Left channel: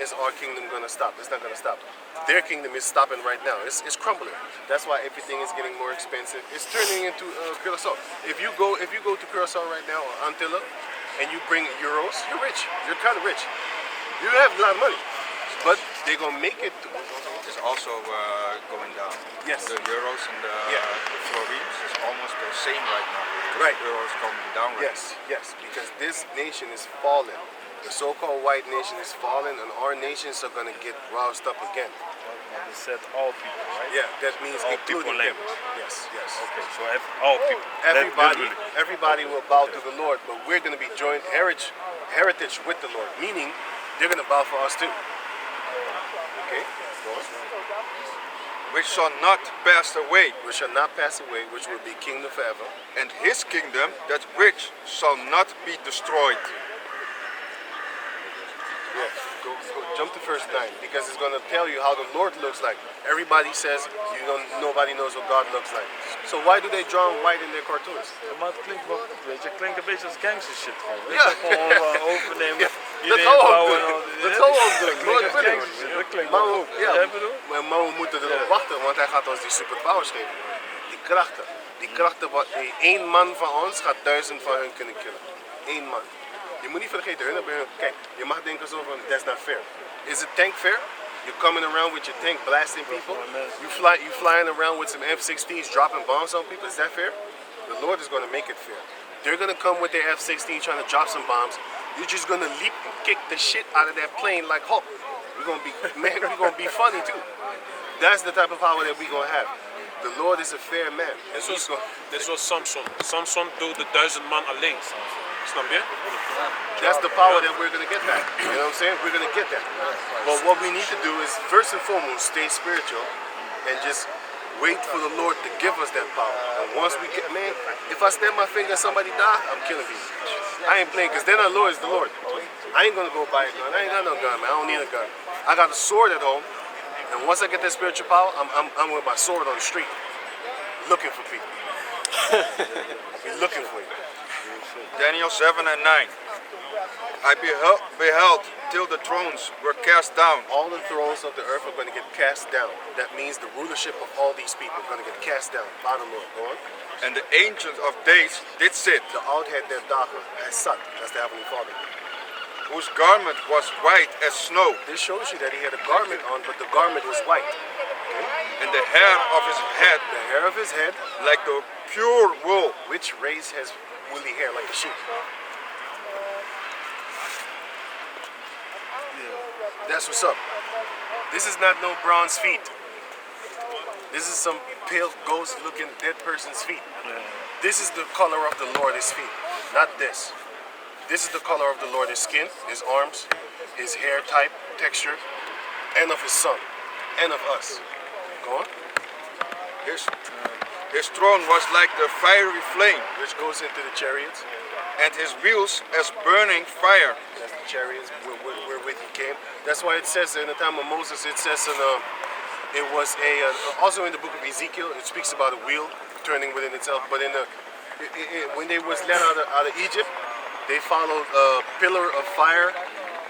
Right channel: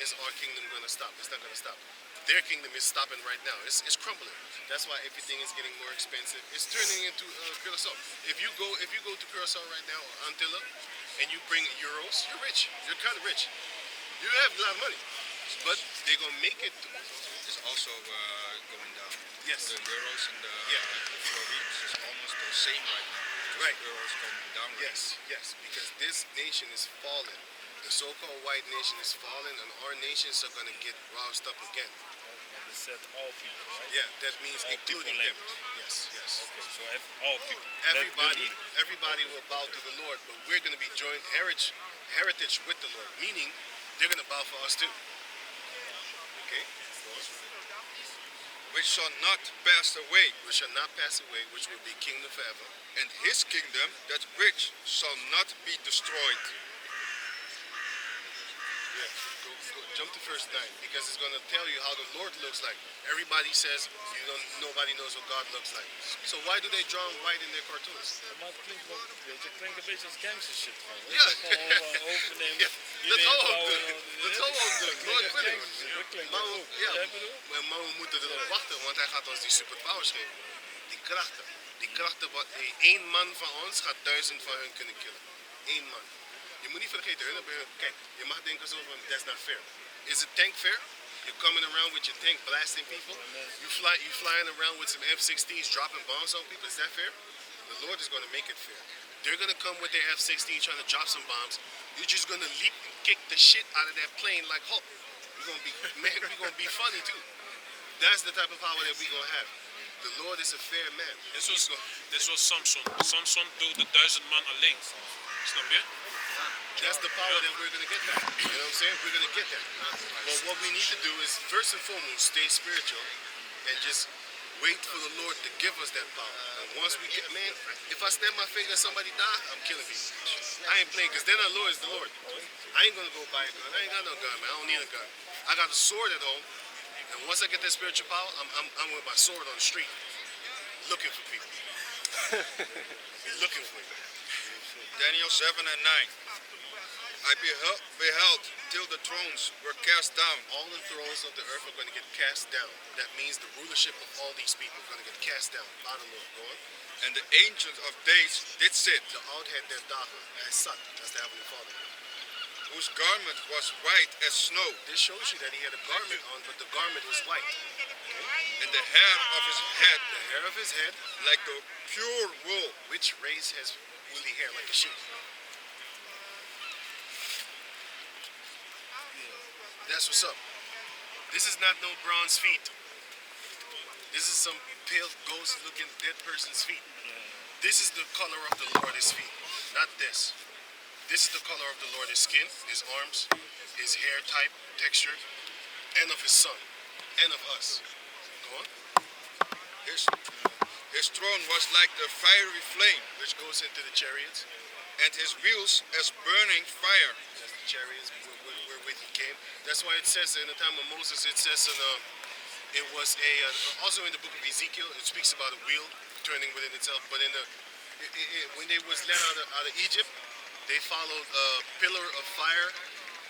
is our kingdom going to stop? It's not going to stop. Their kingdom is stopping right now. It's crumbling. That's why everything is getting more expensive. It's turning into Curacao. If you go to Curacao right now or Antilla, and you bring euros, you're rich. You're kind of rich. You have a lot of money, but they're gonna make it. It's also going down. Yes. The euros and the florins is almost the same right now. Right. The euros coming down. Right Yes, because this nation is fallen. The so-called white nation is fallen, and our nations are gonna get roused up again. They said all people, right? Yeah, that means all including them. language. Yes. Okay, so all people. Everybody will bow to the Lord, but we're going to be joint heritage with the Lord, meaning they're going to bow for us too. Okay? Which shall not pass away. Which shall not pass away, which will be kingdom forever. And his kingdom, that which shall not be destroyed. Yeah, go jump to verse 9, because it's going to tell you how the Lord looks like. Everybody says nobody knows what God looks like. So why do they draw white in their cartoons? Maar het klinkt wel, weet je, het klinkt een beetje als gangster shit gewoon. Ja. Gewoon overnemen. Ja, dat iedereen gaan we ook bouwen doen. en Dat gaan we ook doen. Nooit Dat willen. gangster shit, dat klinkt Maar wel we, goed. ja, Jij bedoelt? maar we moeten erop wachten, want hij gaat ons die superpowers geven. Die krachten. Die krachten, één man van ons gaat 1000 van hun kunnen killen. Eén man. Je moet niet vergeten, kijk, je mag denken zo van, that's not fair. Is it tank fair? You're coming around with your tank blasting people. You flying around with some F-16s dropping bombs on people. Is that fair? The Lord is going to make it fair. They're going to come with their F-16 trying to drop some bombs. You're just going to leap and kick the shit out of that plane like Hulk. We're going to be, man, we're going to be funny too. That's the type of power that we're going to have. The Lord is a fair man. Dit was Samson. Samson doodde 1000 man alleen. Snap je? That's the power that we're going to get back. You know what I'm saying? We're going to get that. But what we need to do is, first and foremost, stay spiritual and just wait for the Lord to give us that power. And once we get, man, if I snap my finger and somebody die, I'm killing people. I ain't playing, because then our Lord is the Lord. I ain't going to go buy a gun. I ain't got no gun, man. I don't need a gun. I got a sword at home. And once I get that spiritual power, I'm with my sword on the street, looking for people. Be looking for you. Daniel 7 and 9. I beheld till the thrones were cast down. All the thrones of the earth are going to get cast down. That means the rulership of all these people are going to get cast down. Bottom Lord, go on. And the ancient of days did sit. De oudheid der dagen, hij zat. That's the Heavenly Father. Whose garment was white as snow. This shows you that he had a garment on, but the garment was white. Okay? And the hair of his head, the hair of his head, like the pure wool. Which race has woolly hair like a sheep? That's what's up. This is not no bronze feet. This is some pale ghost-looking dead person's feet. This is the color of the Lord, his feet, not this. This is the color of the Lord, his skin, his arms, his hair type, texture, and of his son, and of us. Go on. His throne was like the fiery flame, which goes into the chariots, and his wheels as burning fire. That's the chariots wherewith he came. That's why it says in the time of Moses, it says it was also in the book of Ezekiel, it speaks about a wheel turning within itself. But when they was led out of Egypt, they followed a pillar of fire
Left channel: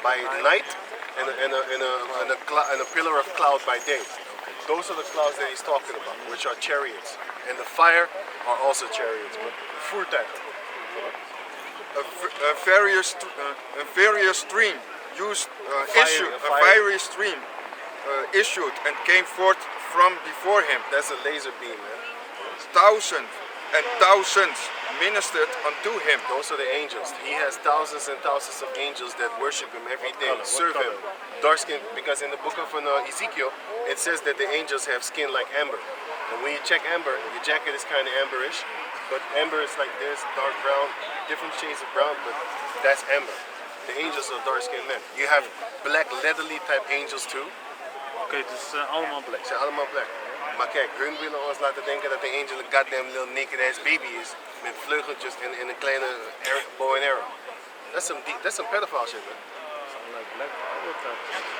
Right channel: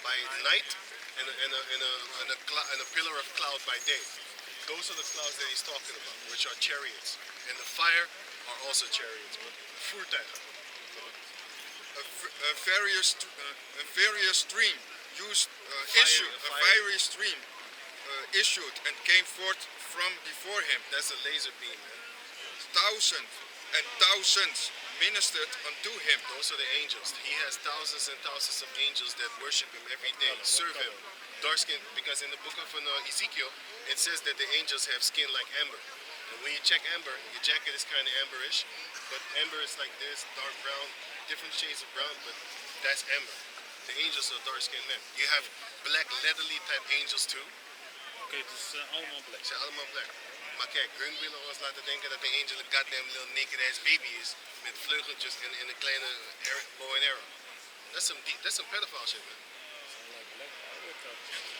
by night and a pillar of cloud by day. Those are the clouds that he's talking about, which are chariots. And the fire are also chariots, but voertuig. A fiery stream issued and came forth from before him. That's a laser beam, man. Thousands and thousands ministered unto him. Those are the angels. He has thousands and thousands of angels that worship him every day, serve him. Dark skin, because in the book of Ezekiel, it says that the angels have skin like amber. And when you check amber, your jacket is kind of amberish, but amber is like this, dark brown, different shades of brown, but that's amber. The angels are dark-skinned men. You have black, leathery type angels too. Oké, dus allemaal black. Ze zijn allemaal black. Maar kijk, hun willen ons laten denken dat de angel een goddamn little naked ass baby is. Met vleugeltjes en een kleine bow and arrow. That's some pedophile shit, man.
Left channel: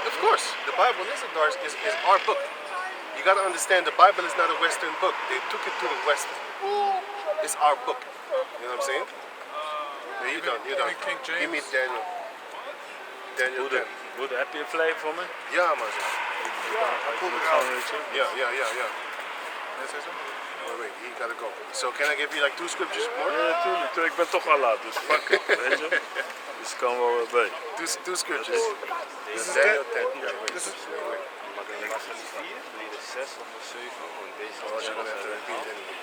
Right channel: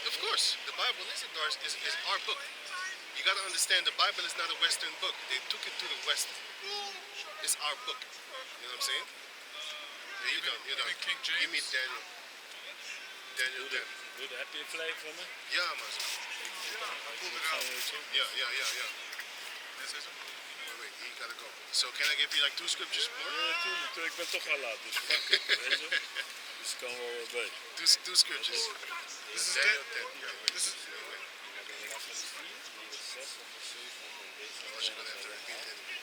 Of course, the Bible is our book. You gotta understand, the Bible is not a Western book. They took it to the West. It's our book. You know what I'm saying? Yeah, you're done. Give me Daniel. Daniel 10. Goed, heb je een flavor voor me? Ja, man. Zo. Ja. Yeah. Oh, wait, he gotta go. So can I give you like 2 scriptures more? Ja, natuurlijk. Ik ben toch al laat, dus fuck it, weet je. Dus ik kan wel weer bij. Two scriptures. This is Daniel that. 10. Yeah, wait. This is. Wait. Was het 4, nee, de 6 of de 7, gewoon deze. Oh, you're gonna have to repeat it anyway.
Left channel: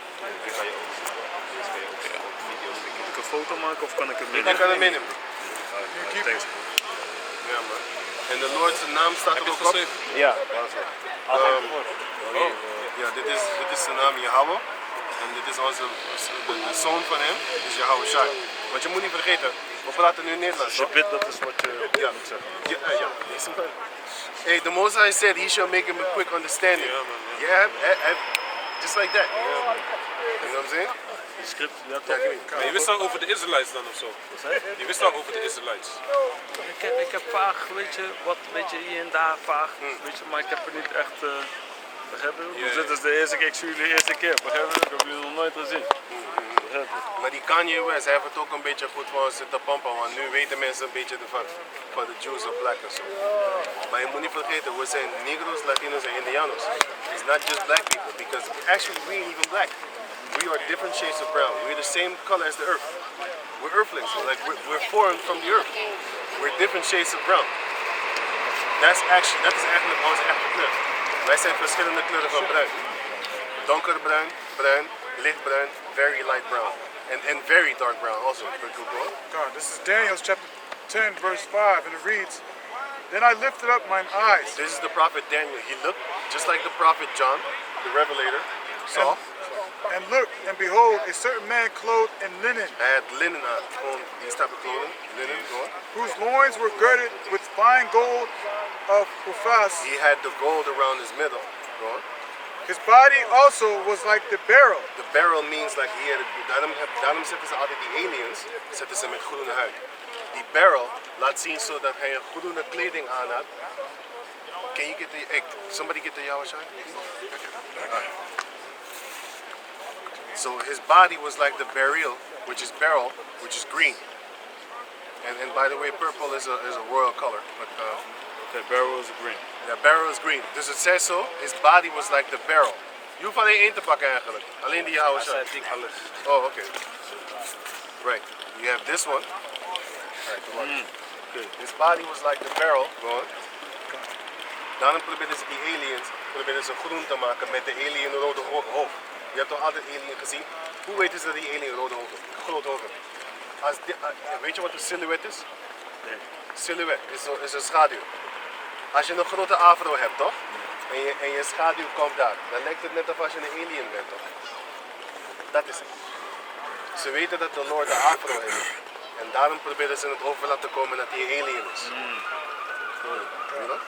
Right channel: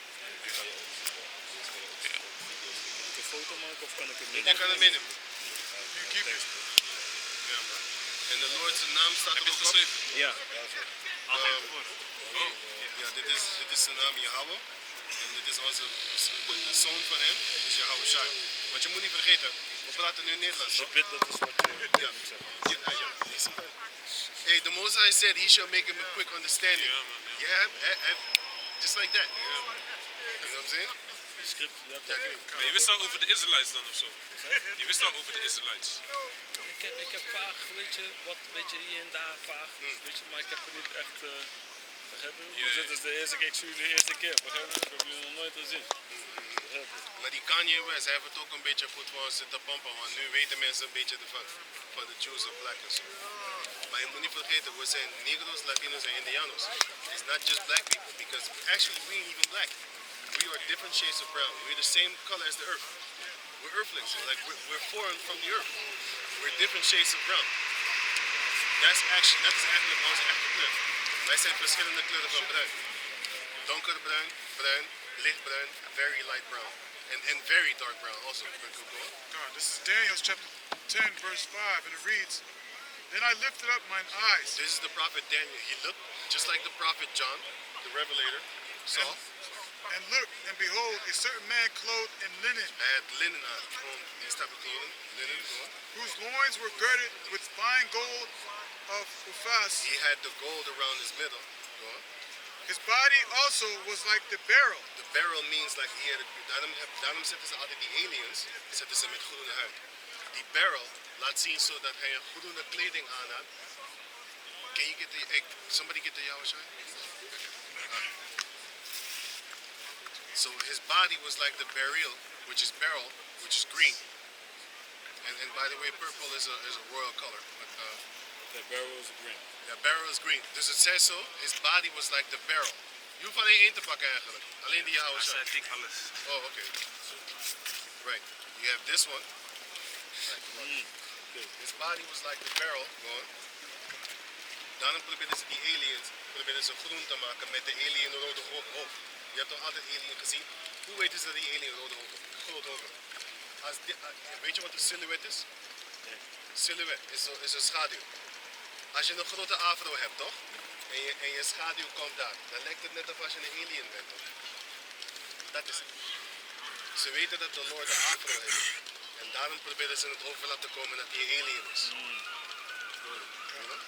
Die kan je ook zien. Deze kan je ook zien. Video's Moet ik een foto maken of kan ik hem Ik meenemen? kan hem meenemen. Thanks, bro. Ja, man. En de Lord's naam staat er ook op. Ja. Ja, dit is de naam Yahweh. En dit is de zoon van hem, is Yahweh Shai. Want je moet niet vergeten, we praten nu Nederlands. Als je bidt, dat is wat je Ja. moet zeggen. Ja. Deze man. Hey, the Most High said he shall make him a quick understanding. Just like that. You know what I'm saying? De script, ja Ja, toch? Maar je wist al over de Israelites dan of zo? Je wist al over de Israelites. Ik heb vaag, weet je, wat weet je, hier en daar vaag, weet je, maar ik heb er niet echt, begrijp je? Dus dit is de eerste keer, ik zie jullie de eerste keer, begrijp je? Ik heb jullie nog nooit gezien. Begrijp je? Maar die Kanye West, hij heeft het ook een beetje goed voor ons zitten pompen, want nu weten mensen een beetje ervan, van de Jews en black en zo. Maar je moet niet vergeten, we zijn Negro's, Latinos en Indianos. It's not just black people, because actually we ain't even black. We are different shades of brown. We're the same color as the earth. We're earthlings, like we're formed from the earth. We're different shades of brown. Dat is eigenlijk onze echte kleur. Wij zijn verschillende kleuren van bruin. Donkerbruin, bruin, lichtbruin, very light brown. And very dark brown also. God, this is Daniel chapter 10, verse 5, and it reads, "Then I lifted up mine eyes, This is the prophet Daniel. He looked just like the prophet John, the revelator, saw. and looked, and behold, a certain man clothed in linen, Hij had linen aan, gewoon these type of clothing, linen, go on. whose loins were girded with fine gold of Uphaz. He had the gold around his middle, go on. His body also was like the beryl, The beryl means like he had daarom zetten ze altijd die aliens, zetten ze met groene huid. Die beryl laat zien zodat hij een groene kleding aan had. Can you get the, somebody get the Yahushua? So his body was like the beryl, which is green. And by the way, purple is a royal color. But De barrel is green. the beryl is green. Dus het zegt zo, his body was like the beryl. Je hoeft alleen één te pakken eigenlijk. Alleen die Yahushua. Dat zei ik alles. Oh, okay. Right. You have this one. Right, come on. Okay. His body was like the barrel. Go on. Daarom probeerden ze die aliens groen te maken met de alien rode hoofd. Je hebt toch altijd alien gezien? Hoe weten ze dat die alien rode hoofd heeft? Groot hoofd heeft? Weet je wat een silhouet is? Nee. Silhouet is een schaduw. Als je een grote afro hebt, toch? En je schaduw komt daar. Dan lijkt het net alsof je een alien bent, toch? Dat is het. Ze weten dat de Lord de afro heeft. En daarom proberen ze het over laten komen dat hij een alien is. You know?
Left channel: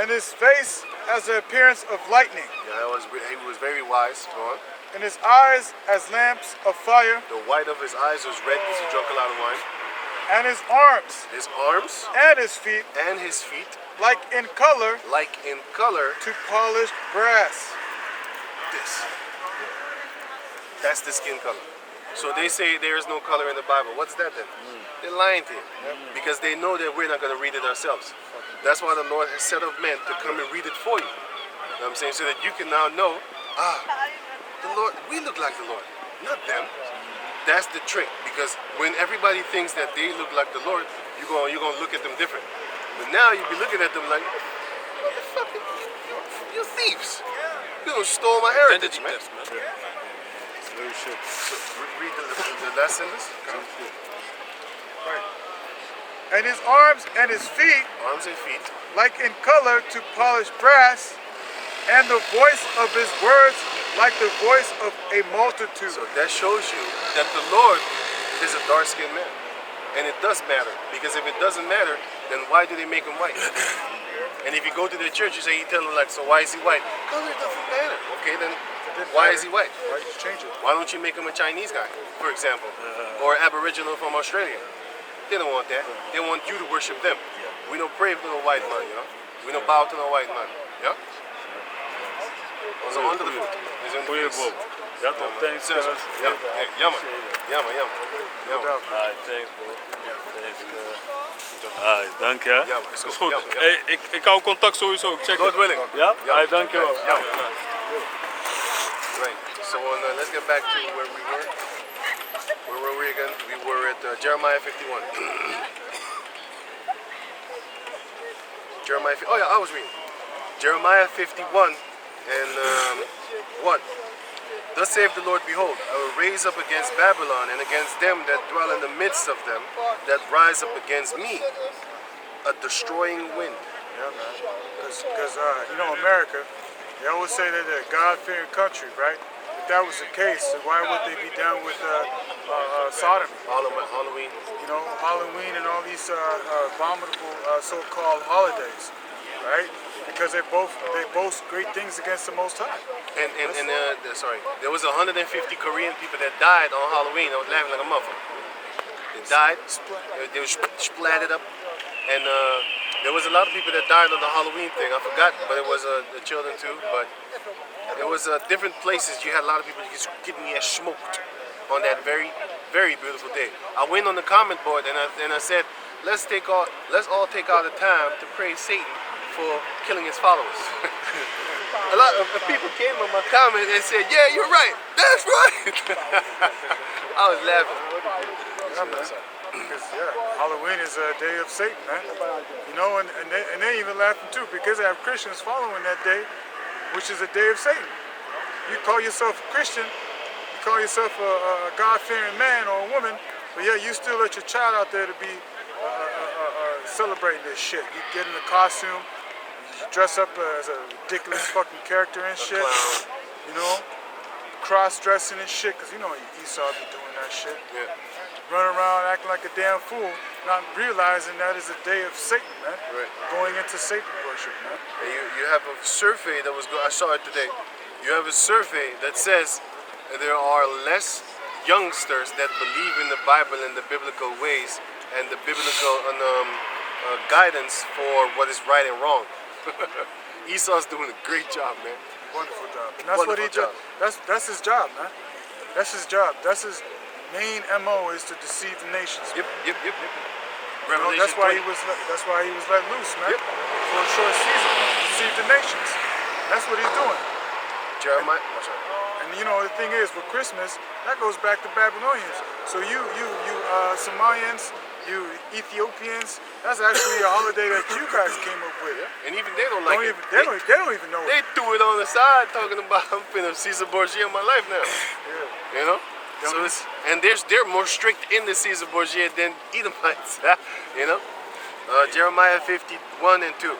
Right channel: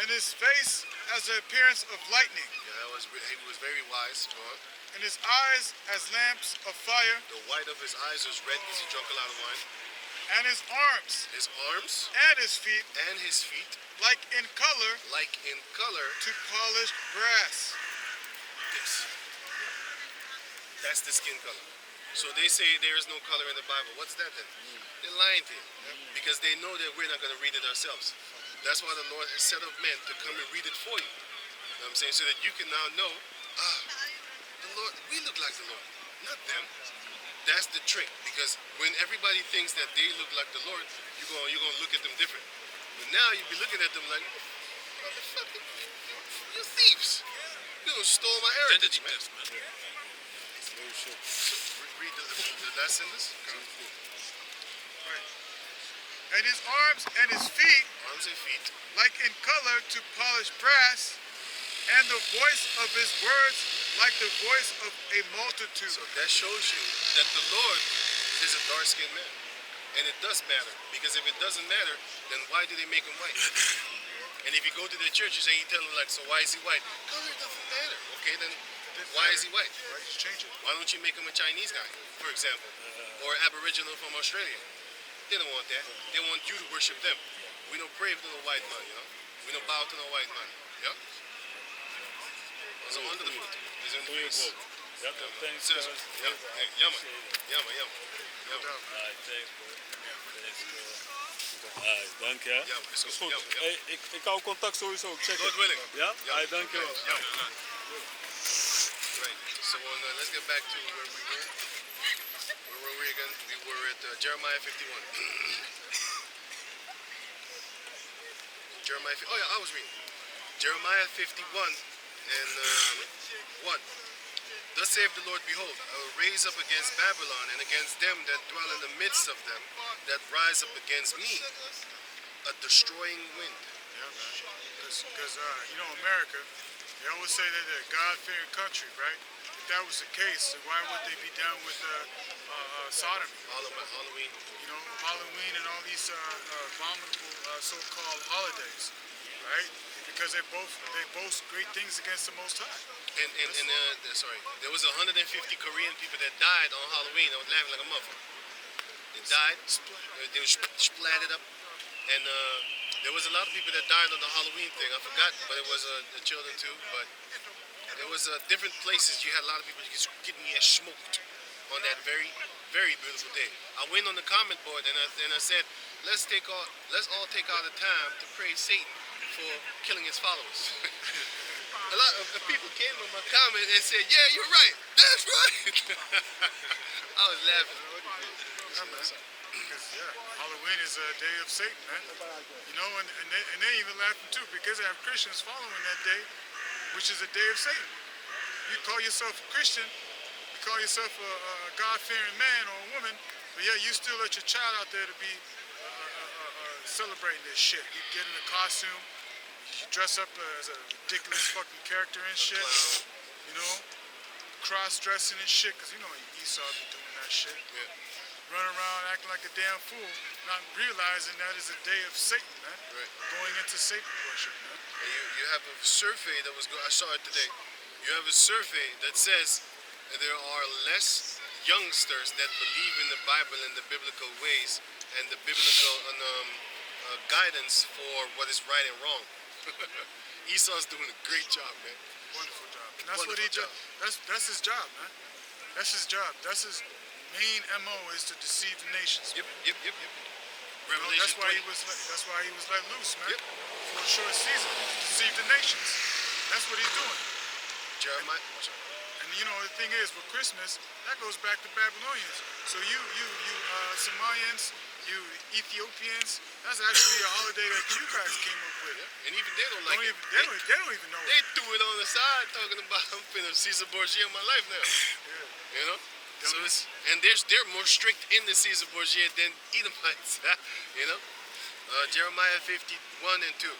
and his face as the appearance of lightning, Yeah, he was very wise. Go on. and his eyes as lamps of fire, The white of his eyes was red because he drank a lot of wine. and his arms His arms and his feet and his feet, like in color like in color, to polished brass. this. That's the skin color. So they say there is no color in the Bible. What's that then? They're lying to you. Because they know that we're not going to read it ourselves. That's why the Lord has set up men to come and read it for you. You know what I'm saying? So that you can now know, the Lord, we look like the Lord, not them. That's the trick. Because when everybody thinks that they look like the Lord, you're going to look at them different. But now you be looking at them like, motherfucker, you thieves. You done stole my heritage, Identity man. test, man. Very shit. So read the last sentence. And his arms and his feet Arms and feet. like in color to polished brass, and the voice of his words like the voice of a multitude. So that shows you that the Lord is a dark-skinned man. And it does matter. Because if it doesn't matter, then why do they make him white? And if you go to their church, you say, you tell them like, so why is he white? Color doesn't matter. Okay, then why is he white? Why you change it? Why don't you make him a Chinese guy, for example? Or Aboriginal from Australia? They don't want that. They want you to worship them. We don't pray to no white man, you know? We don't bow to no white man. Yeah? Onze andere voet is in de Goeie face. Bob. Ja toch, thanks Zes. guys. Ja, jammer. Jammer. Alright, thanks bro. Thanks Dank je. Ja, man, is Is goed. goed. Ja, man, ja. Hey, ik hou contact sowieso. Ik check God het. willing. Ja? Ja. Dank je wel. Ja. Right. So let's get back to where we were. Where were we again? We were at Jeremiah 51. Oh yeah, I was reading. Jeremiah 51 and 1. Thus saith the Lord, behold, I will raise up against Babylon and against them that dwell in the midst of them, that rise up against me, a destroying wind. Yeah, man. Because America, they always say that they're a God-fearing country, right? If that was the case, then why would they be down with sodomy? Halloween. You know, Halloween and all these abominable so-called holidays, right? Because they boast great things against the Most High. And sorry, there was 150 Korean people that died on Halloween. I was laughing like a motherfucker. They died. They were splattered up, and there was a lot of people that died on the Halloween thing. I forgot, but it was the children too. But it was different places. You had a lot of people just getting smoked on that very, very beautiful day. I went on the comment board and I said, let's all take out the time to praise Satan for killing his followers. A lot of people came on my comment and said, yeah, you're right. That's right. I was laughing. Yeah, man. Because Halloween is a day of Satan, man. You know, and they even laughing too because they have Christians following that day, which is a day of Satan. You call yourself a Christian, you call yourself a God-fearing man or a woman, but yeah, you still let your child out there to be celebrating this shit. You get in a costume, you dress up as a ridiculous fucking character and shit. You know, cross-dressing and shit, because you know Esau be doing that shit. Yeah. Running around acting like a damn fool, not realizing that is a day of Satan, man. Right. Going into Satan worship, man. And you have a survey that was I saw it today. You have a survey that says there are less youngsters that believe in the Bible and the biblical ways and the biblical guidance for what is right and wrong. Esau's doing a great job, man. Wonderful job. And that's what he Wonderful does. That's his job, man. That's his job. That's his main MO is to deceive the nations. Yep. You know, Revelation that's why 20. that's why he was let loose, man. Yep. For a short season, to deceive the nations. That's what he's doing. Jeremiah. Oh, sorry. And you know the thing is, with Christmas, that goes back to Babylonians. So you Somalians, you Ethiopians, that's actually a holiday that you guys came up with. And even they don't like it. They don't even know They it. threw it on the side talking about I'm finna Caesar Borgia in my life now. Yeah. You know? So they're more strict in the Caesar Borgia than Edomites. You know? Jeremiah 51 and 2.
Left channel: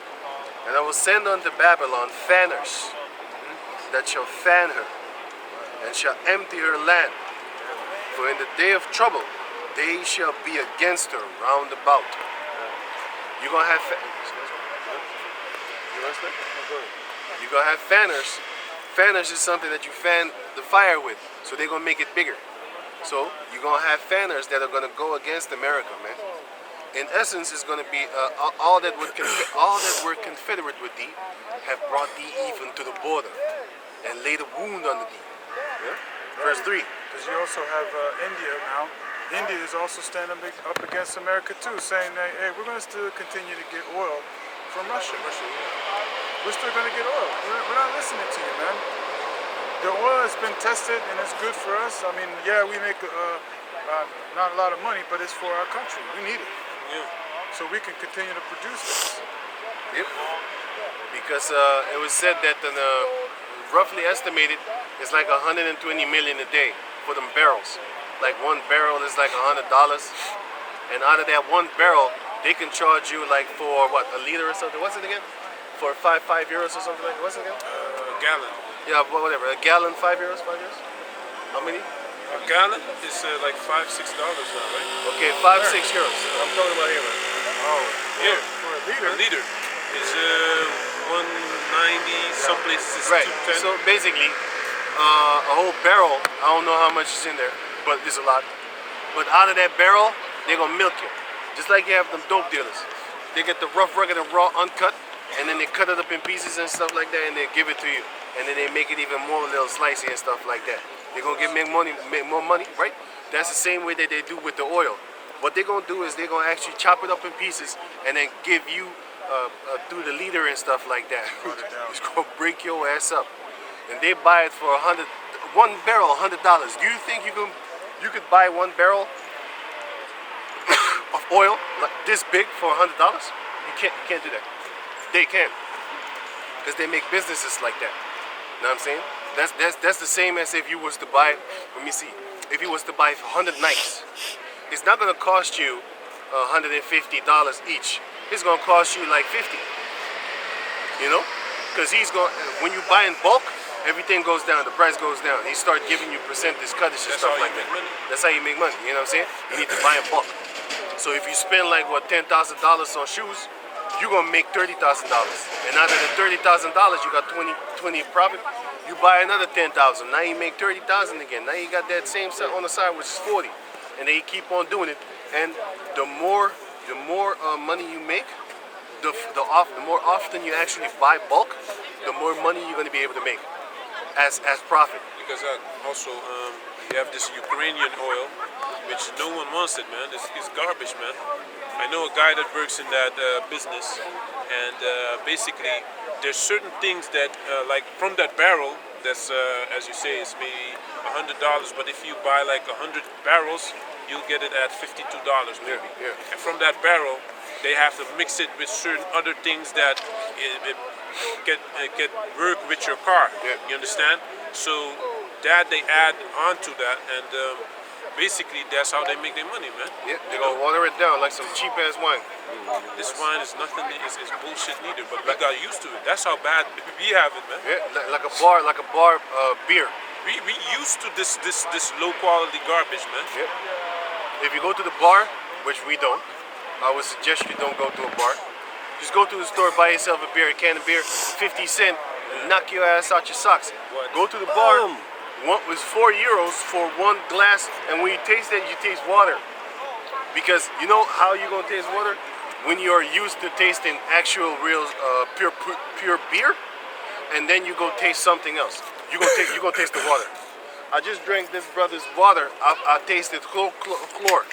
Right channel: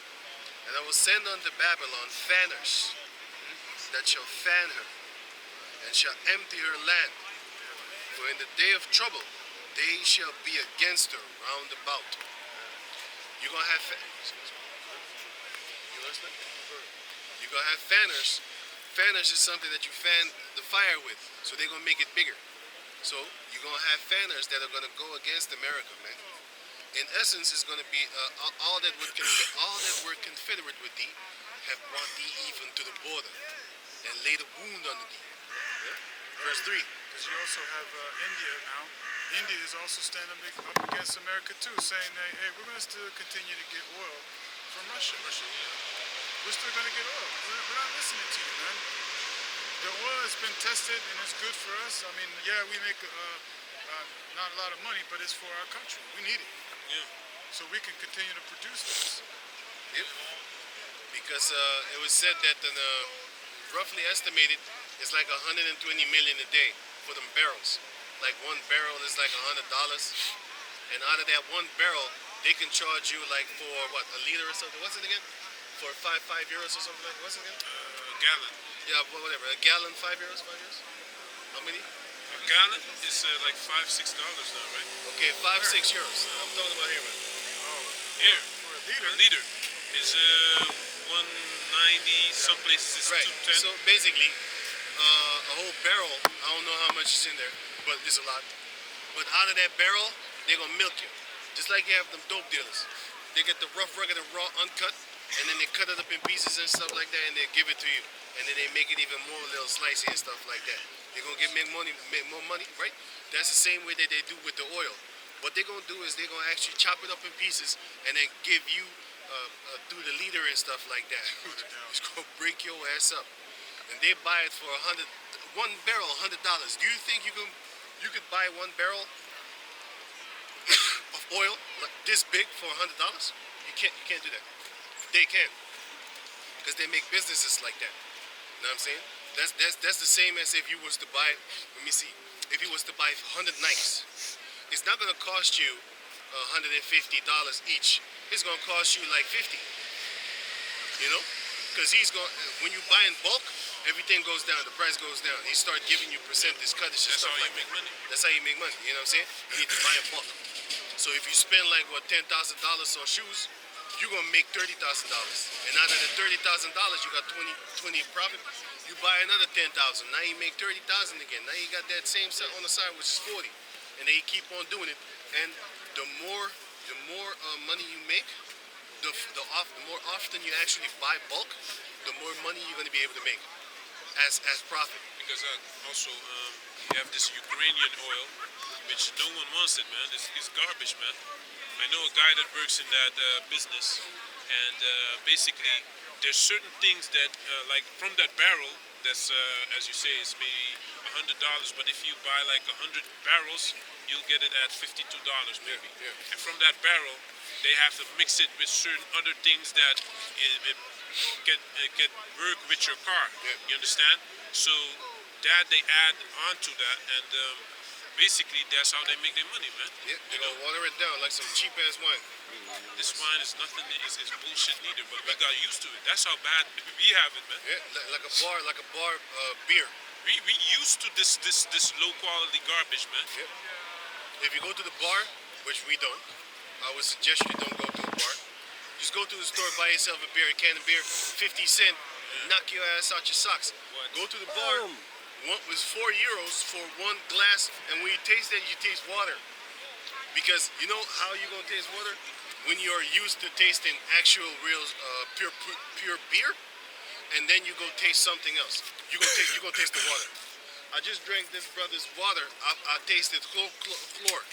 And I will send unto Babylon fanners that shall fan her and shall empty her land. For in the day of trouble they shall be against her round about. You're gonna have you're gonna have fanners. Fanners is something that you fan the fire with, so they're gonna make it bigger. So you're gonna have fanners that are gonna go against America, man. In essence, it's gonna be all that were confederate with thee have brought thee even to the border and laid a wound under thee. Yeah? Verse 3. Because you also have India now. India is also standing up against America too, saying that, hey, we're going to still continue to get oil from Russia. We're still going to get oil. We're not listening to you, man. The oil has been tested and it's good for us. I mean, yeah, we make not a lot of money, but it's for our country. We need it. Yeah. So we can continue to produce this. Yep. Because it was said that roughly estimated it's like 120 million a day for them barrels. Like one barrel is like $100, and out of that one barrel, they can charge you like for what, a liter or something? What's it again? For 5 euros or something like that? What's it again? A gallon. Yeah, whatever. A gallon, 5 euros, 5 euros. How many? A gallon is like $5-6 now, right? Okay, 5-6 euros. I'm talking about here, man. Oh, Yeah. for a liter. A liter is 190. Some places is Right. 210. So basically, a whole barrel. I don't know how much is in there, but it's a lot. But out of that barrel, they're gonna milk you, just like you have them dope dealers. They get the rough, rugged, and raw, uncut, and then they cut it up in pieces and stuff like that, and they give it to you, and then they make it even more little slicey and stuff like that. They're gonna make more money, right? That's the same way that they do with the oil. What they're gonna do is they're gonna actually chop it up in pieces and then give you through the liter and stuff like that. It's gonna break your ass up. And they buy it for one barrel, $100. Do you think you could buy one barrel of oil like this big for $100? You can't do that. They can, because they make businesses like that. You know what I'm saying? That's the same as if you was to buy. Let me see. If you was to buy 100 knives, it's not gonna cost you $150 each. It's gonna cost you like 50. You know, because when you buy in bulk, everything goes down. The price goes down. He start giving you percentage, cuttage, and stuff like that. That's how you make money. You know what I'm saying? You need to buy in bulk. So if you spend like what $10,000 on shoes, you're gonna make $30,000. And out of the $30,000, you got 20 profit. You buy another 10,000. Now you make 30,000 again. Now you got that same set on the side, which is 40. And then you keep on doing it. And the more money you make, the more often you actually buy bulk, the more money you're gonna be able to make as profit. Because also you have this Ukrainian oil, which no one wants it, man. It's garbage, man. I know a guy that works in that business, and basically there's certain things that, like from that barrel, that's as you say, is maybe $100. But if you buy like 100 barrels, you'll get it at $52 maybe. Yeah. And from that barrel, they have to mix it with certain other things that get work with your car. Yeah. You understand? So that they add on to that, and basically that's how they make their money, man. Yeah, they're gonna water it down like some cheap ass wine. This wine is nothing, is bullshit neither, but we got used to it. That's how bad we have it, man. Yeah, like a bar beer. We used to this low quality garbage, man. Yeah. If you go to the bar, which we don't, I would suggest you don't go to a bar. Just go to the store, buy yourself a beer, a can of beer, 50 cents, knock your ass out your socks. What? Go to the bar. One was €4 for one glass, and when you taste it, you taste water. Because you know how you're gonna taste water? When you're used to tasting actual, real, pure beer, and then you go taste something else. You gonna taste the water. I just drank this brother's water. I tasted chlor. I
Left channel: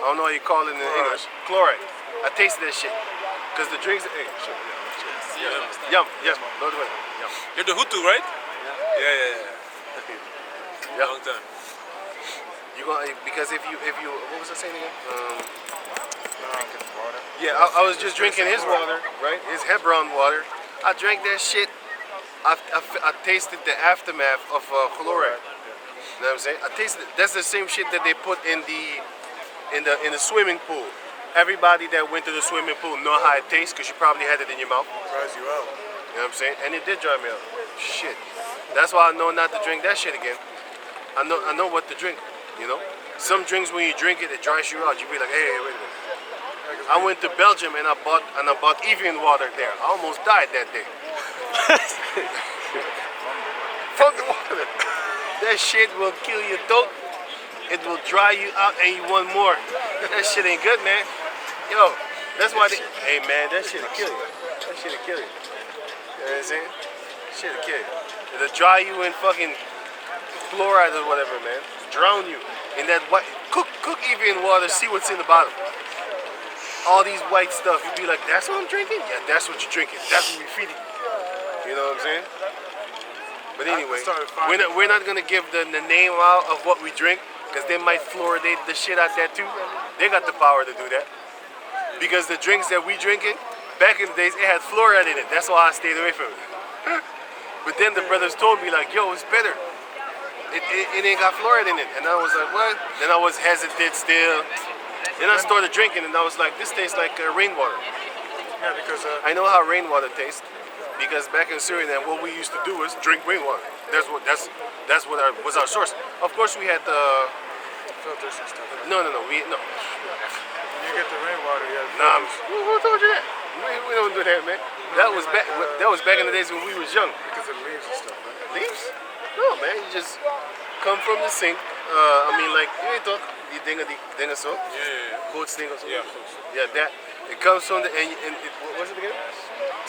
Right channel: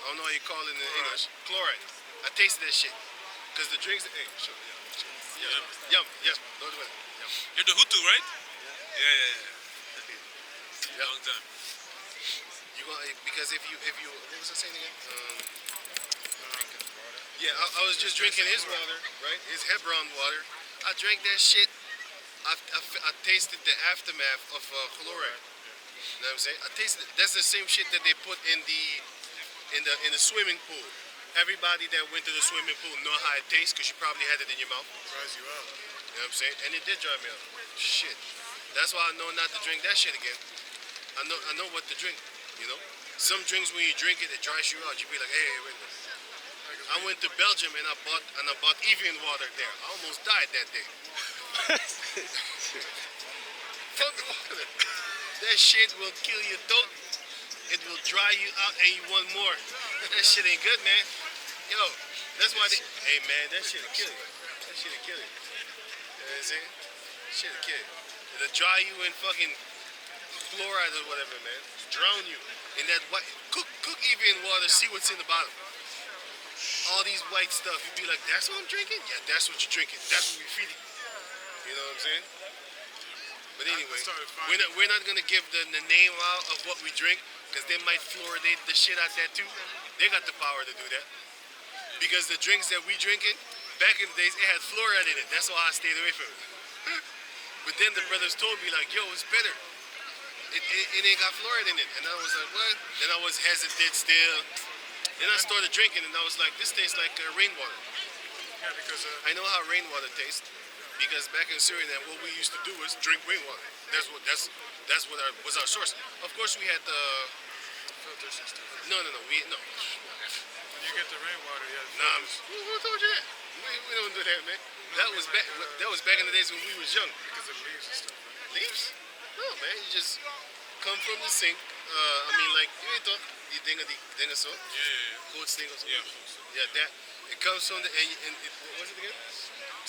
don't know how you call it in English. Chloride. I tasted that shit. Cause the drinks. Hey, shit. Yum. Yes, no way. Yum. You're the Hutu, right? Yeah. Yeah. Long time. You gonna because if you what was I saying again? Yeah, I was just drinking his water, right? His Hebron water. I drank that shit. I tasted the aftermath of chloride. You know what I'm saying? I tasted. That's the same shit that they put in the swimming pool. Everybody that went to the swimming pool know how it tastes because you probably had it in your mouth. Dries you out. You know what I'm saying? And it did dry me out. Shit. That's why I know not to drink that shit again. I know what to drink. You know, some drinks when you drink it, it dries you out. You be like, hey, wait a minute. I went to Belgium and I bought Evian water there. I almost died that day. From the water. That shit will kill your throat. It will dry you out and you want more. That shit ain't good, man. Yo, that's why hey man, that shit'll kill you. That shit'll kill you. You know what I'm saying? Shit'll kill you. It'll dry you in fucking fluoride or whatever, man. Drown you in that white. Cook Evian water. See what's in the bottom. All these white stuff. You be like, that's what I'm drinking. Yeah, that's what you're drinking. That's what we feeding you. You know what I'm saying? But anyway, we're not gonna give the name out of what we drink because they might fluoridate the shit out that too. They got the power to do that. Because the drinks that we drinking back in the days, it had fluoride in it. That's why I stayed away from it. But then the brothers told me like, yo, it's better. It ain't got fluoride in it. And I was like, what? Then I was hesitant still. Then I started drinking and I was like, this tastes like rainwater. Yeah, because I know how rainwater tastes. Because back in Suriname, what we used to do was drink rainwater. That's what was our source. Of course, we had the filters and stuff. no. When you get the rainwater, you have Nah, filters. who told you that? We don't do that, man. That was back in the days when we was young. Because of leaves and stuff, right? Leaves? No, man. You just come from the sink. I mean, like you ain't talk the dinga so. Yeah. Cold sink or something. Yeah. Yeah, that. It comes from the what was it again?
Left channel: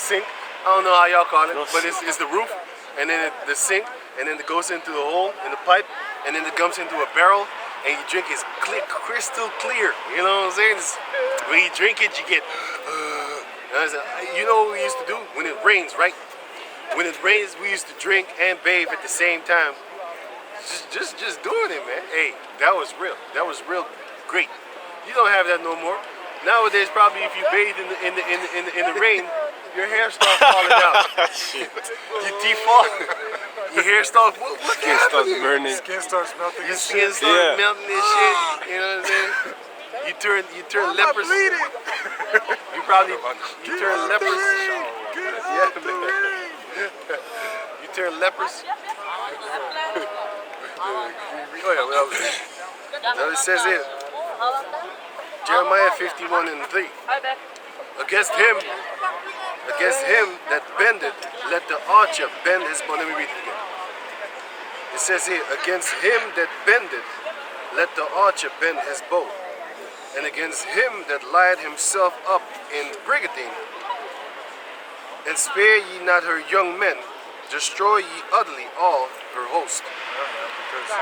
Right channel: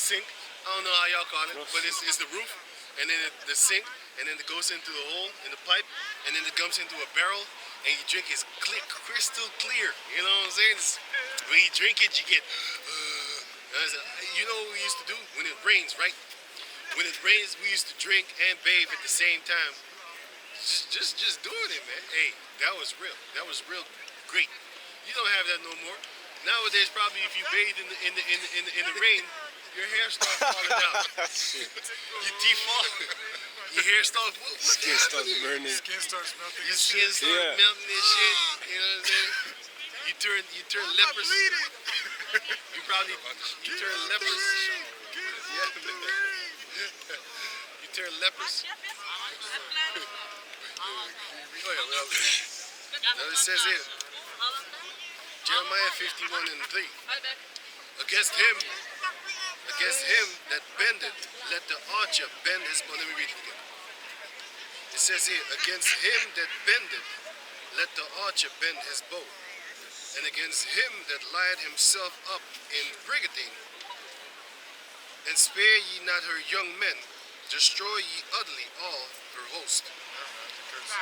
Sink. I don't know how y'all call it, but it's the roof, and then the sink, and then it goes into the hole in the pipe, and then it comes into a barrel, and you drink it's crystal clear. You know what I'm saying? When you drink it, you get. You know what we used to do when it rains, right? When it rains, we used to drink and bathe at the same time. Just doing it, man. Hey, that was real. That was real great. You don't have that no more. Nowadays, probably if you bathe in the rain, your hair starts falling out. Your teeth fall. Your hair starts. What Skin starts burning. Skin starts melting. Your and skin shit. starts melting and shit. You know what I'm saying? You turn Why am I leprous. bleeding? You turn leprous. Get Yeah, out the man. ring. You turn leprous. Oh yeah, well, now it says here, Jeremiah 51 and 3. Against him that bendeth, let the archer bend his bow. Let me read it again. It says here, against him that bendeth, let the archer bend his bow. And against him that lieth himself up in brigading, and spare ye not her young men, destroy ye utterly all her host.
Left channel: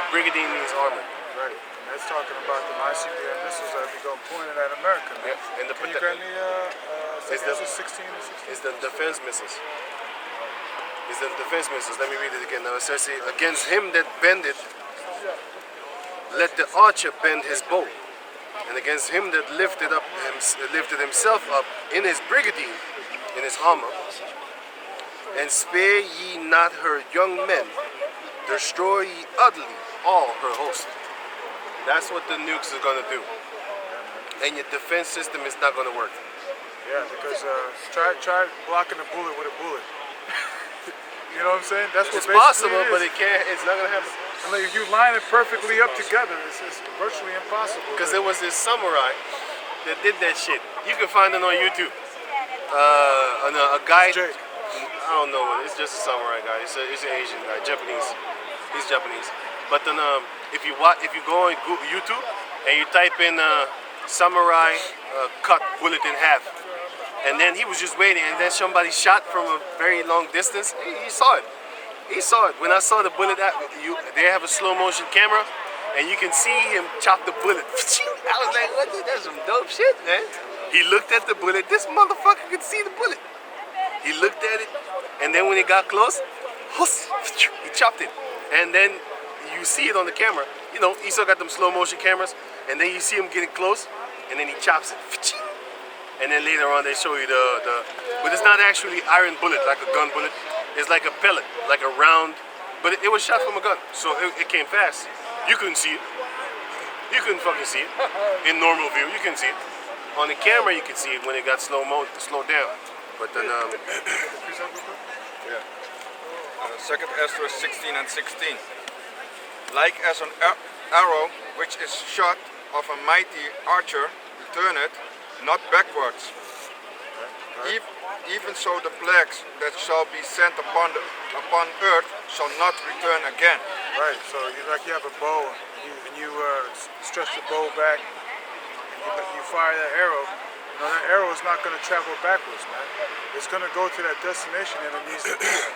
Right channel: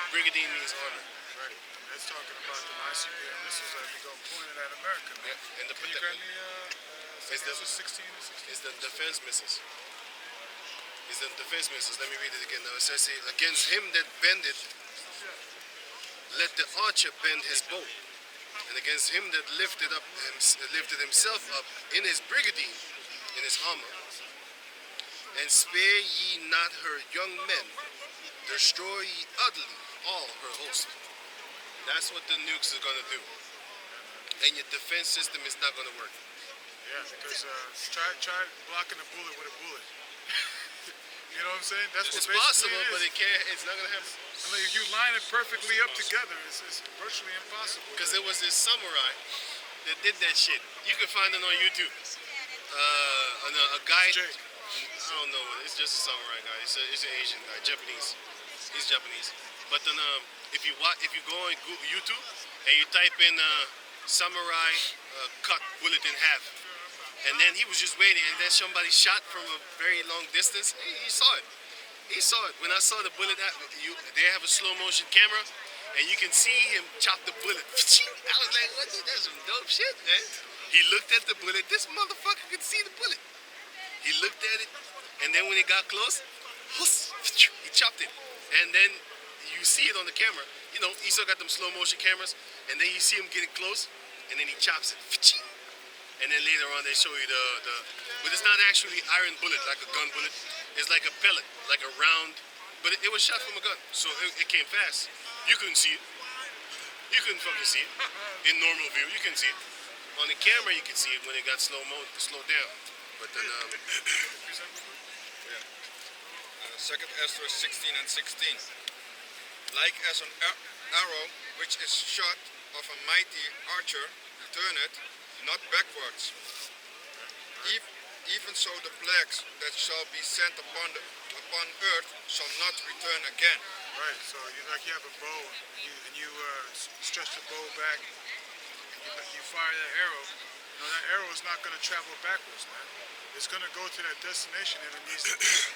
Brigadine means armor. Right. And that's talking about the ICBM missiles that be going pointed at America. Man. Yeah, and Can you grab me It's the- 16 and 16? It's the defense missiles. It's the defense missiles. Let me read it again. Now it says here, against him that bendeth, let the archer bend his bow. And against him that lifted himself up in his brigadine, in his armor, and spare ye not her young men, destroy ye utterly all her host. That's what the nukes are gonna do. And your defense system is not gonna work. Yeah, because try blocking a bullet with a bullet. You know what I'm saying? That's It's what basically possible, it but is. it can't. It's not gonna happen. And like, if you line it perfectly up together, it's virtually impossible. Because there was this samurai that did that shit. You can find it on YouTube. A guy. Jay. I don't know. It's just a samurai guy. It's an Asian guy, Japanese. He's Japanese. But then, if you go on YouTube and you type in samurai cut bullet in half, and then he was just waiting, and then somebody shot from a very long distance. He saw it. He saw it. When I saw the bullet, they have a slow motion camera, and you can see him chop the bullet. I was like, what? Dude, that's some dope shit, man. He looked at the bullet. This motherfucker could see the bullet. He looked at it, and then when it got close, he chopped it. And then you see it on the camera. You know, he still got them slow motion cameras, and then you see him getting close, and then he chops it. And then later on they show you but it's not actually iron bullet like a gun bullet. It's like a pellet, like a round, but it was shot from a gun, so it came fast. You couldn't see it. You couldn't fucking see it. In normal view, you couldn't see it. On the camera, you could see it when it got slowed down. But then, Yeah. 2nd Ezra 16 and 16. Like as an arrow which is shot of a mighty archer, return it, not backwards. Even so the plagues that shall be sent upon earth shall not return again. Right, so you have a bow, and you stretch the bow back, and you fire that arrow. You know, that arrow is not going to travel backwards, man. It's going to go to that destination and it needs to be there.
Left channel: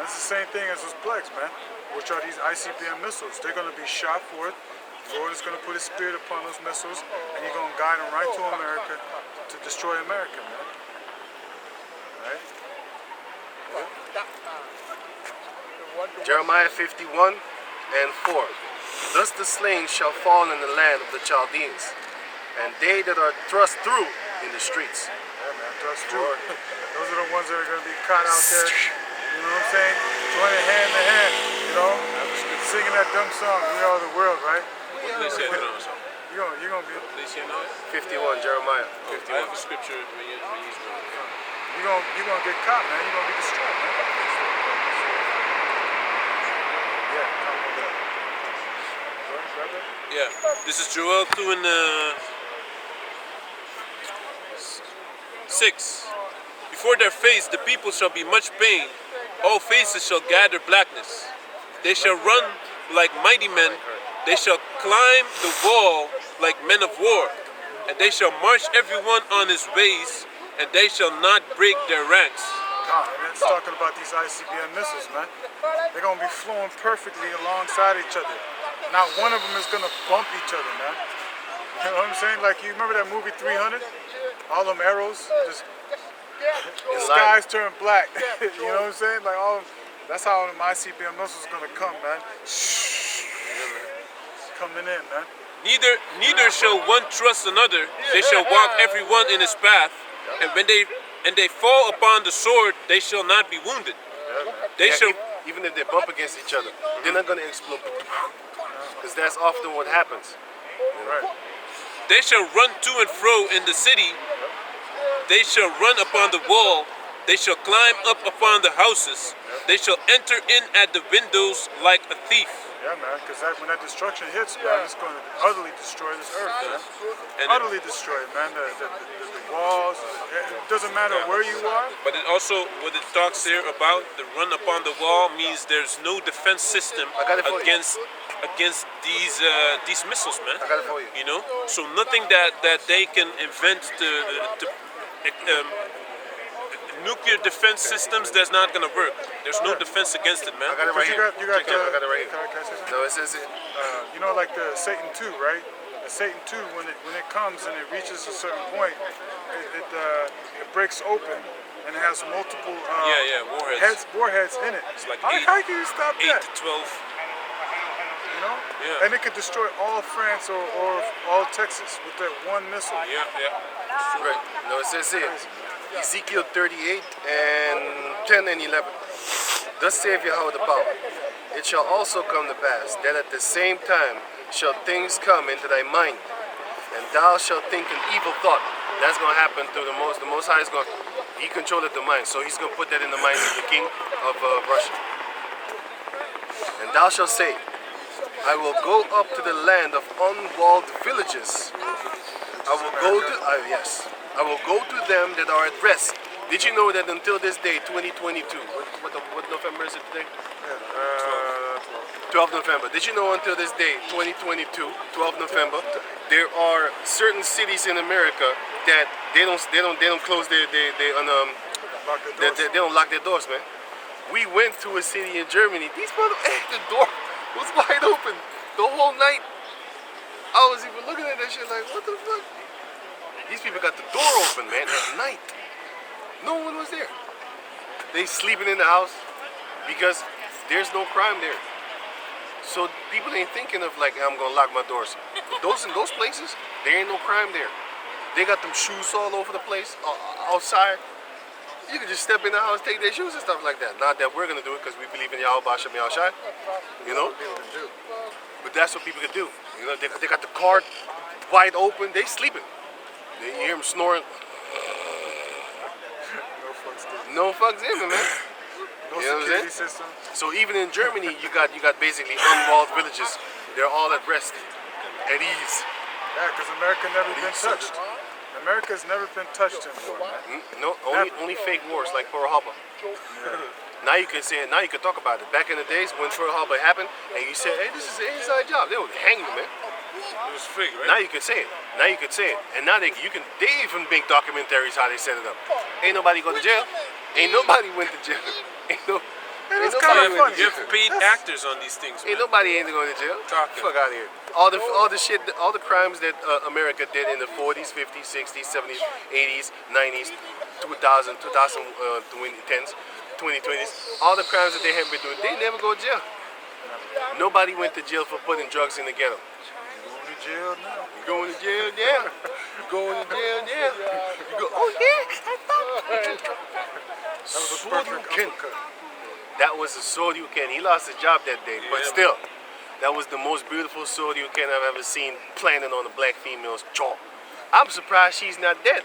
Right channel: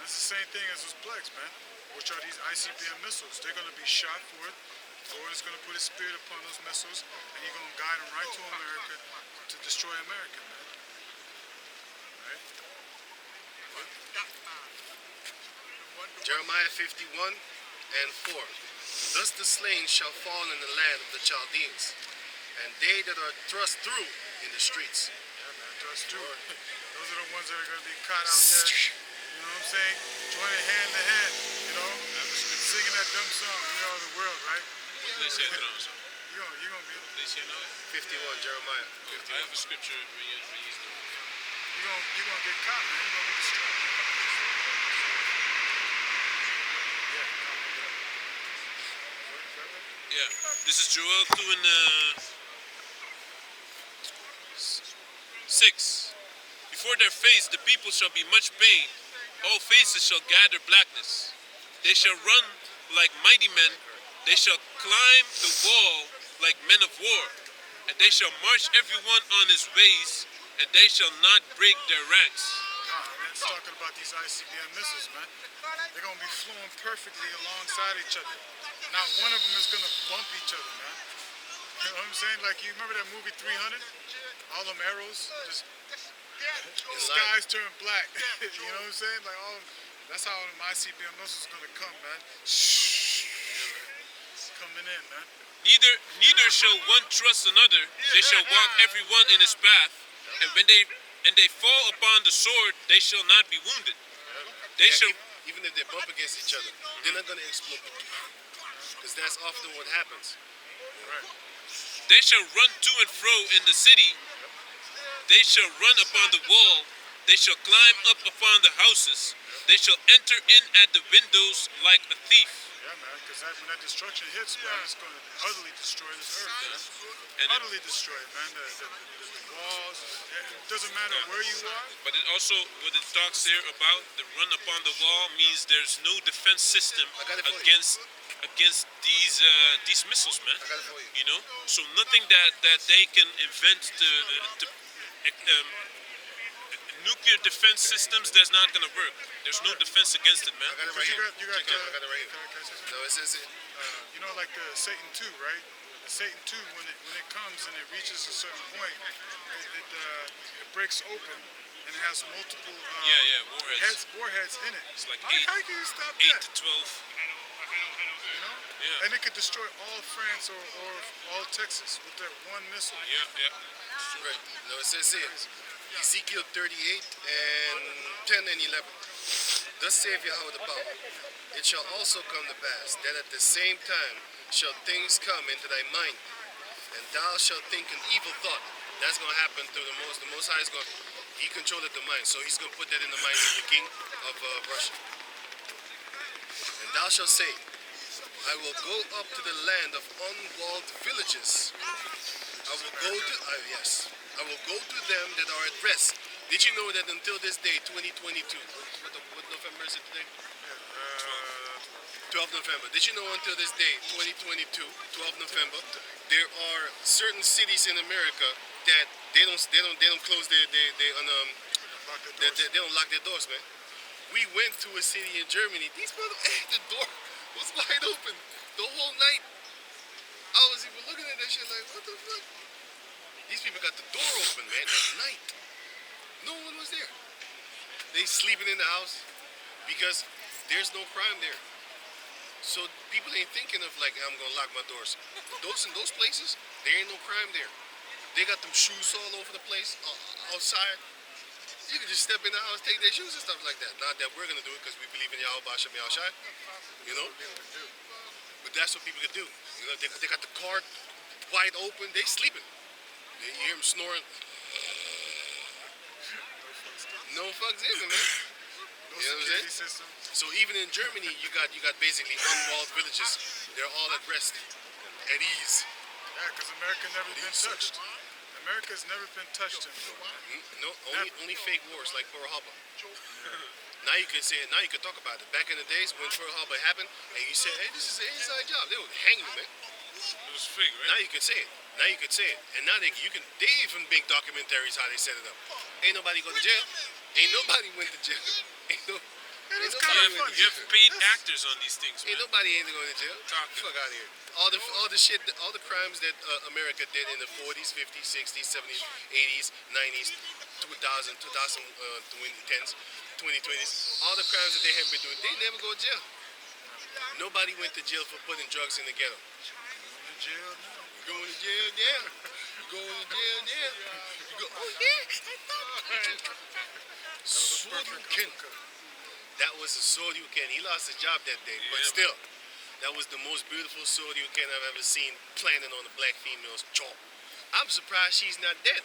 And it's the same thing as those plagues, man, which are these ICBM missiles. They're going to be shot forth. The Lord is going to put his spirit upon those missiles, and he's going to guide them right to America to destroy America, man. Right? Jeremiah 51 and 4. Thus the slain shall fall in the land of the Chaldeans, and they that are thrust through in the streets. Yeah, man, thrust through. Those are the ones that are going to be caught out there. You know what I'm saying? Joining hand to hand, you know? Singing that dumb song, We Are the World, right? Please say it on. You're going to be... Please say no. 51, Jeremiah I 51. have a scripture when you use them. You're gonna get caught, man. You're gonna be destroyed, man. Yeah, grab that. Yeah, this is Joel 2 and 6. Before their face the people shall be much pain. All faces shall gather blackness. They shall run like mighty men. They shall climb the wall like men of war. And they shall march everyone on his ways. And they shall not break their ranks. God, and it's talking about these ICBM missiles, man. They're gonna be flowing perfectly alongside each other. not one of them is gonna bump each other, man. You know what I'm saying? Like, you remember that movie 300? All them arrows, just the skies turn black. You know what I'm saying? Like, that's how them ICBM missiles gonna come, man. Coming in, man. Neither shall one trust another. They shall walk every one in his path, and when they fall upon the sword, they shall not be wounded. They shall. Even if they bump against each other, they're not gonna explode. Because that's often what happens. Right. They shall run to and fro in the city. They shall run upon the wall. They shall climb up upon the houses. They shall enter in at the windows like a thief. Yeah, man, because when that destruction hits, man, it's going to utterly destroy this earth, man. And Utterly destroy it, man. The walls, it doesn't matter where you are. But it also, what it talks here about the run upon the wall means there's no defense system I got it for you. against these missiles, man. I got it for you. You know, so nothing that they can invent to nuclear defense systems, that's not gonna work. There's no defense against it, man. I got it right here. You got Check it out. I got it right here. Can I say something? No, it says it. You know, like the Satan 2, right? The Satan 2, when it comes and it reaches a certain point, it breaks open and it has multiple warheads. warheads in it. It's like how can you stop 8 that? to 12. You know? Yeah. And it could destroy all France or all Texas with that one missile. Yeah. Right. No, it says here. Ezekiel 38 and 10 and 11. Thus saith Yahweh the power. It shall also come to pass that at the same time shall things come into thy mind, and thou shalt think an evil thought. That's going to happen through the Most High is going. He controlleth the mind, so he's going to put that in the minds of the king of Russia. And thou shalt say, I will go up to the land of unwalled villages. I will go to I will go to them that are at rest. Did you know that until this day, 2022, what November is it today? 12 November. Did you know until this day, 2022, 12 November, there are certain cities in America that they don't close they don't lock their doors, man. We went to a city in Germany. These the door was wide open the whole night. I was even looking at that shit like, what the fuck? These people got the door open, man, at night. No one was there. They sleeping in the house because there's no crime there. So people ain't thinking of like, I'm gonna lock my doors. In those places, there ain't no crime there. They got them shoes all over the place, outside. You can just step in the house, take their shoes and stuff like that. Not that we're gonna do it because we believe in Yahweh Bashem Yahushai, you know. But that's what people can do. You know, they got the car wide open. They sleeping. You hear them snoring. No fucks given, man. No You know what I'm security saying? system. So even in Germany, you got basically unwalled villages. They're all at rest, at ease. Yeah, because America never been touched. America's never been touched in war, man. No, only fake wars like Pearl Harbor. Now you can say it. Now you can talk about it. Back in the days when Pearl Harbor happened, and you said, "Hey, this is an inside job," they would hang you, man. It was fake, right? Now you can say it. And now they even make documentaries how they set it up. Ain't nobody go to jail. Ain't nobody went to jail. Ain't it's nobody kinda went funny. to You jail. have paid actors on these things, man. Ain't nobody going to jail. Talking. Fuck out of here. All the shit, all the crimes that America did in the 40s, 50s, 60s, 70s, 80s, 90s, 2010s, 2020s, all the crimes that they have been doing, they never go to jail. Nobody went to jail for putting drugs in the ghetto. Going to jail now. You going to jail now? You going to jail now? You go, oh yeah, I thought. That was a perfect uppercut. That was a Soryuken. He lost his job that day, but Yeah, still, that was the most beautiful Soryuken I've ever seen planted on a black female's jaw. I'm surprised she's not dead.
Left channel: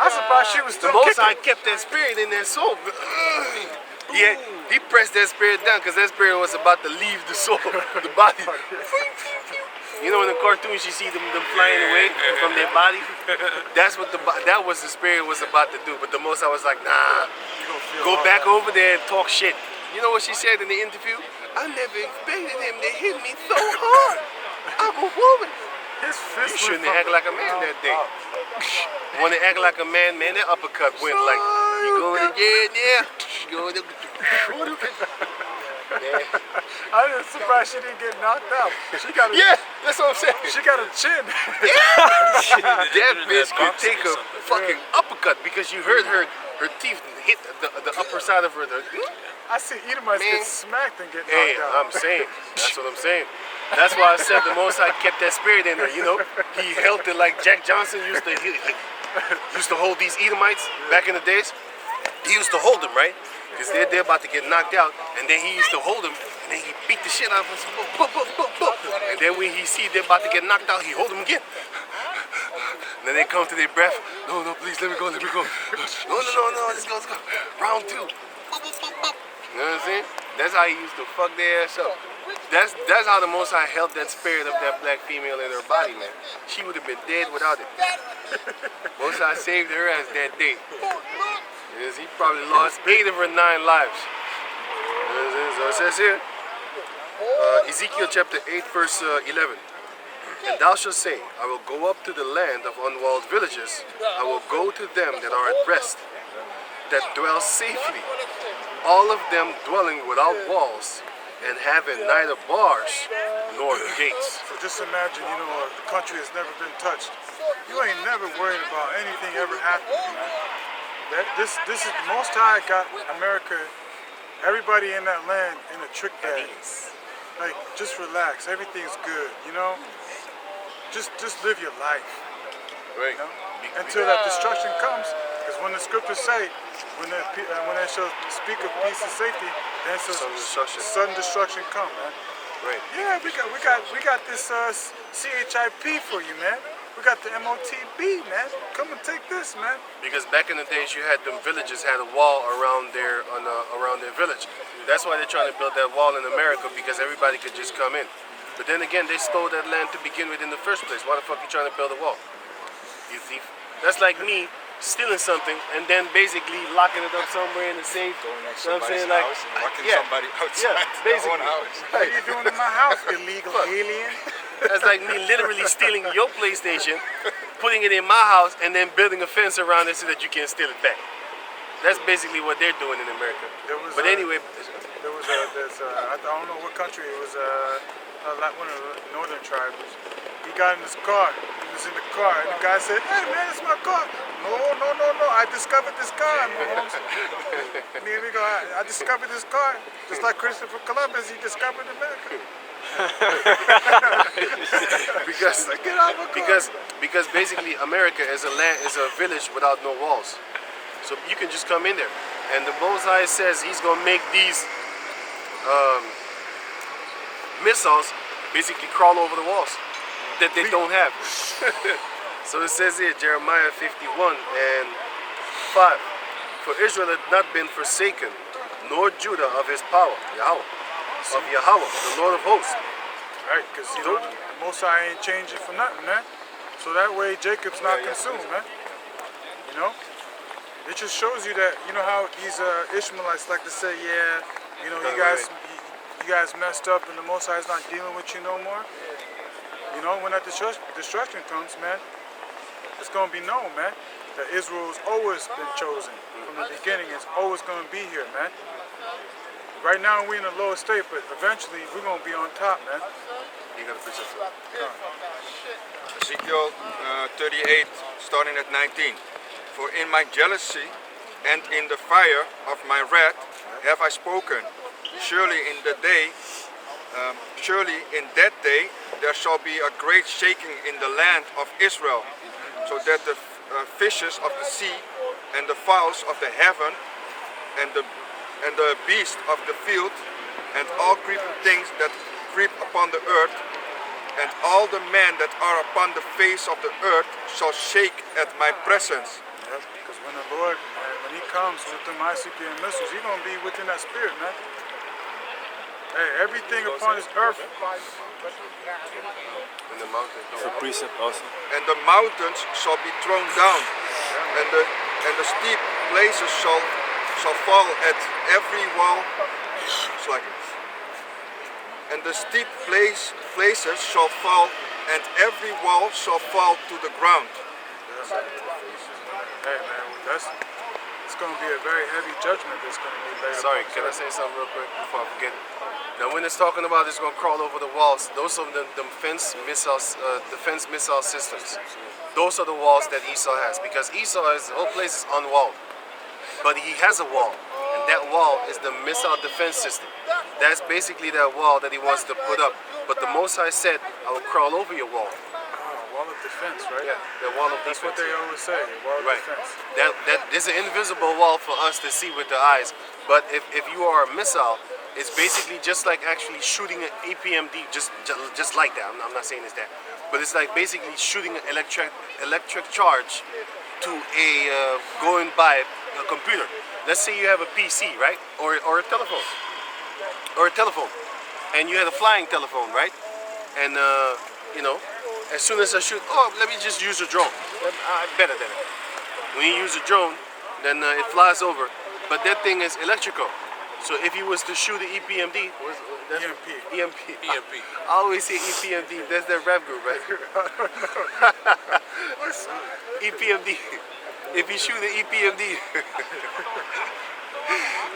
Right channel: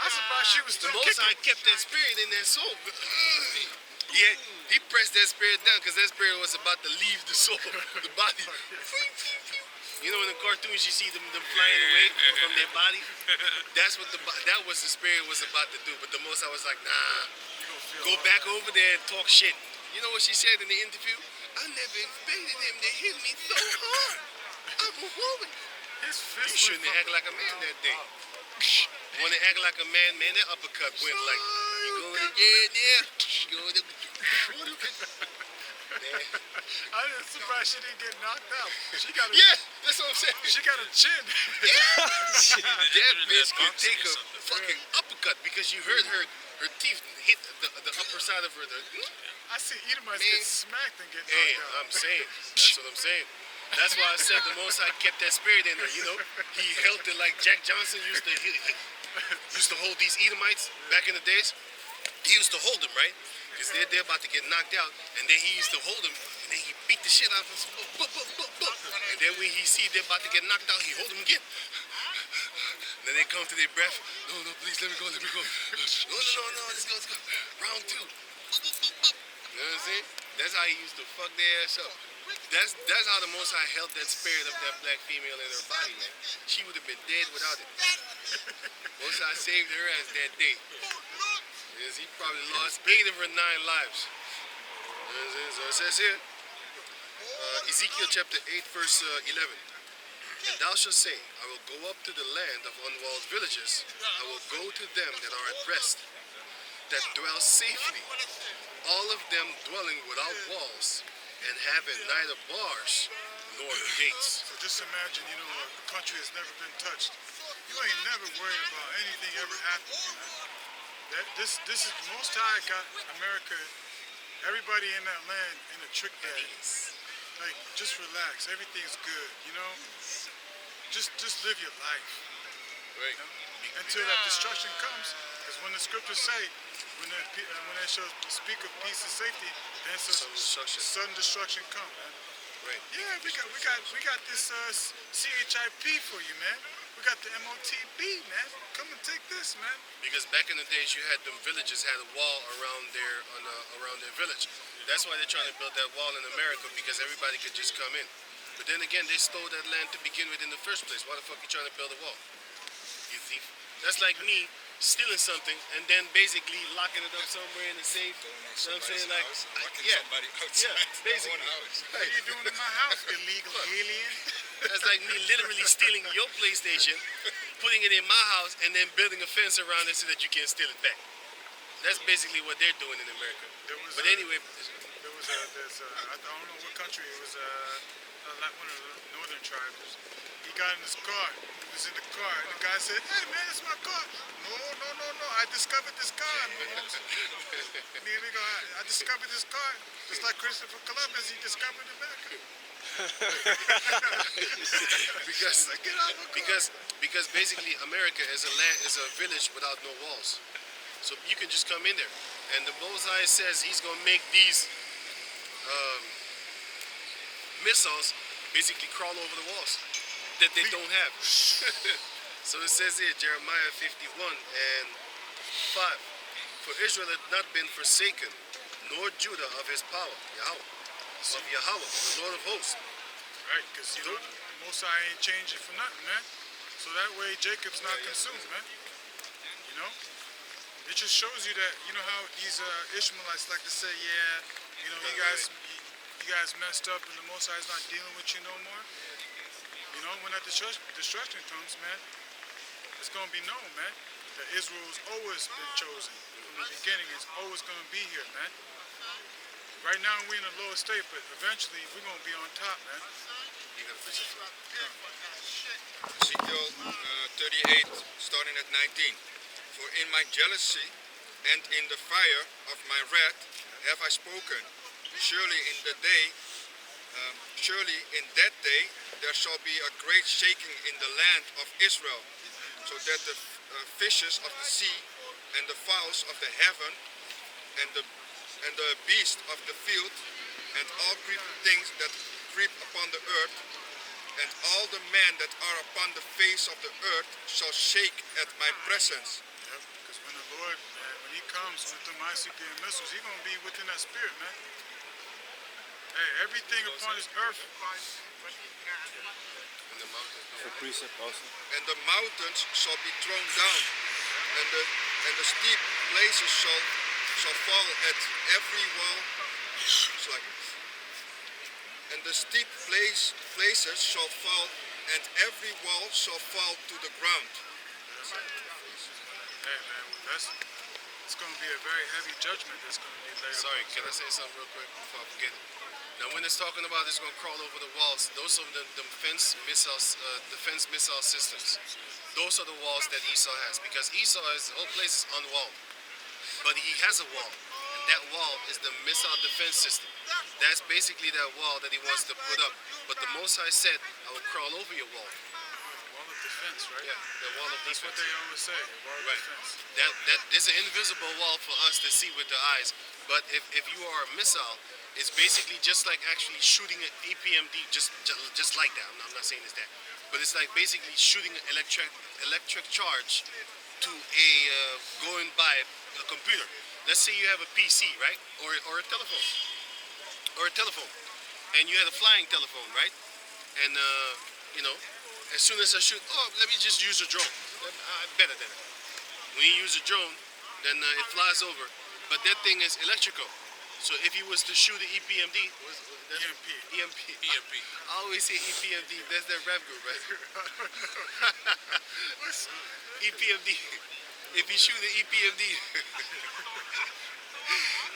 I'm surprised she was The still Most High kicking. kept that spirit in that soul. Yeah, he pressed that spirit down because that spirit was about to leave the soul, the body. You know, in the cartoons, you see them flying away from their body. That was the spirit was about to do. But the Most High was like, nah, go back over there and talk shit. You know what she said in the interview? I never expected him to hit me so hard. I'm a woman. His You fist shouldn't went act from like a man that day. Want to act like a man, that uppercut went like, you going to jail, yeah. You going to... Man. I'm just surprised she didn't get knocked out. She got a, Yeah, that's what I'm saying. she got a chin. That bitch could boxing take or a something. fucking uppercut because you heard her teeth hit the upper side of her. I see Edomites Man. get smacked and get Hey, knocked out. I'm saying. That's what I'm saying. That's why I said the Most High kept that spirit in there. You know, he held it like Jack Johnson used to. He used to hold these Edomites back in the days. He used to hold them, right? Because they're about to get knocked out, and then he used to hold them, and then he beat the shit out of us. Boop, boop, boop, boop. And then when he see they're about to get knocked out, he hold them again. And then they come to their breath. No, no, please, let me go, let me go. No, no, no, no, let's go, let's go. Round 2. Boop, boop, boop, boop. You know what I'm saying? That's how he used to fuck their ass up. That's how the Most High held that spirit of that black female in her body, man. She would have been dead without it. Most High saved her ass that day. Yes, he probably lost 8 of her 9 lives. You know what I'm saying? So it says here, Ezekiel chapter 8, verse 11. And thou shalt say, I will go up to the land of unwalled villages. I will go to them that are at rest, that dwell safely, all of them dwelling without walls, and having neither bars nor gates. So just imagine, you know, a country has never been touched. You ain't never worried about anything ever happening, man. This is the Most High got America, everybody in that land in a trick bag. Like, just relax, everything's good, you know? Just live your life, Right. you know? Until that destruction comes, because when the scriptures say, when they shall speak of peace and safety, then sudden destruction come, man. Right. Yeah, we got this CHIP for you, man. We got the MOTB, man. Come and take this, man. Because back in the days, you had them villages had a wall around their village. That's why they're trying to build that wall in America, because everybody could just come in. But then again, they stole that land to begin with in the first place. Why the fuck you trying to build a wall? You thief. That's like me stealing something and then basically locking it up somewhere in the safe. Going in You know what I'm somebody's saying? Like, house and locking yeah, somebody outside yeah, their basically. own house. What are you doing in my house, illegal alien? That's like me literally stealing your PlayStation, putting it in my house, and then building a fence around it so that you can't steal it back. That's basically what they're doing in America. But anyway, I don't know what country it was. Like one of the northern tribes. He got in his car. He was in the car, and the guy said, "Hey man, it's my car." No. I discovered this car, Mahomes. And here we go. I discovered this car, just like Christopher Columbus. He discovered America. because basically America is a village without no walls, so you can just come in there, and the Most High says He's gonna make these missiles basically crawl over the walls that they don't have. So it says here, Jeremiah 51 and 5. For Israel had not been forsaken, nor Judah of his power, Yahweh, the Lord of hosts. Right, because you know, the Most High ain't changing for nothing, man. So that way Jacob's not consumed, man. You know? It just shows you that, you know how these Ishmaelites like to say, yeah, you know, you guys messed up and the Most High is not dealing with you no more. You know, when that destruction comes, man, it's going to be known, man, that Israel's always been chosen. From the beginning, it's always going to be here, man. Right now, we're in a lower state, but eventually, we're going to be on top, man. You got a picture. Ezekiel 38, starting at 19. For in my jealousy and in the fire of my wrath have I spoken. Surely in that day there shall be a great shaking in the land of Israel, so that the fishes of the sea and the fowls of the heaven and the beasts of the field and all creeping things that creep upon the earth and all the men that are upon the face of the earth shall shake at my presence. Yep, because when the Lord, man, when He comes with them ICBM missiles, He's going to be within that spirit, man. Hey, everything upon this earth. In the mountains. For precept also. And the mountains shall be thrown down, and the steep places shall fall at every wall. And the steep places shall fall, and every wall shall fall to the ground. Hey man, it's going to be a very heavy judgment that's going to be laid Sorry, upon can I us. say something real quick before I forget it? Now, when it's talking about it's going to crawl over the walls, those are the defense missile systems. Those are the walls that Esau has, because Esau is the whole place is unwalled, but he has a wall, and that wall is the missile defense system. That's basically that wall that he wants to put up. But the Most High said, "I will crawl over your wall." Wall of defense, right? Yeah, the wall of That's defense. what they always say, wall of Right. defense. That is an invisible wall for us to see with the eyes. But if you are a missile, it's basically just like actually shooting an EPMD, just like that. I'm not saying it's that, but it's like basically shooting an electric charge to a going by a computer. Let's say you have a PC, right, or a telephone, and you had a flying telephone, right, and you know. As soon as I shoot, let me just use a drone. Better than it. When you use a drone, then it flies over. But that thing is electrical. So if you was to shoot an EPMD, that's EMP. EMP. EMP. I always say EPMD. That's that rap group, right? EPMD. If you shoot an EPMD,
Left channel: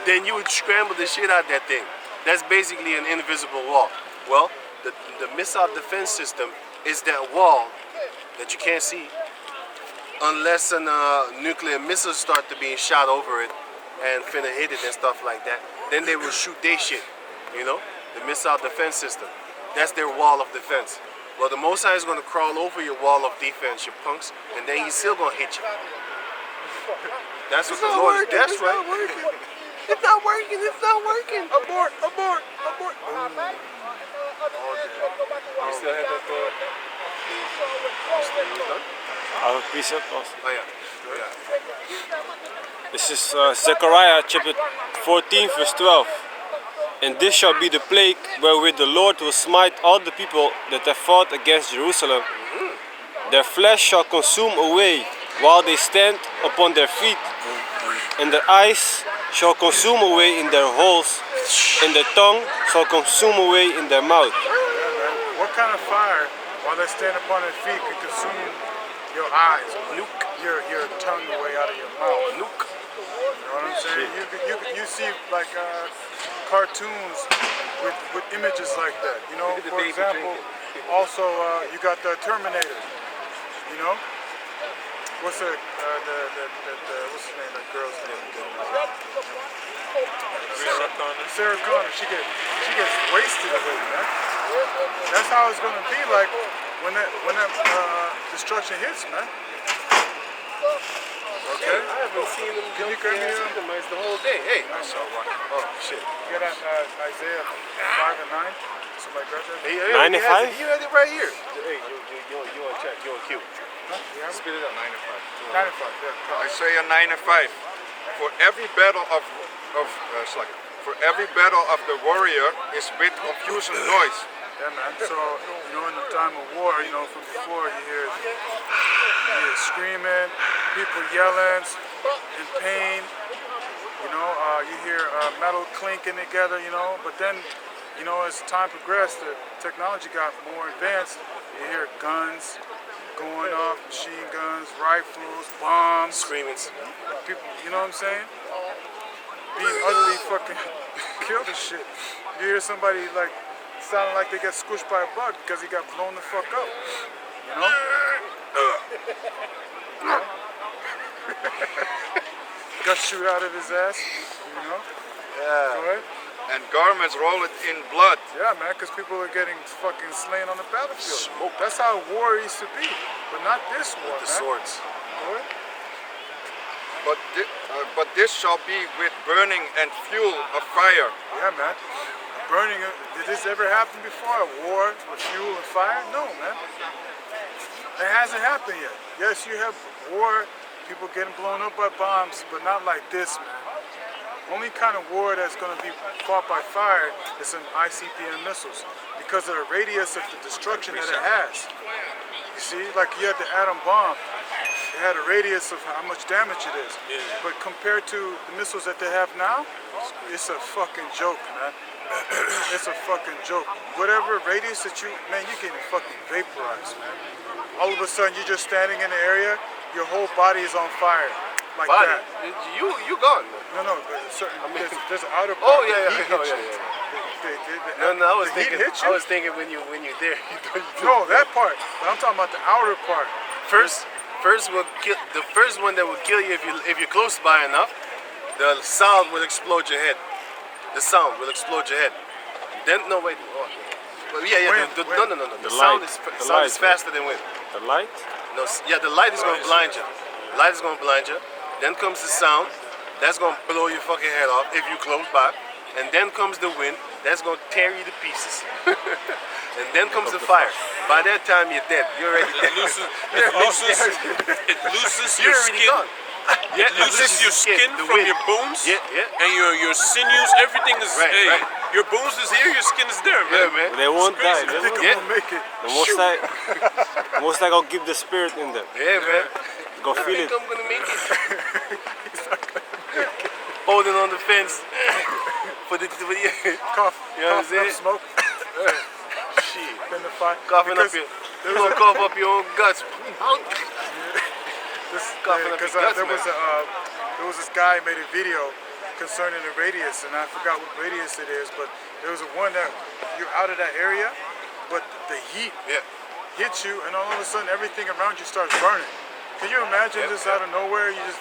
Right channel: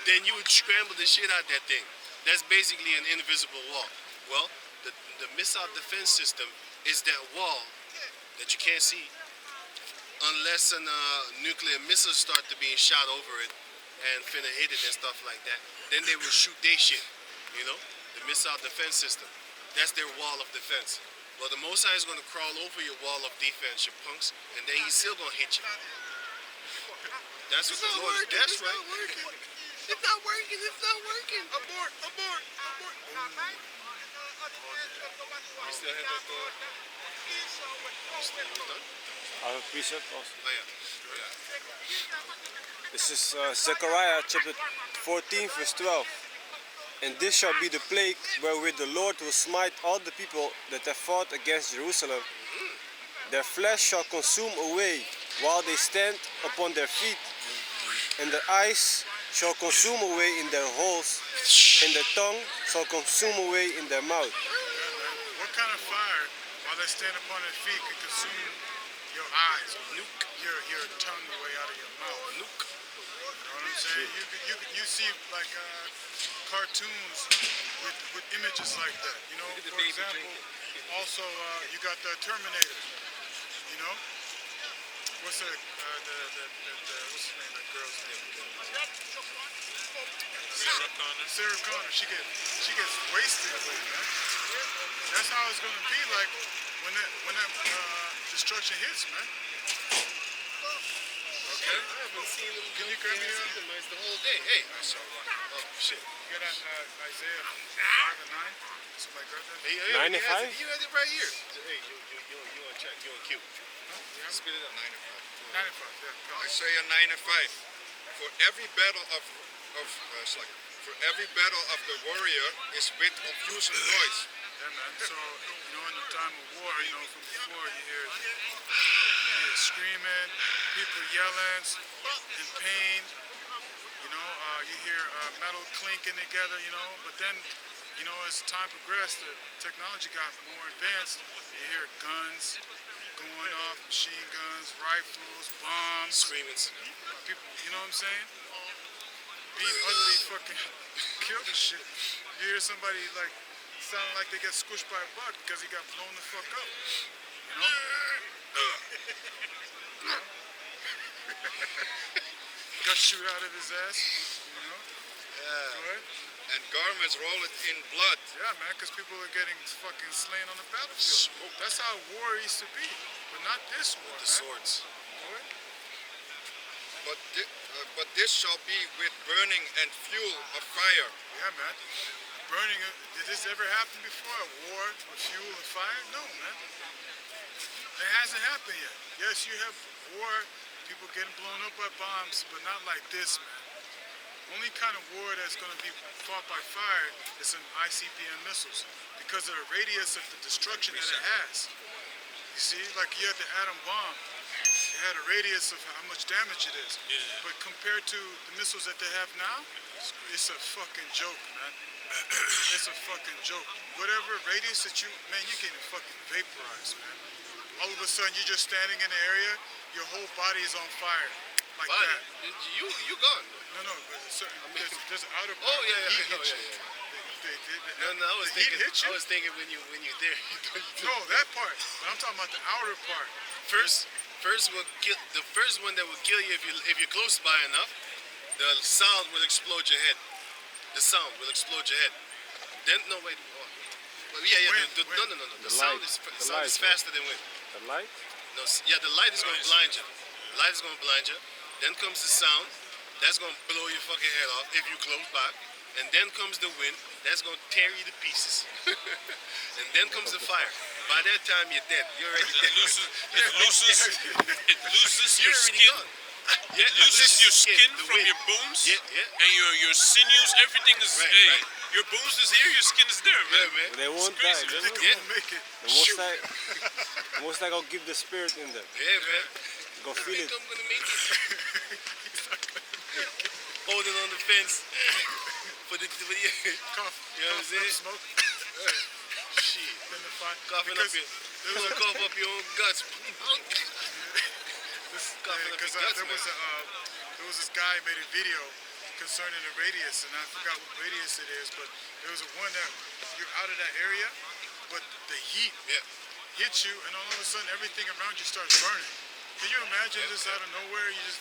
then you would scramble the shit out of that thing. That's basically an invisible wall. Well, the missile defense system is that wall that you can't see unless a nuclear missile start to being shot over it and finna hit it and stuff like that. Then they will shoot their shit, you know? The missile defense system. That's their wall of defense. Well, the Most High is gonna crawl over your wall of defense, you punks, and then he's still gonna hit you. That's what the Lord is. That's right. It's not working. It's not working. Abort, abort, abort. You still have that I have a precept also. Oh yeah. This is Zechariah chapter 14 verse 12. And this shall be the plague wherewith the Lord will smite all the people that have fought against Jerusalem. Their flesh shall consume away while they stand upon their feet, and their eyes shall consume away in their holes, and their tongue shall consume away in their mouth. What kind of fire, while they stand upon their feet, could consume your eyes, your tongue away out of your mouth? Nuke. You know what I'm saying? You see like cartoons with images like that. You know, Look at the for baby example, drinking. also you got the Terminator. You know, what's the what's his name? That girl's name? Sarah Connor. Sarah Connor. She gets wasted away, man. That's how it's gonna be like when that destruction hits, man. Okay. I haven't seen them. Can you grab me the whole day? Hey. I saw one. Oh shit. You got Isaiah 5 and 9, something like that. Hey, 9 and 5? You had it right here. Hey, you on check? You on cue? Huh? You have it? Spit it up. 9 and 5. 9 and 5. Yeah. Isaiah 9 and 5. For every battle of for every battle of the warrior is with confusion noise. Yeah, man. So, you know, in the time of war, you know, from before, you hear screaming, people yelling, in pain. You know, you hear metal clinking together, you know. But then, you know, as time progressed, the technology got more advanced. You hear guns going off, machine guns, rifles, bombs. Screaming. People, you know what I'm saying? Being utterly fucking killed and shit. You hear somebody like sounding like they got squished by a bug because he got blown the fuck up. You know? Got shoot out of his ass. You know? Yeah. Go ahead. And garments rolled in blood. Yeah, man, because people are getting fucking slain on the battlefield. Smoke. That's how war used to be, but not this war, The man. swords. Go ahead. But this shall be with burning and fuel of fire. Yeah, man. Burning, did this ever happen before? A war with fuel and fire? No, man. It hasn't happened yet. Yes, you have war, people getting blown up by bombs, but not like this, man. Only kind of war that's going to be fought by fire is some ICBM missiles because of the radius of the destruction that it has. You see, like you had the atom bomb. It had a radius of how much damage it is. Yeah. But compared to the missiles that they have now, it's a fucking joke, man. It's a fucking joke. Whatever radius that man, you're getting fucking vaporized, man. All of a sudden, you're just standing in the area, your whole body is on fire. like Body. that. You gone. Man. No, but certain, there's an outer part. Oh yeah, the yeah, heat oh, hits yeah, you. yeah. No, I was the heat thinking. hits I you? was thinking when you there. No, that part. But I'm talking about the outer part. First will kill. The first one that will kill you if you're close by enough. The sound will explode your head. The sound will explode your head. Then no wait. Oh. Well, yeah. Wind, No. The The sound light. is The sound light, is faster than wind. The light? No, yeah, the light is gonna blind you. The light is gonna blind you. Then comes the sound. That's gonna blow your fucking head off if you close by. And then comes the wind. That's gonna tear you to pieces. And then comes the fire. By that time you're dead. You're already It dead. loses You're your already skin. gone. It loses your skin the from wind. your bones. Yeah, yeah. And your sinews, everything is. Right, hey, right. your bones is here, your skin is there, Yeah, man. man. They won't die. crazy. They I think won't. I'm Yeah. gonna make it. The most I gonna keep the spirit in them. Yeah, man. Go I feel think it. I'm gonna make it. Holding on the fence. For the Cough, You know what I'm coughing up saying? smoke shit. in the fire. Coughing up Because your, you gonna cough up your own guts. coughing up Because your guts, there man. was this guy who made a video concerning the radius, and I forgot what radius it is, but there was a one that you're out of that area, but the heat Yeah. hits you, and all of a sudden everything around you starts burning. Can you imagine Yeah, just yeah. out of nowhere, you just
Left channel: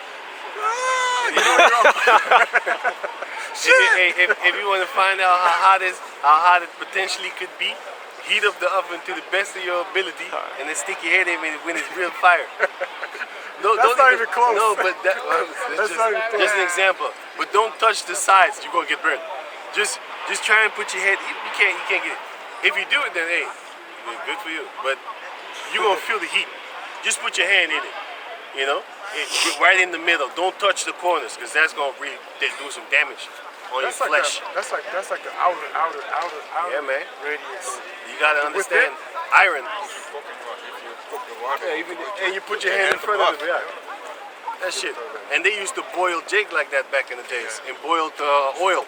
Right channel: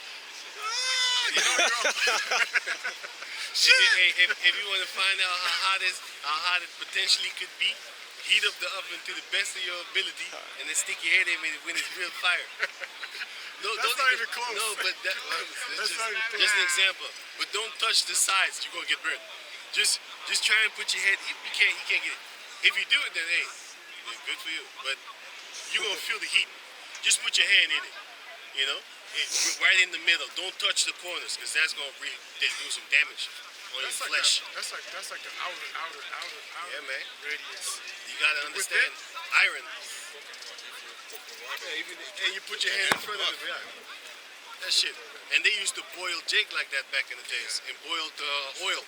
If you want to find out how hot it potentially could be, heat up the oven to the best of your ability, and then stick your head in it when it's real fire. No, That's don't not even close. No, but That's not even close. just an example. But don't touch the sides; you're gonna get burned. Just try and put your head. You can't get it. If you do it, then hey, good for you. But you're gonna feel the heat. Just put your hand in it. You know, right in the middle. Don't touch the corners, because that's gonna really do some damage on that's your like flesh. that's like the outer Yeah, man. radius. You gotta understand iron. If you cook the water, And you put your hand in front of it. Yeah. That shit. And they used to boil jig like that back in the days. And boiled oil.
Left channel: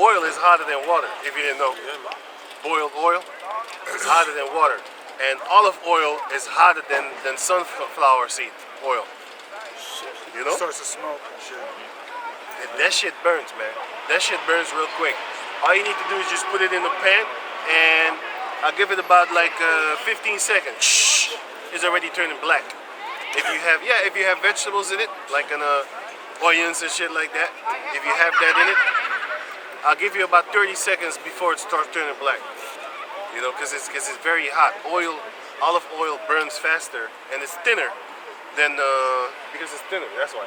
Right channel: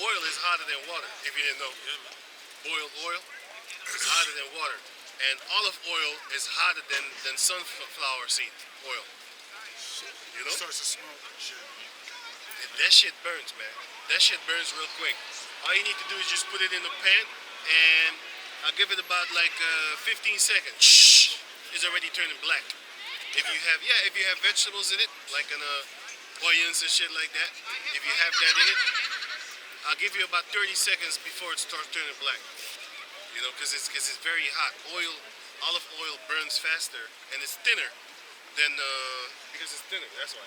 Oil is hotter than water, if you didn't know. Boiled oil is hotter than water. And olive oil is hotter than sunflower seed oil. You know? Starts to smoke and shit. That shit burns, man. That shit burns real quick. All you need to do is just put it in the pan, and I'll give it about like 15 seconds. Shh, it's already turning black. If you have vegetables in it, like onions and shit like that, if you have that in it, I'll give you about 30 seconds before it starts turning black. You know, because it's very hot. Olive oil burns faster, and it's thinner than because it's thinner. That's why.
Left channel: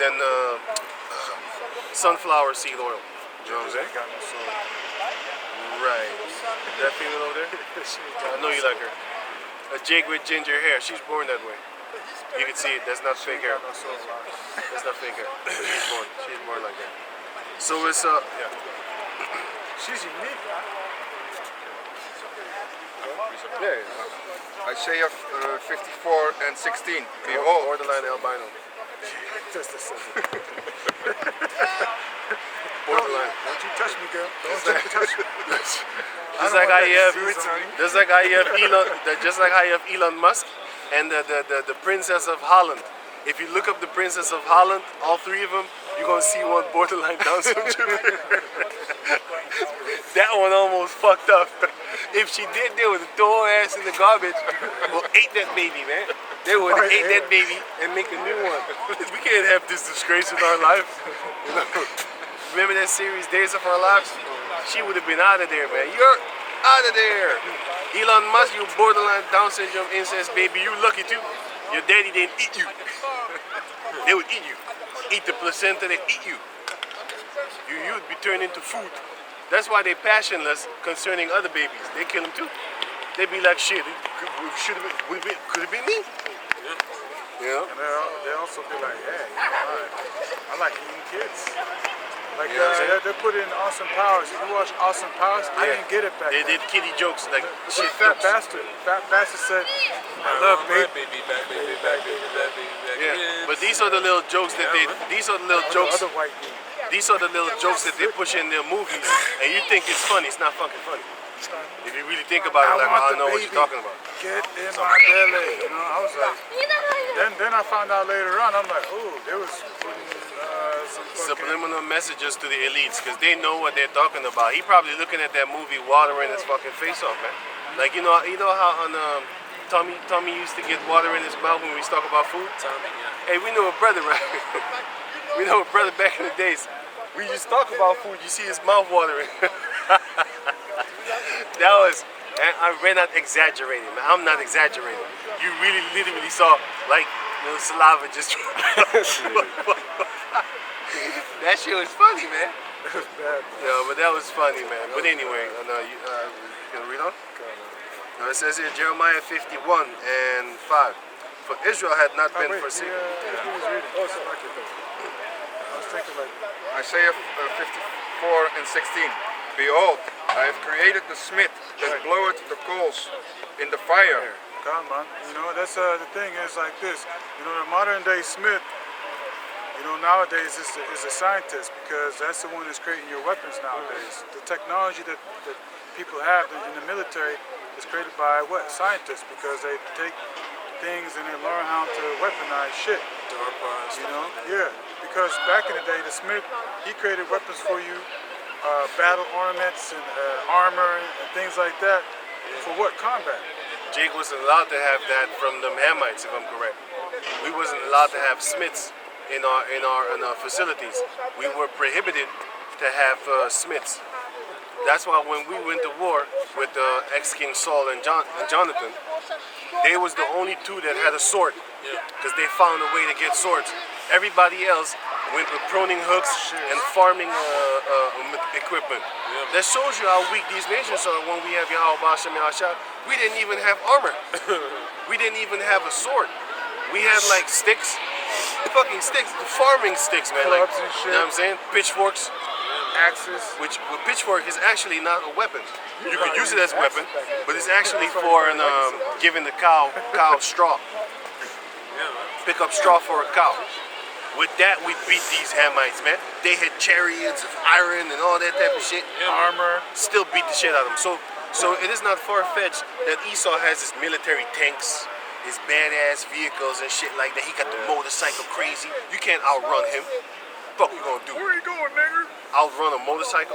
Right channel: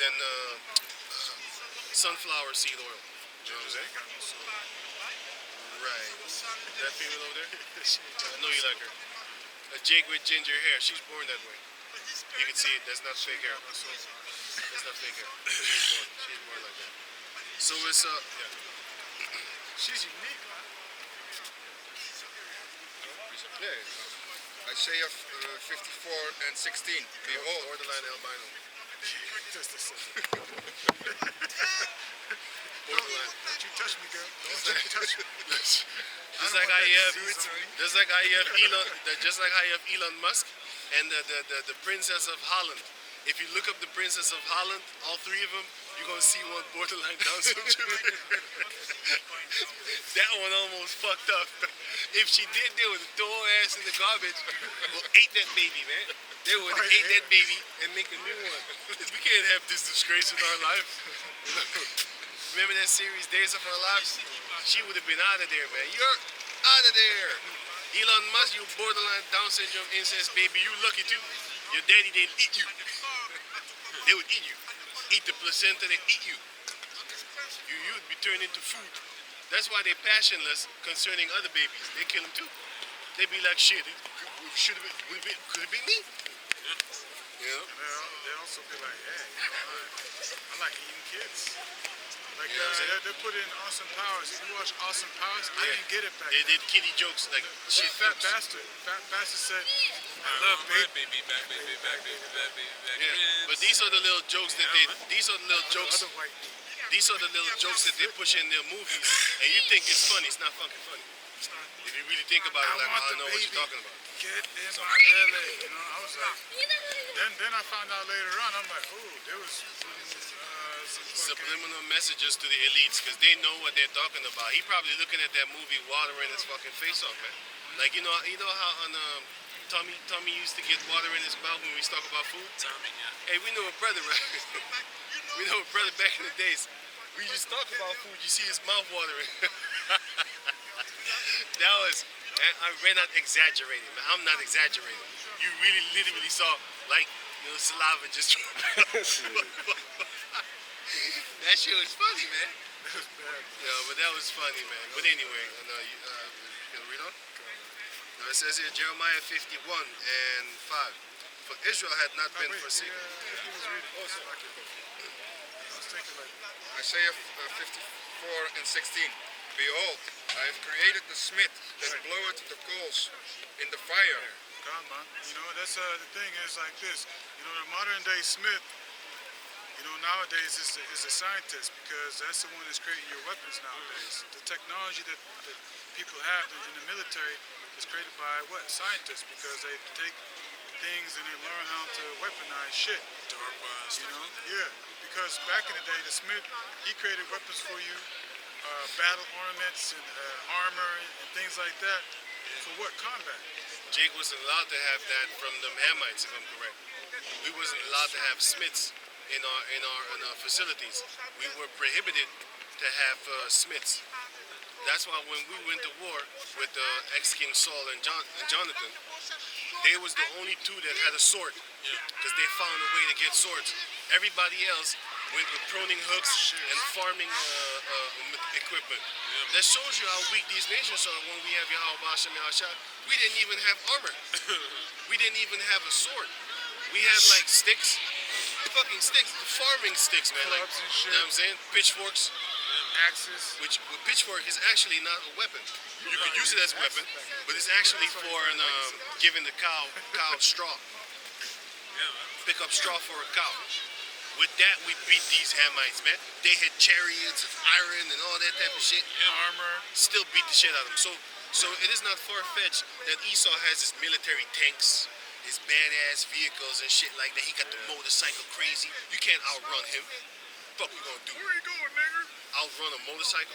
Than sunflower seed oil. You know what I'm saying? Got no soul. Right. That female over there? I know you like her. A jig with ginger hair. She's born that way. You can see it. That's not fake hair. Got no soul. That's not fake hair. She's born. She's born like that. So it's yeah. She's unique. Yeah. Isaiah 54 and 16. Behold, Borderline albino. Just a second. Borderline. Don't you touch me, girl. Don't you touch me. Just like how you have Elon Musk and the Princess of Holland. If you look up the Princess of Holland, all three of them, you're gonna see one borderline Down syndrome. That one almost fucked up. If she did, they would have thrown her ass in the garbage or ate that baby, man. They would have ate that baby and make a new one. We can't have this disgrace in our lives. You know? Remember that series, Days of Our Lives? She would have been out of there, man. You're out of there. Elon Musk, you borderline Down syndrome incest baby. You lucky too. Your daddy didn't eat you. They would eat you. Eat the placenta, they eat you. You'd be turned into food. That's why they're passionless concerning other babies. They kill them too. They'd be like, shit, could it be me? You know? And they also be like, hey, I like eating kids. Like You know what I'm saying? they put in Austin Powers. If you watch Austin Powers, I didn't get it back They then. did kiddie jokes like Shit, shit. Fat Bastard. Fat Bastard said, I love baby. Baby, back, baby, back, baby, back, baby, back. Yeah, but these are the little jokes that these are the little jokes. Other white dude. These are the little jokes that they push in their movies, and you think it's funny. It's not fucking funny. If you really think about it, like, I don't know what you're talking about. Get in my belly. You know, I was like, then I found out later on. I'm like, oh, there was some fucking. Subliminal messages to the elites because they know what they're talking about. He probably looking at that movie, watering his fucking face off, man. Like you know how on Tommy used to get water in his mouth when we talk about food. Tommy, yeah. Hey, we know a brother, right? We know a brother back in the days. We just talk about food. You see his mouth watering. That was. And we're not exaggerating, man. I'm not exaggerating. You really literally saw like saliva just. That shit was funny, man. That was bad. Yeah, but that was funny, man. But anyway, you can read on? No, it says here Jeremiah 51 and 5. For Israel had not been forsaken. He was reading. Oh, so I was thinking like. Isaiah 54 and 16. Behold, I have created the smith that bloweth the coals in the fire. Come on, that's the thing is like this. The modern day smith, nowadays is a scientist because that's the one that's creating your weapons nowadays. The technology that people have in the military is created by what? Scientists, because they take things and they learn how to weaponize shit. Yeah, because back in the day, the smith, he created weapons for you, battle ornaments and armor and things like that. For what? Combat. Jake wasn't allowed to have that from the Hamites, if I'm correct. We wasn't allowed to have smiths in our facilities. We were prohibited to have smiths. That's why when we went to war with ex-King Saul and Jonathan, they was the only two that had a sword because they found a way to get swords. Everybody else went with pruning hooks and farming equipment. That shows you how weak these nations are when we have Yahweh Hashem Yahshua. We didn't even have armor. We didn't even have a sword. We had like sticks, fucking sticks, farming sticks, man. Like, Clubs and shit. you know what I'm saying? Pitchforks. Axes. Which a pitchfork is actually not a weapon. You could use it as a weapon, but it's actually for giving the cow straw. Pick up straw for a cow. With that, we beat these Hamites, man. They had chariots of iron and all that type of shit. Armor. Still beat the shit out of them. So it is not far-fetched that Esau has his military tanks, his badass vehicles and shit like that. He got the motorcycle crazy. You can't outrun him. Fuck you gonna do? Where you going, nigga? Outrun a motorcycle?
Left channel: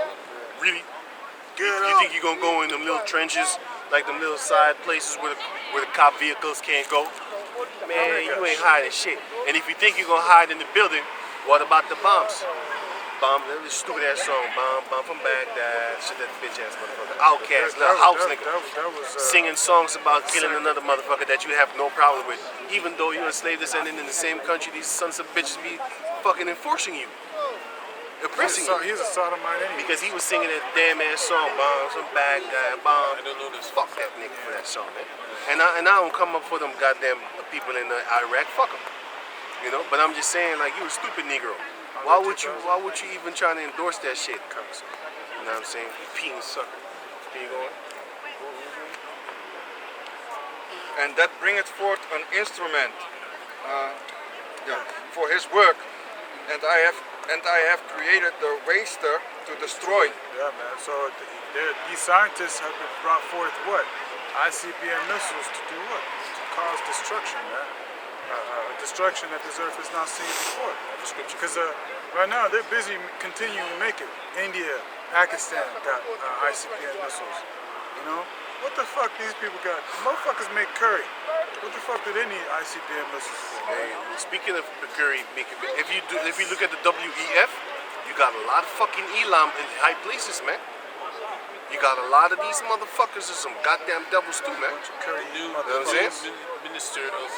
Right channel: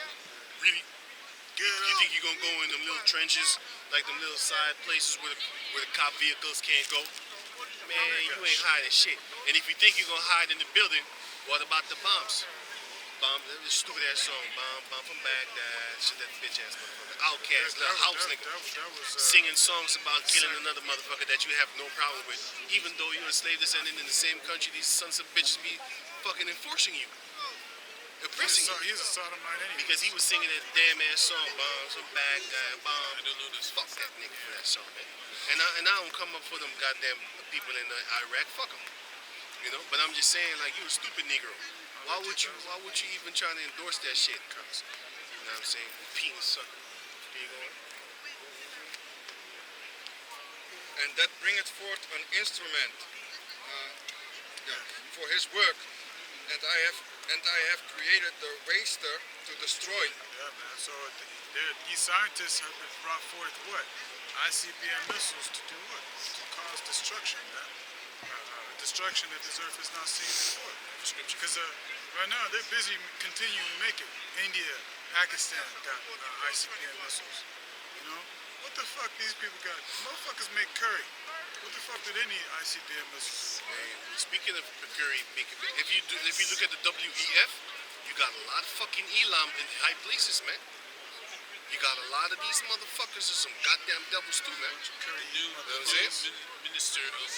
Really? You think you gonna go in them little trenches, like them little side places where the cop vehicles can't go? Man, you ain't hiding shit. And if you think you're gonna hide in the building, what about the bombs? Bomb, this stupid ass song, bomb from Baghdad, shit that bitch ass motherfucker. Outcast, little house nigga. That was Singing songs about killing another motherfucker that you have no problem with. Even though you're a slave descendant in the same country, these sons of bitches be fucking enforcing you. Oppressing you. He's a sodomite anyway. Because he was singing that damn ass song, bombs from Baghdad, bomb. I don't know this. Fuck that nigga for that song, man. And I don't come up for them goddamn people in Iraq. Fuck them. But I'm just saying, like, you a stupid Negro. Why would you even try to endorse that shit? You know what I'm saying? You penis sucker. Can you go on? And that bringeth forth an instrument for his work, and I have created the waster to destroy. Yeah, man. So these scientists have been brought forth what? ICBM missiles to do what? To cause destruction, man. Destruction that this earth has not seen before. Because right now they're busy continuing to make it. India, Pakistan got ICBM missiles. What the fuck these people got? Motherfuckers make curry. What the fuck do they need ICBM missiles for? Hey, speaking of curry, if you look at the WEF, you got a lot of fucking Elam in high places, man. You got a lot of these motherfuckers are some goddamn devils too, man. Curry, You know what I'm saying? Minister of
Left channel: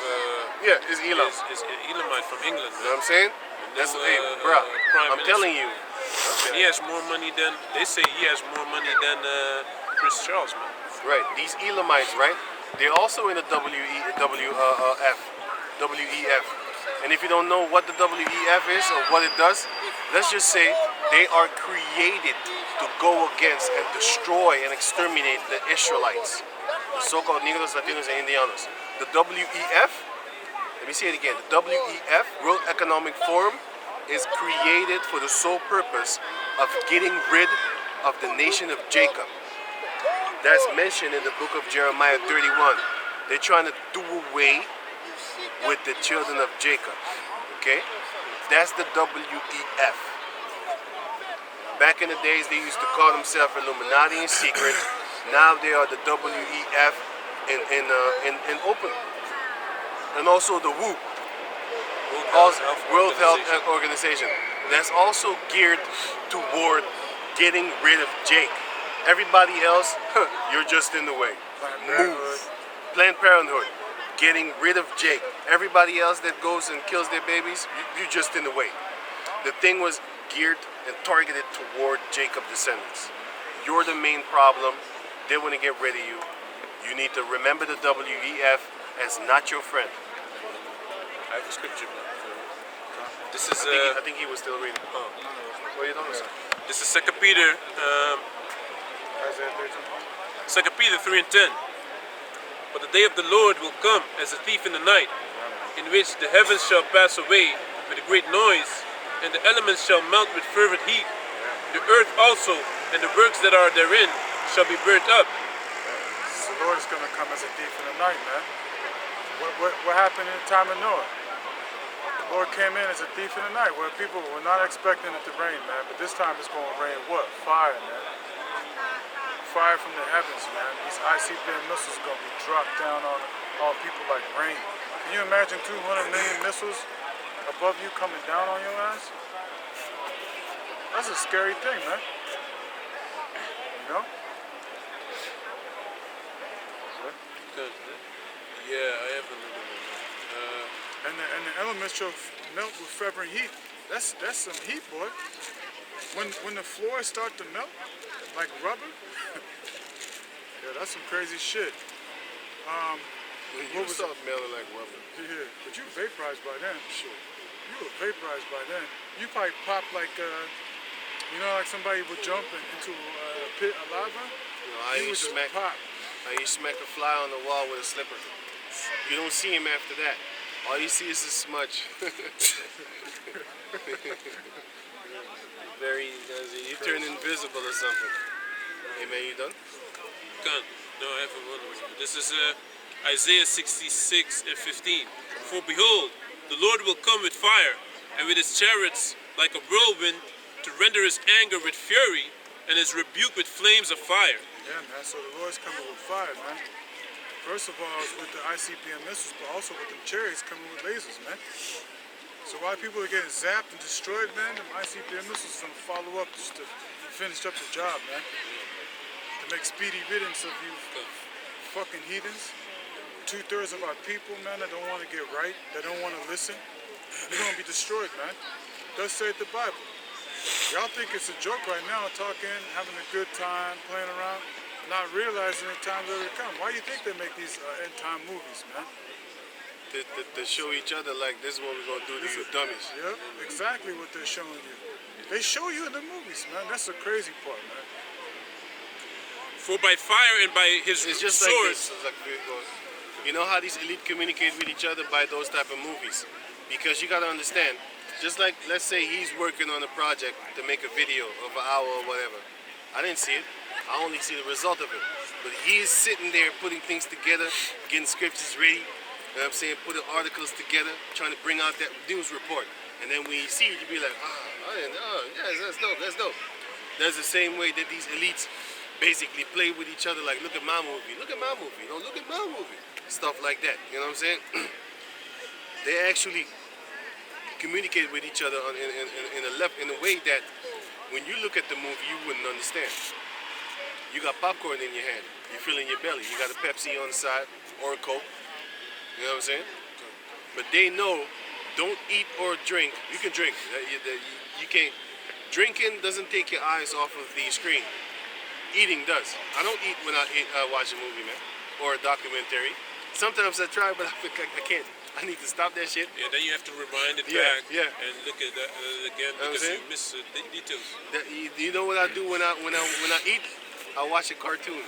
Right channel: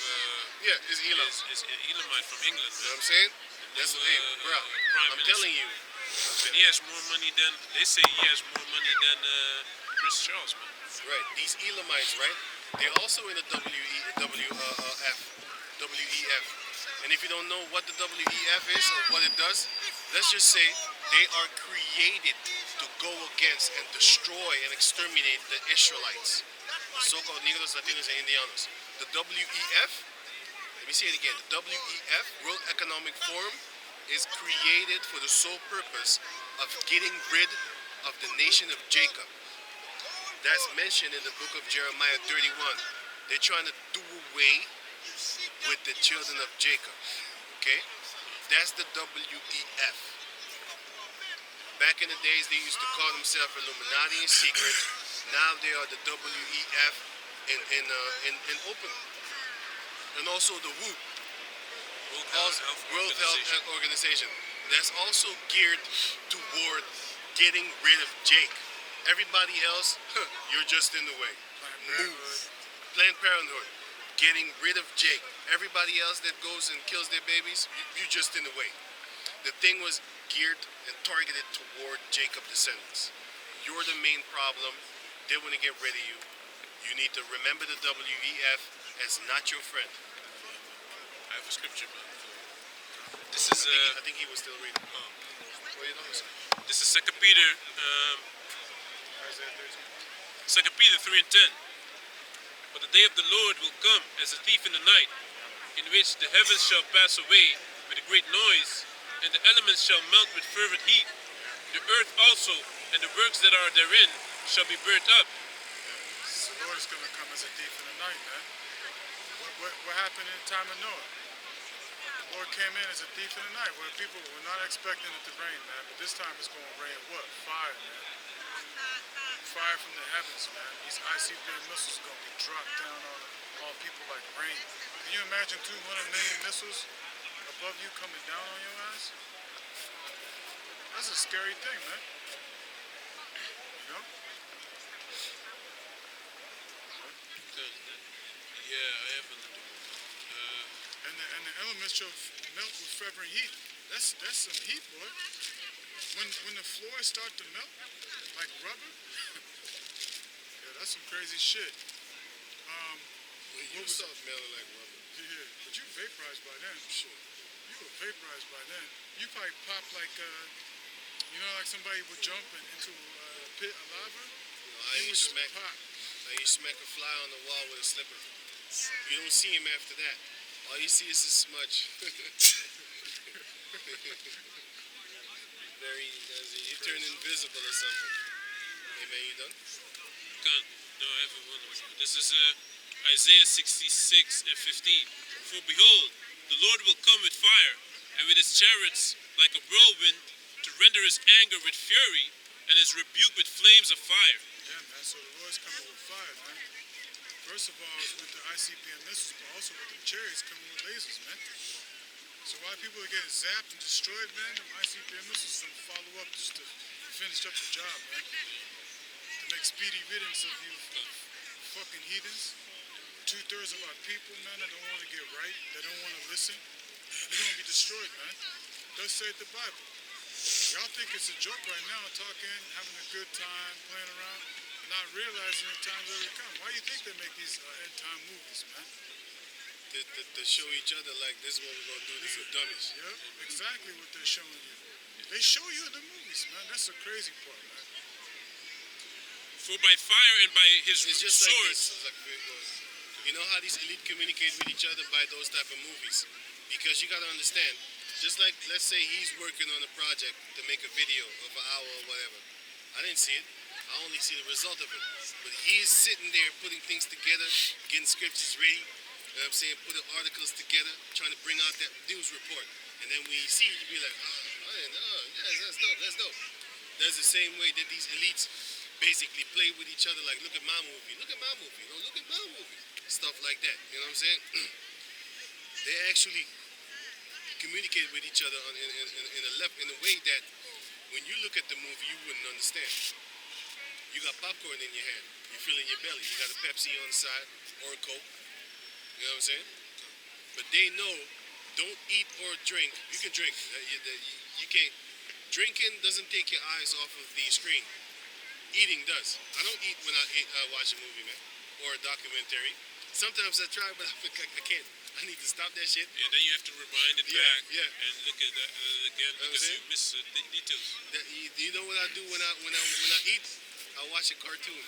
Is Elam. is Elamite from England. You know what I'm saying? That's bro. Prime I'm telling you. And he has more money than they say. He has more money than Prince Charles, man. Right. These Elamites, right? They're also in the WEF. And if you don't know what the WEF is or what it does, let's just say they are created to go against and destroy and exterminate the Israelites, the so-called Negros, Latinos, and Indianos. The WEF, let me say it again, the WEF, World Economic Forum, is created for the sole purpose of getting rid of the nation of Jacob. That's mentioned in the book of Jeremiah 31. They're trying to do away with the children of Jacob. Okay? That's the WEF. Back in the days, they used to call themselves Illuminati in secret. Now they are the WEF in open. And also the WHO, World Health Organization. That's also geared toward getting rid of Jake. Everybody else, you're just in the way. Move. Planned Parenthood, getting rid of Jake. Everybody else that goes and kills their babies, you're just in the way. The thing was geared and targeted toward Jacob descendants. You're the main problem. They want to get rid of you. You need to remember the WEF as not your friend. I have a scripture. This is I think he was still reading. Oh. What are you talking about? this is 2 Peter, Isaiah 13. 2 Peter 3:10. But the day of the Lord will come as a thief in the night, in which the heavens shall pass away with a great noise, and the elements shall melt with fervent heat. The earth also and the works that are therein shall be burnt up. The Lord is going to come as a thief in the night, man. What happened in the time of Noah? The Lord came in as a thief in the night, where people were not expecting it to rain, man. But this time it's going to rain what? Fire, man. Fire from the heavens, man. These ICBM missiles are going to be dropped down on people like rain. Can you imagine 200 million missiles above you coming down on your ass? That's a scary thing, man. You know? Yeah, I have another one. And the elements shall melt with fervent heat. That's some heat, boy. When the floors start to melt like rubber, yeah, that's some crazy shit. You start melting like rubber. Yeah, but you vaporized by then. Sure. You were vaporized by then. You probably pop like, like somebody would jump into a pit of lava. You know, you smack a fly on the wall with a slipper. You don't see him after that. All you see is a smudge. You turn invisible or something. Hey man, you done? Done. No, I have one more. This is Isaiah 66:15. For behold, the Lord will come with fire, and with his chariots like a whirlwind, to render his anger with fury, and his rebuke with flames of fire. Yeah, man. So the Lord's coming with fire, man. First of all, it's with the ICBM missiles, but also with the chariots coming with lasers, man. So while people are getting zapped and destroyed, man, the ICBM missiles are gonna follow up just to finish up the job, man. To make speedy riddance of you fucking heathens. 2/3 of our people, man, that don't want to get right, that don't want to listen, you're gonna be destroyed, man. Thus saith the Bible. Y'all think it's a joke right now, talking, having a good time, playing around, not realizing the times are to come. Why do you think they make these end-time movies, man? To show each other like this is what we're gonna do to you dummies. Yep, exactly what they're showing you. They show you in the movies, man. That's the crazy part, man. For by fire and by his It's just sword. like this. It's like, you know how these elite communicate with each other by those type of movies? Because you gotta understand, just like let's say he's working on a project to make a video of an hour or whatever. I didn't see it. I only see the result of it. But he's sitting there putting things together, getting scriptures ready. You know what I'm saying? Putting articles together, trying to bring out that news report. And then when you see it, you be like, yes, that's dope, that's dope. That's the same way that these elites basically play with each other, like, look at my movie, look at my movie, look at my movie. Stuff like that, you know what I'm saying? They actually communicate with each other in a way that when you look at the movie, you wouldn't understand. You got popcorn in your hand, you feel in your belly, you got a Pepsi on the side, or a Coke. You know what I'm saying? But they know, don't eat or drink. You can drink. You can't. Drinking doesn't take your eyes off of the screen. Eating does. I don't eat when I watch a movie, man, or a documentary. Sometimes I try, but I can't. I need to stop that shit. Yeah, then you have to rewind it back and look at that again because you miss the details. You know what I do when I eat? I watch a cartoon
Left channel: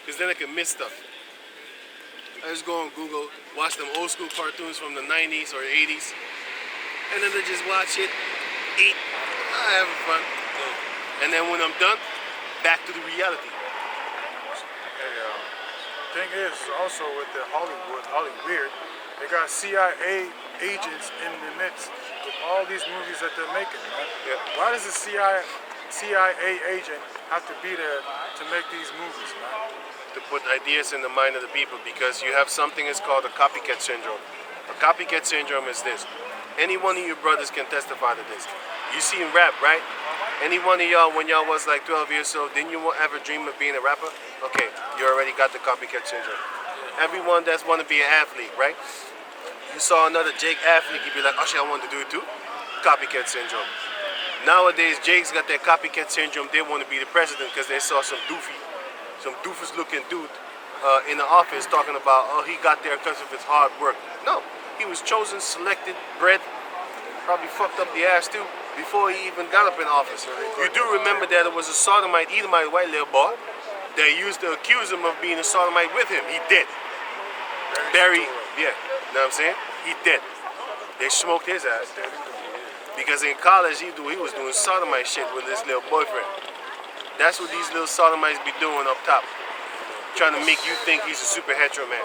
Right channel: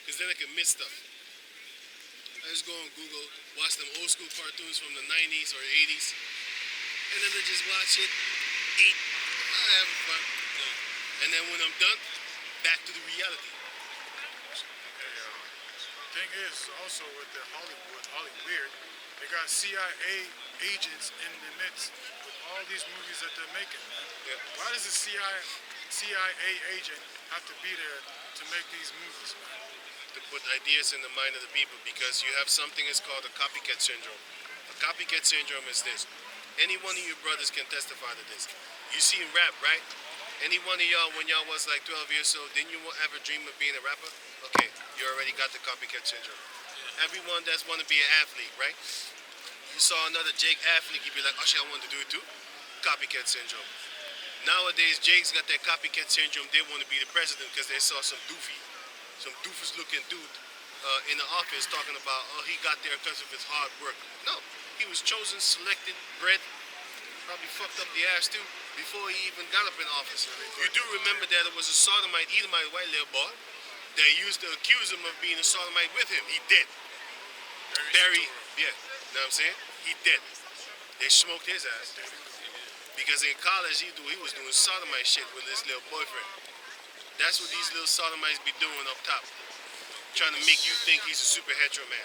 because then I can miss stuff. I just go on Google, watch them old school cartoons from the 90s or 80s, and then I just watch it, eat, having fun. And then when I'm done, back to the reality. Hey, thing is also with the Hollywood, They got CIA agents in the midst of all these movies that they're making, man. Yeah. Why does a CIA agent have to be there to make these movies, man? To put ideas in the mind of the people, because you have something that's called a copycat syndrome. A copycat syndrome is this. Any one of your brothers can testify to this. You seen rap, right? Any one of y'all, when y'all was like 12 years old, didn't you ever dream of being a rapper? Okay, you already got the copycat syndrome. Everyone that's want to be an athlete, right? You saw another Jake athlete, you'd be like, oh shit, I want to do it too. Copycat syndrome. Nowadays, Jake's got that copycat syndrome. They want to be the president because they saw some doofus looking dude in the office talking about, oh, he got there because of his hard work. No, he was chosen, selected, bred, probably fucked up the ass too before he even got up in office. You do remember that it was a sodomite, Edomite white little boy that used to accuse him of being a sodomite with him. He did. Barry, yeah, know what I'm saying? He did. They smoked his ass. Because in college, he was doing sodomite shit with this little boyfriend. That's what these little sodomites be doing up top. Trying to make you think he's a super hetero man. You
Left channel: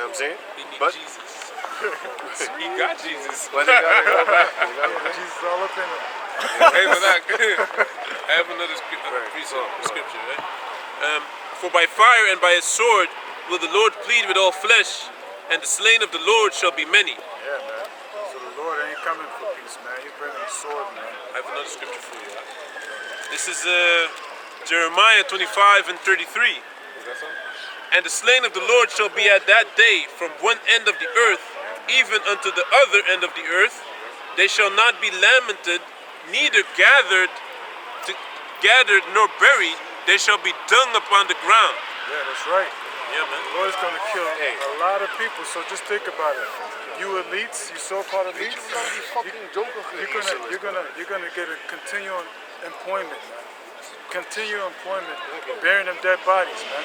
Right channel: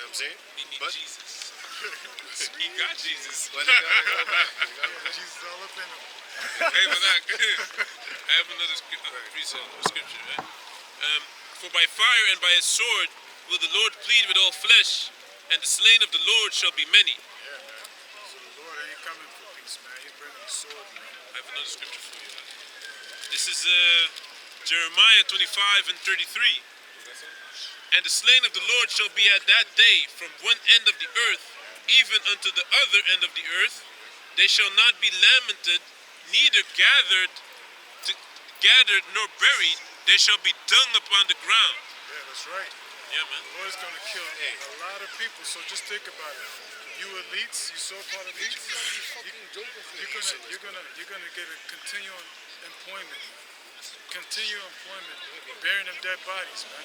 know what I'm saying? He need But Jesus. He got Jesus. but they gotta go back. Jesus all up in them. Hey, but I have another scripture, right? For by fire and by a sword will the Lord plead with all flesh, and the slain of the Lord shall be many. Yeah, man. So the Lord ain't coming for peace, man. He's bringing the sword, man. I have another scripture for you. This is Jeremiah 25 and 33. And the slain of the Lord shall be at that day from one end of the earth even unto the other end of the earth. They shall not be lamented, neither gathered nor buried. They shall be dung upon the ground. Yeah, that's right. Yeah, man. The Lord is going to kill a lot of people, so just think about it. You elites, you so-called elites, you're gonna get a continual employment, man. Continual employment, burying them dead bodies, man.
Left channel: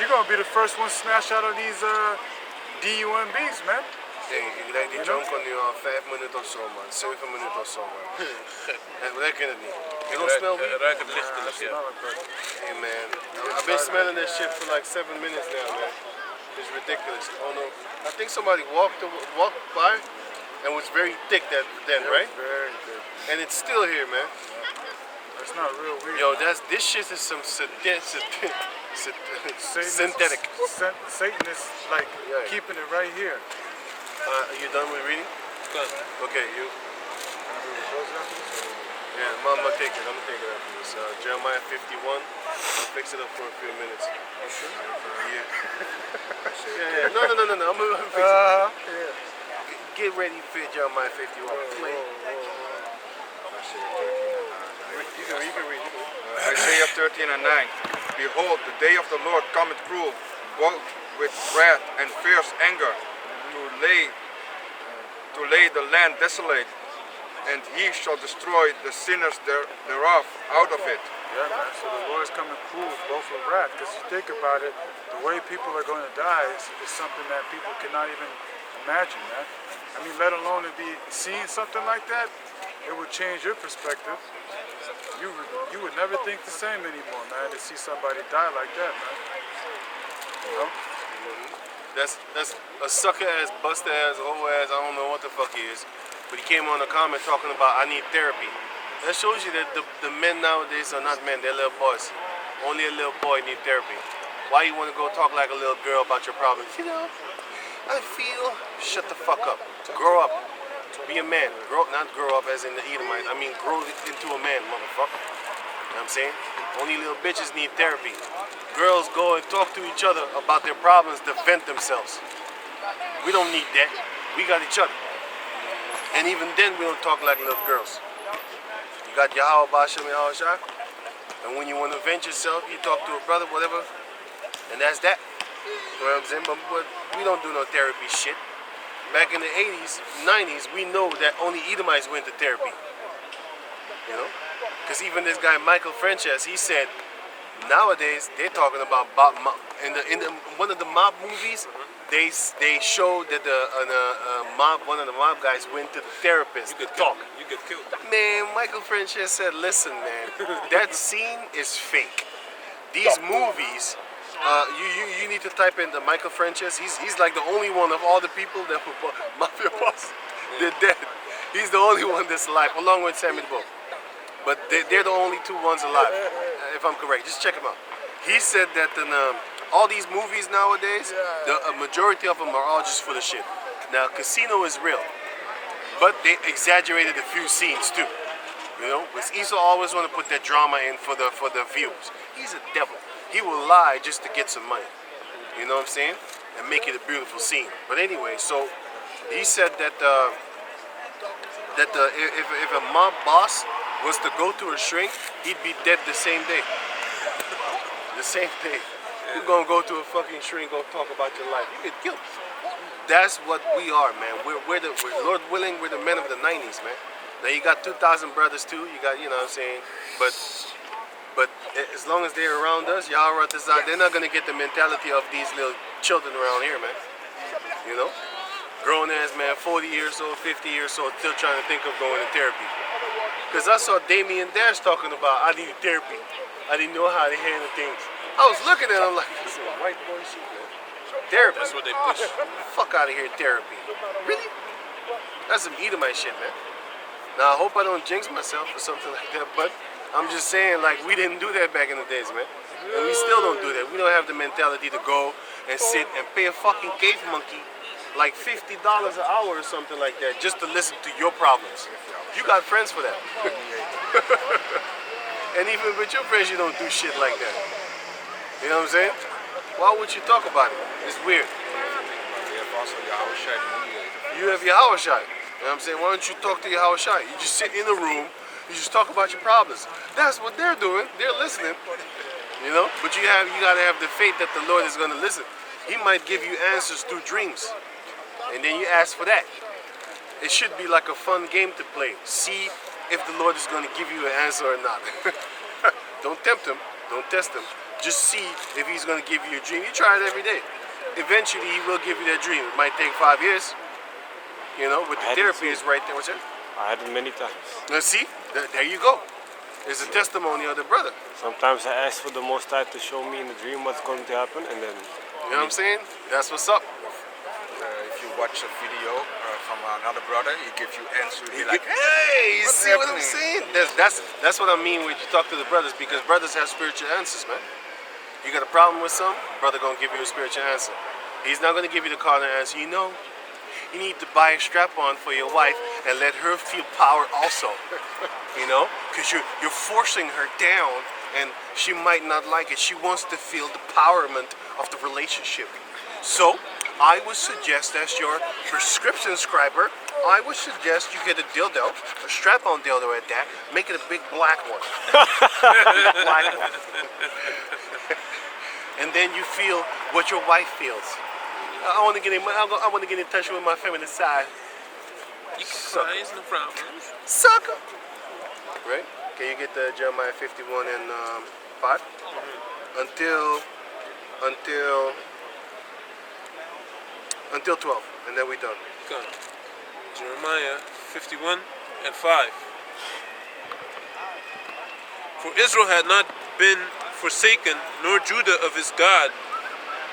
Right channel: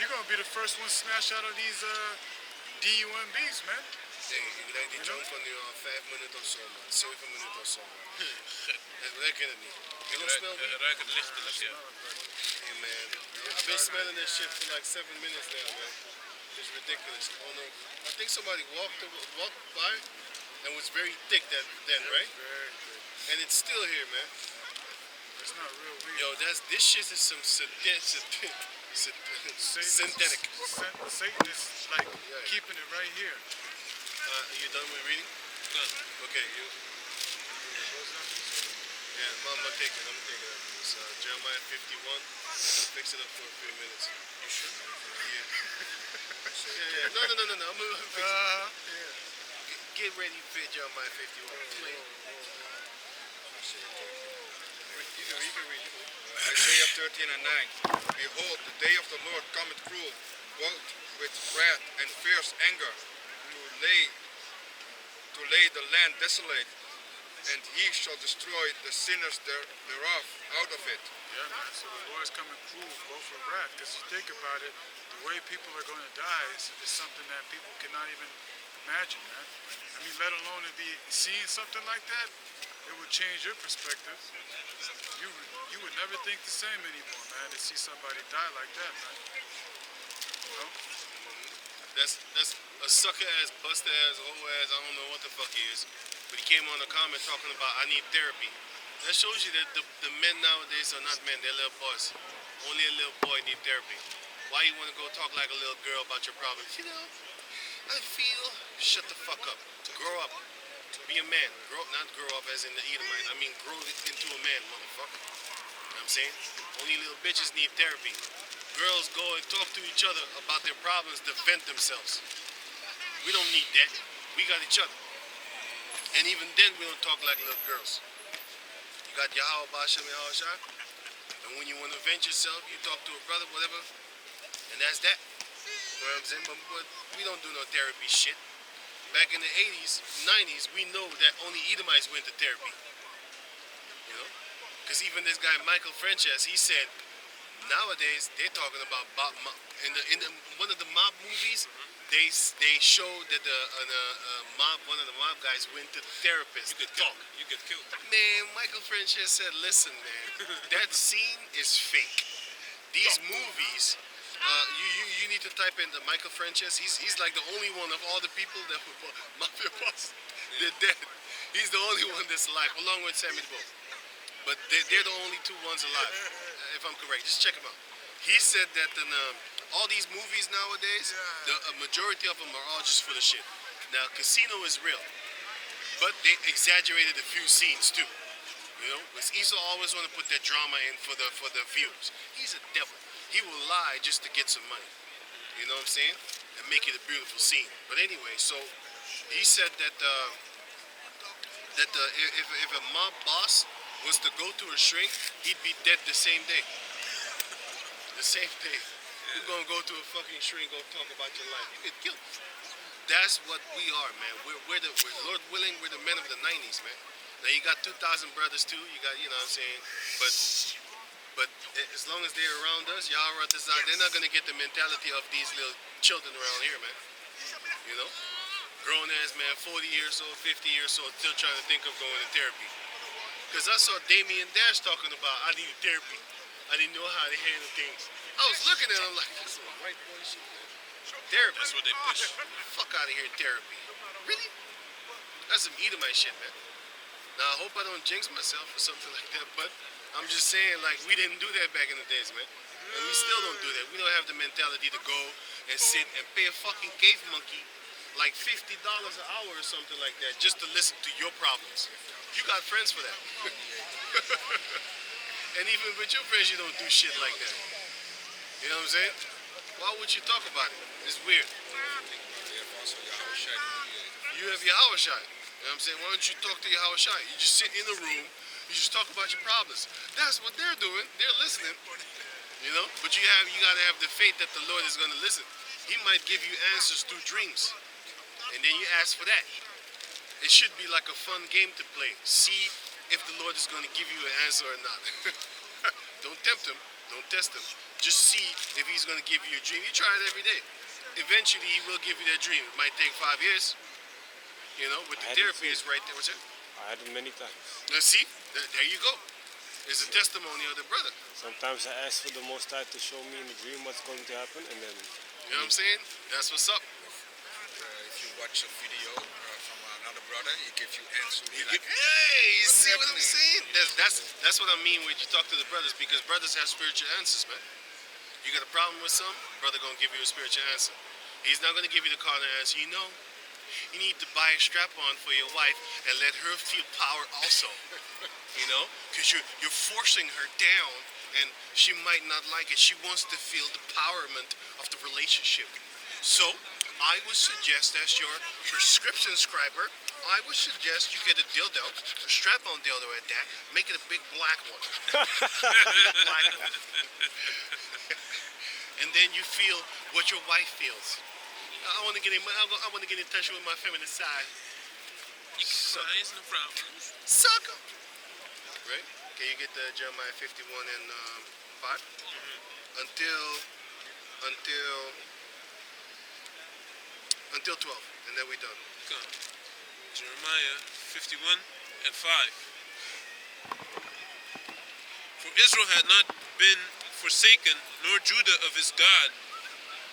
You're gonna be the first one snatched out of these DUMBs, man. Hey, ik denk die jonko nu al 5 minuten of zo, man. 7 minuten of zo, man. En we kunnen het niet. You don't smell weed? Ruik het lichtelijk, ja. Hey, man. I've been smelling this shit for like 7 minutes now, man. It's ridiculous. Oh no. I think somebody walked by and was very thick then, right? Very good. And it's still here, man. That's not real weed. Yo, this shit is some synthetic. Satan is like Yeah. keeping it right here. Are you done with reading? Done. Okay, you. Yeah, I'm gonna take it. I'm gonna take it after this. Jeremiah 51. I'll fix it up for a few minutes. You sure? Yeah. Yeah. No. I'm gonna fix it. Yeah. Get ready for Jeremiah 51. Play. You can read. Isaiah 13 and 9. Behold, the day of the Lord cometh cruel, both with wrath and fierce anger, to lay the land desolate, and he shall destroy the sinners thereof out of it. Yeah, man. So the Lord is coming cruel, both with wrath. Because you think about it, the way people are going to die is something that people cannot even imagine, man. I mean, let alone to be seeing something like that, it would change your perspective. You would never think the same anymore, man, to see somebody die like that, man. You know? That's a sucker ass, buster ass, hoe ass, I don't know what the fuck he is. But he came on a comment talking about I need therapy. That shows you that the men nowadays are not men, they're little boys. Only a little boy need therapy. Why you want to go talk like a little girl about your problems? You know, I feel, shut the fuck up. Grow up. Be a man. Not grow up as in the Edomite. I mean grow into a man, motherfucker. You know what I'm saying? Only little bitches need therapy. Girls go and talk to each other about their problems to vent themselves. We don't need that. We got each other. And even then we don't talk like little girls. You got Yahweh Bashem and Yahweh. And when you want to vent yourself, you talk to a brother, whatever. And that's that. You know what I'm saying? But we don't do no therapy shit. Back in the 80s, 90s, we know that only Edomites went to therapy. You know? Because even this guy, Michael Frances, he said, nowadays, they're talking about in one of the mob movies, they showed that one of the mob guys went to the therapist to talk. You get killed. Man, Michael Frances said, listen, man, that scene is fake. These movies You need to type in the Michael Frances. He's like the only one of all the people that were mafia boss. They're dead. He's the only one that's alive, along with Sammy the Bull. But they're the only two ones alive, if I'm correct. Just check him out. He said that in all these movies nowadays, a majority of them are all just full of shit. Now, Casino is real, but they exaggerated a few scenes too. You know, because Esau always want to put that drama in for the views. He's a devil. He will lie just to get some money. You know what I'm saying? And make it a beautiful scene. But anyway, so he said that if a mob boss was to go to a shrink, he'd be dead the same day. The same day. You're gonna go to a fucking shrink, go talk about your life. You get killed. That's what we are, man. We're Lord willing, we're the men of the 90s, man. Now you got 2,000 brothers too. You got, you know what I'm saying? But as long as they're around us, Yahweh, they're not gonna get the mentality of these little children around here, man. You know? Grown ass man, 40 years old, 50 years old, still trying to think of going to therapy. Because I saw Damien Dash talking about, I need therapy. I didn't know how to handle things. I was looking at him like, this is white boy shit, man. Therapy. That's what they push. Fuck out of here, therapy. Really? That's some Edomite shit, man. Now, I hope I don't jinx myself or something like that, but I'm just saying, like, we didn't do that back in the days, man. And we still don't do that. We don't have the mentality to go and sit and pay a fucking cave monkey like $50 an hour or something like that just to listen to your problems. You got friends for that. And even with your friends, you don't do shit like that. You know what I'm saying? Why would you talk about it? It's weird. We have also Yahweh Shai, the mediator. You have Yahweh Shai. You know what I'm saying? Why don't you talk to Yahweh Shai? You just sit in a room, you just talk about your problems. That's what they're doing. They're listening. You know? But you gotta have the faith that the Lord is gonna listen. He might give you answers through dreams. And then you ask for that. It should be like a fun game to play. See if the Lord is gonna give you an answer or not. Don't tempt him. Don't test him. Just see if he's gonna give you a dream. You try it every day. Eventually he will give you that dream. It might take 5 years. You know, but the therapy is right there. What's that? I had it many times. Now see, there you go. It's a testimony of the brother. Sometimes I ask for the Most High to show me in the dream what's going to happen, and then You know what I'm saying? That's what's up. If you watch a video from another brother, he gives you answers. You're like, Hey, you what's see what I'm happening? saying? That's what I mean when you talk to the brothers, because brothers have spiritual answers, man. You got a problem with something, brother gonna give you a spiritual answer. He's not gonna give you the carnal answer. You know, you need to buy a strap-on for your wife and let her feel power also. You know, because you're forcing her down, and she might not like it. She wants to feel the empowerment of the relationship. So I would suggest, as your prescription scriber, I would suggest you get a dildo, a strap-on dildo at that. Make it a big black one. Big black one. And then you feel what your wife feels. I want to get in touch with my feminine side. You can cry, it's no problem. Sucker. Right? Can you get the Jeremiah 51 and 5? Until 12, and then we done. Good. Jeremiah 51 and 5. For Israel had not been forsaken, nor Judah of his God,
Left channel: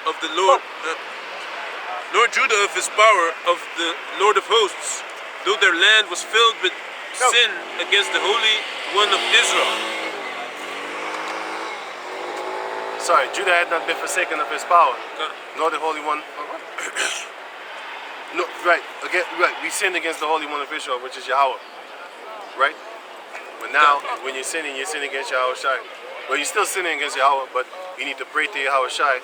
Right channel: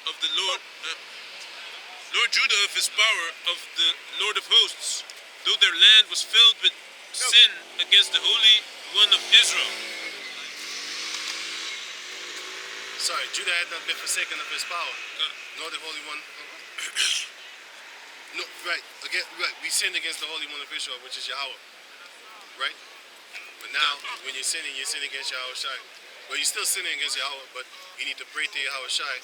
of the Lord, nor Judah of his power, of the Lord of hosts, though their land was filled with sin against the Holy One of Israel. Sorry, Judah had not been forsaken of his power, Okay. nor the Holy One. No, right. Again, right. We sinned against the Holy One of Israel, which is Yahweh. Right? But now, when you're sinning against Yahweh Shai. Well, you're still sinning against Yahweh, but you need to pray to Yahweh Shai.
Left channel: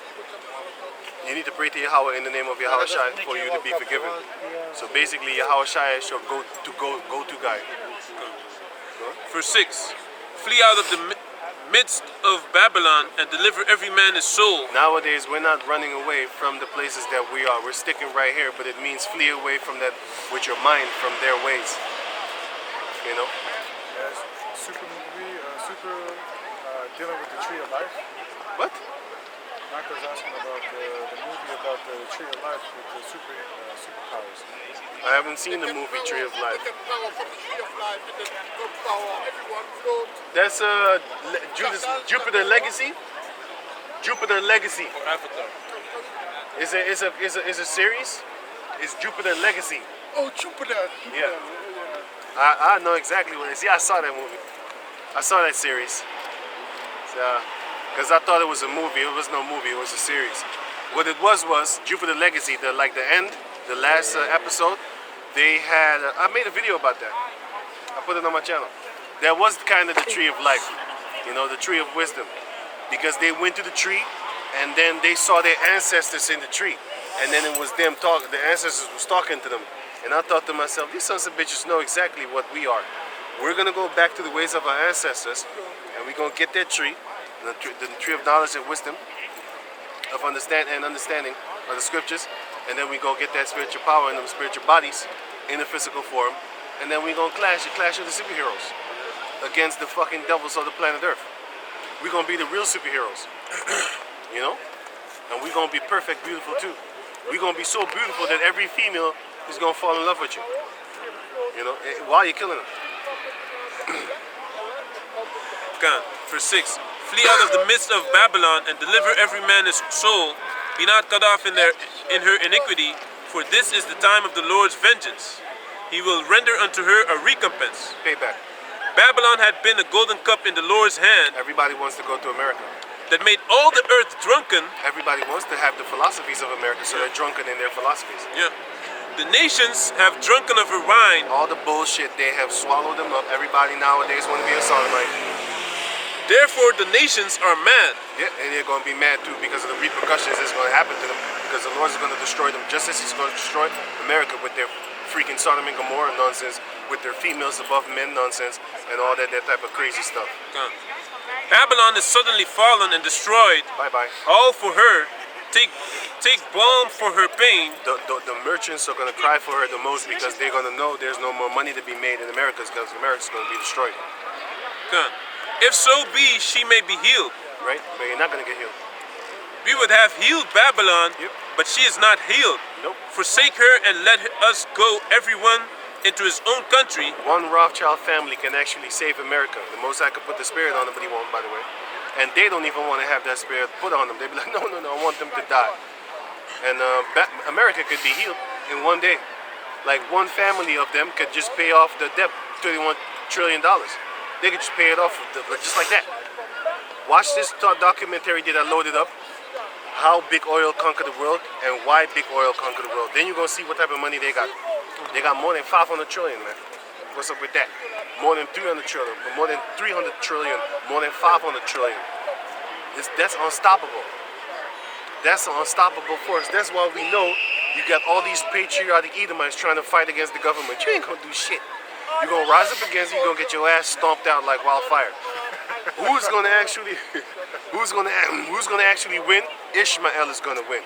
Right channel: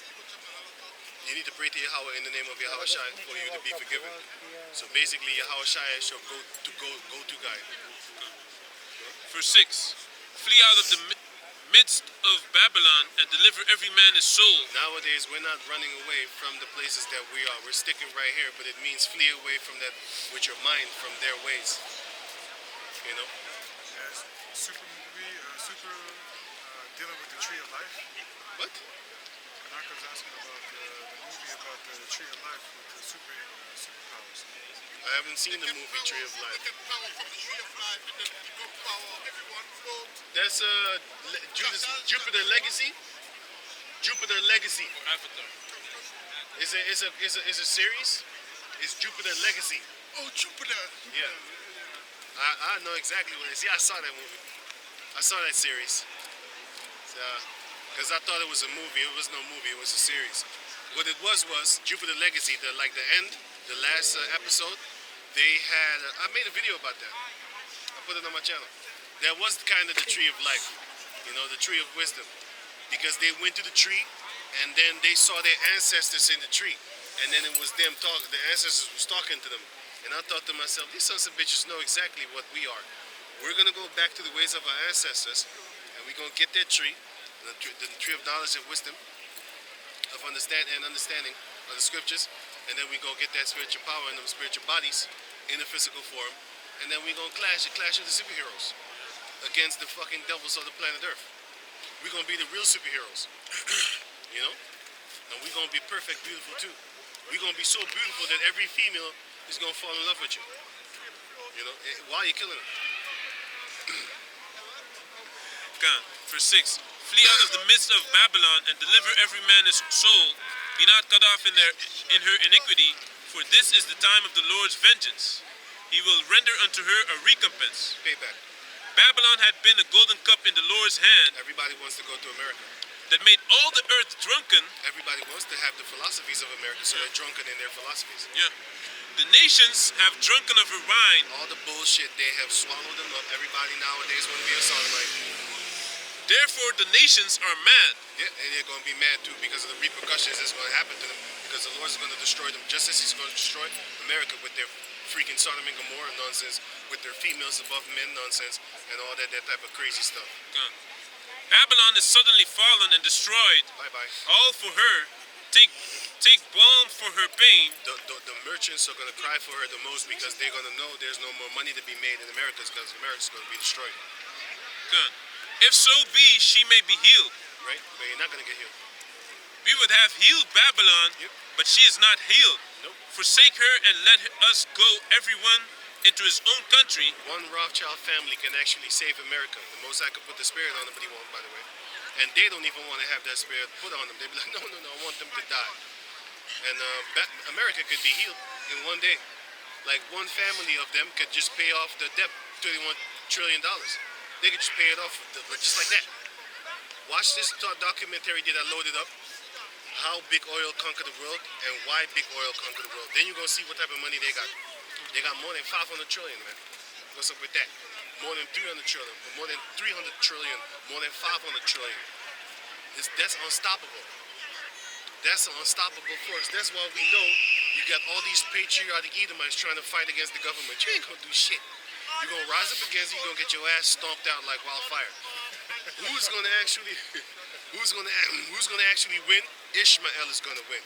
You need to pray to Yahweh in the name of Yahweh Shai for you to be forgiven. So basically, Yahweh Shai is your go-to guy. Verse 6. Flee out of the midst of Babylon and deliver every man his soul. Nowadays, we're not running away from the places that we are. We're sticking right here, but it means flee away from that with your mind, from their ways. You know? Yes, super dealing with the tree of life. What? Michael's asking about the movie about the tree of life with the superpowers. I haven't seen the movie Tree of Life. That's Jupiter Legacy? Jupiter Legacy. Avatar. Is a series. It's Jupiter Legacy. Oh, Jupiter. Yeah. I know exactly what it is. Yeah, I saw that movie. I saw that series. Because I thought it was a movie. It was no movie. It was a series. What it was Jupiter Legacy. The end, the last episode. They had. I made a video about that. I put it on my channel. That was kind of the tree of life. You know, the tree of wisdom. Because they went to the tree, and then they saw their ancestors in the tree. And then it was them talking. The ancestors was talking to them. And I thought to myself, these sons of bitches know exactly what we are. We're going to go back to the ways of our ancestors, and we're going to get that tree, the tree of knowledge and wisdom, of understanding of the scriptures, and then we go get that spiritual power in them spiritual bodies in a physical form, and then we're going to clash with the superheroes against the fucking devils of the planet Earth. We're going to be the real superheroes, you know? And we're going to be perfect, beautiful too. We're going to be so beautiful that every female is going to fall in love with you. You know, while you're killing them. Gone. Verse 6. Flee out of the midst of Babylon and deliver every man his soul. Be not cut off in her iniquity, for this is the time of the Lord's vengeance. He will render unto her a recompense. Payback. Babylon had been a golden cup in the Lord's hand Everybody wants to go to America. that made all the earth drunken. Everybody wants to have the philosophies of America, so they're drunken in their philosophies. Yeah. The nations have drunken of her wine. All the bullshit, they have swallowed them up. Everybody nowadays want to be a sodomite. Therefore the nations are mad. Yeah, and they're going to be mad too because of the repercussions that's going to happen to them. Because the Lord's going to destroy them just as He's going to destroy America with their freaking Sodom and Gomorrah nonsense, with their females above men nonsense, and all that type of crazy stuff. Gone. Babylon is suddenly fallen and destroyed. Bye-bye. All for her. Take balm for her pain. The merchants are going to cry for her the most because they're going to know there's no more money to be made in America because America's going to be destroyed. Gone. If so be she may be healed. Right? But you're not going to get healed. We would have healed Babylon, Yep. but she is not healed. Nope. Forsake her and let us go, everyone, into his own country. One Rothschild family can actually save America. The Most High could put the spirit on them, but He won't, by the way. And they don't even want to have that spirit put on them. They'd be like, no, I want them to die. And America could be healed in one day. Like one family of them could just pay off the debt, $31 trillion. They could just pay it off just like that. Watch this documentary that I loaded up. How big oil conquered the world and why big oil conquered the world. Then you're going to see what type of money they got. They got more than 500 trillion, man. What's up with that? More than 300 trillion, more than 300 trillion, more than 500 trillion. That's unstoppable. That's an unstoppable force. That's why we know you got all these patriotic Edomites trying to fight against the government. You ain't gonna do shit. You're gonna rise up against it, you're gonna get your ass stomped out like wildfire. Who's gonna actually win? Ishmael is gonna win.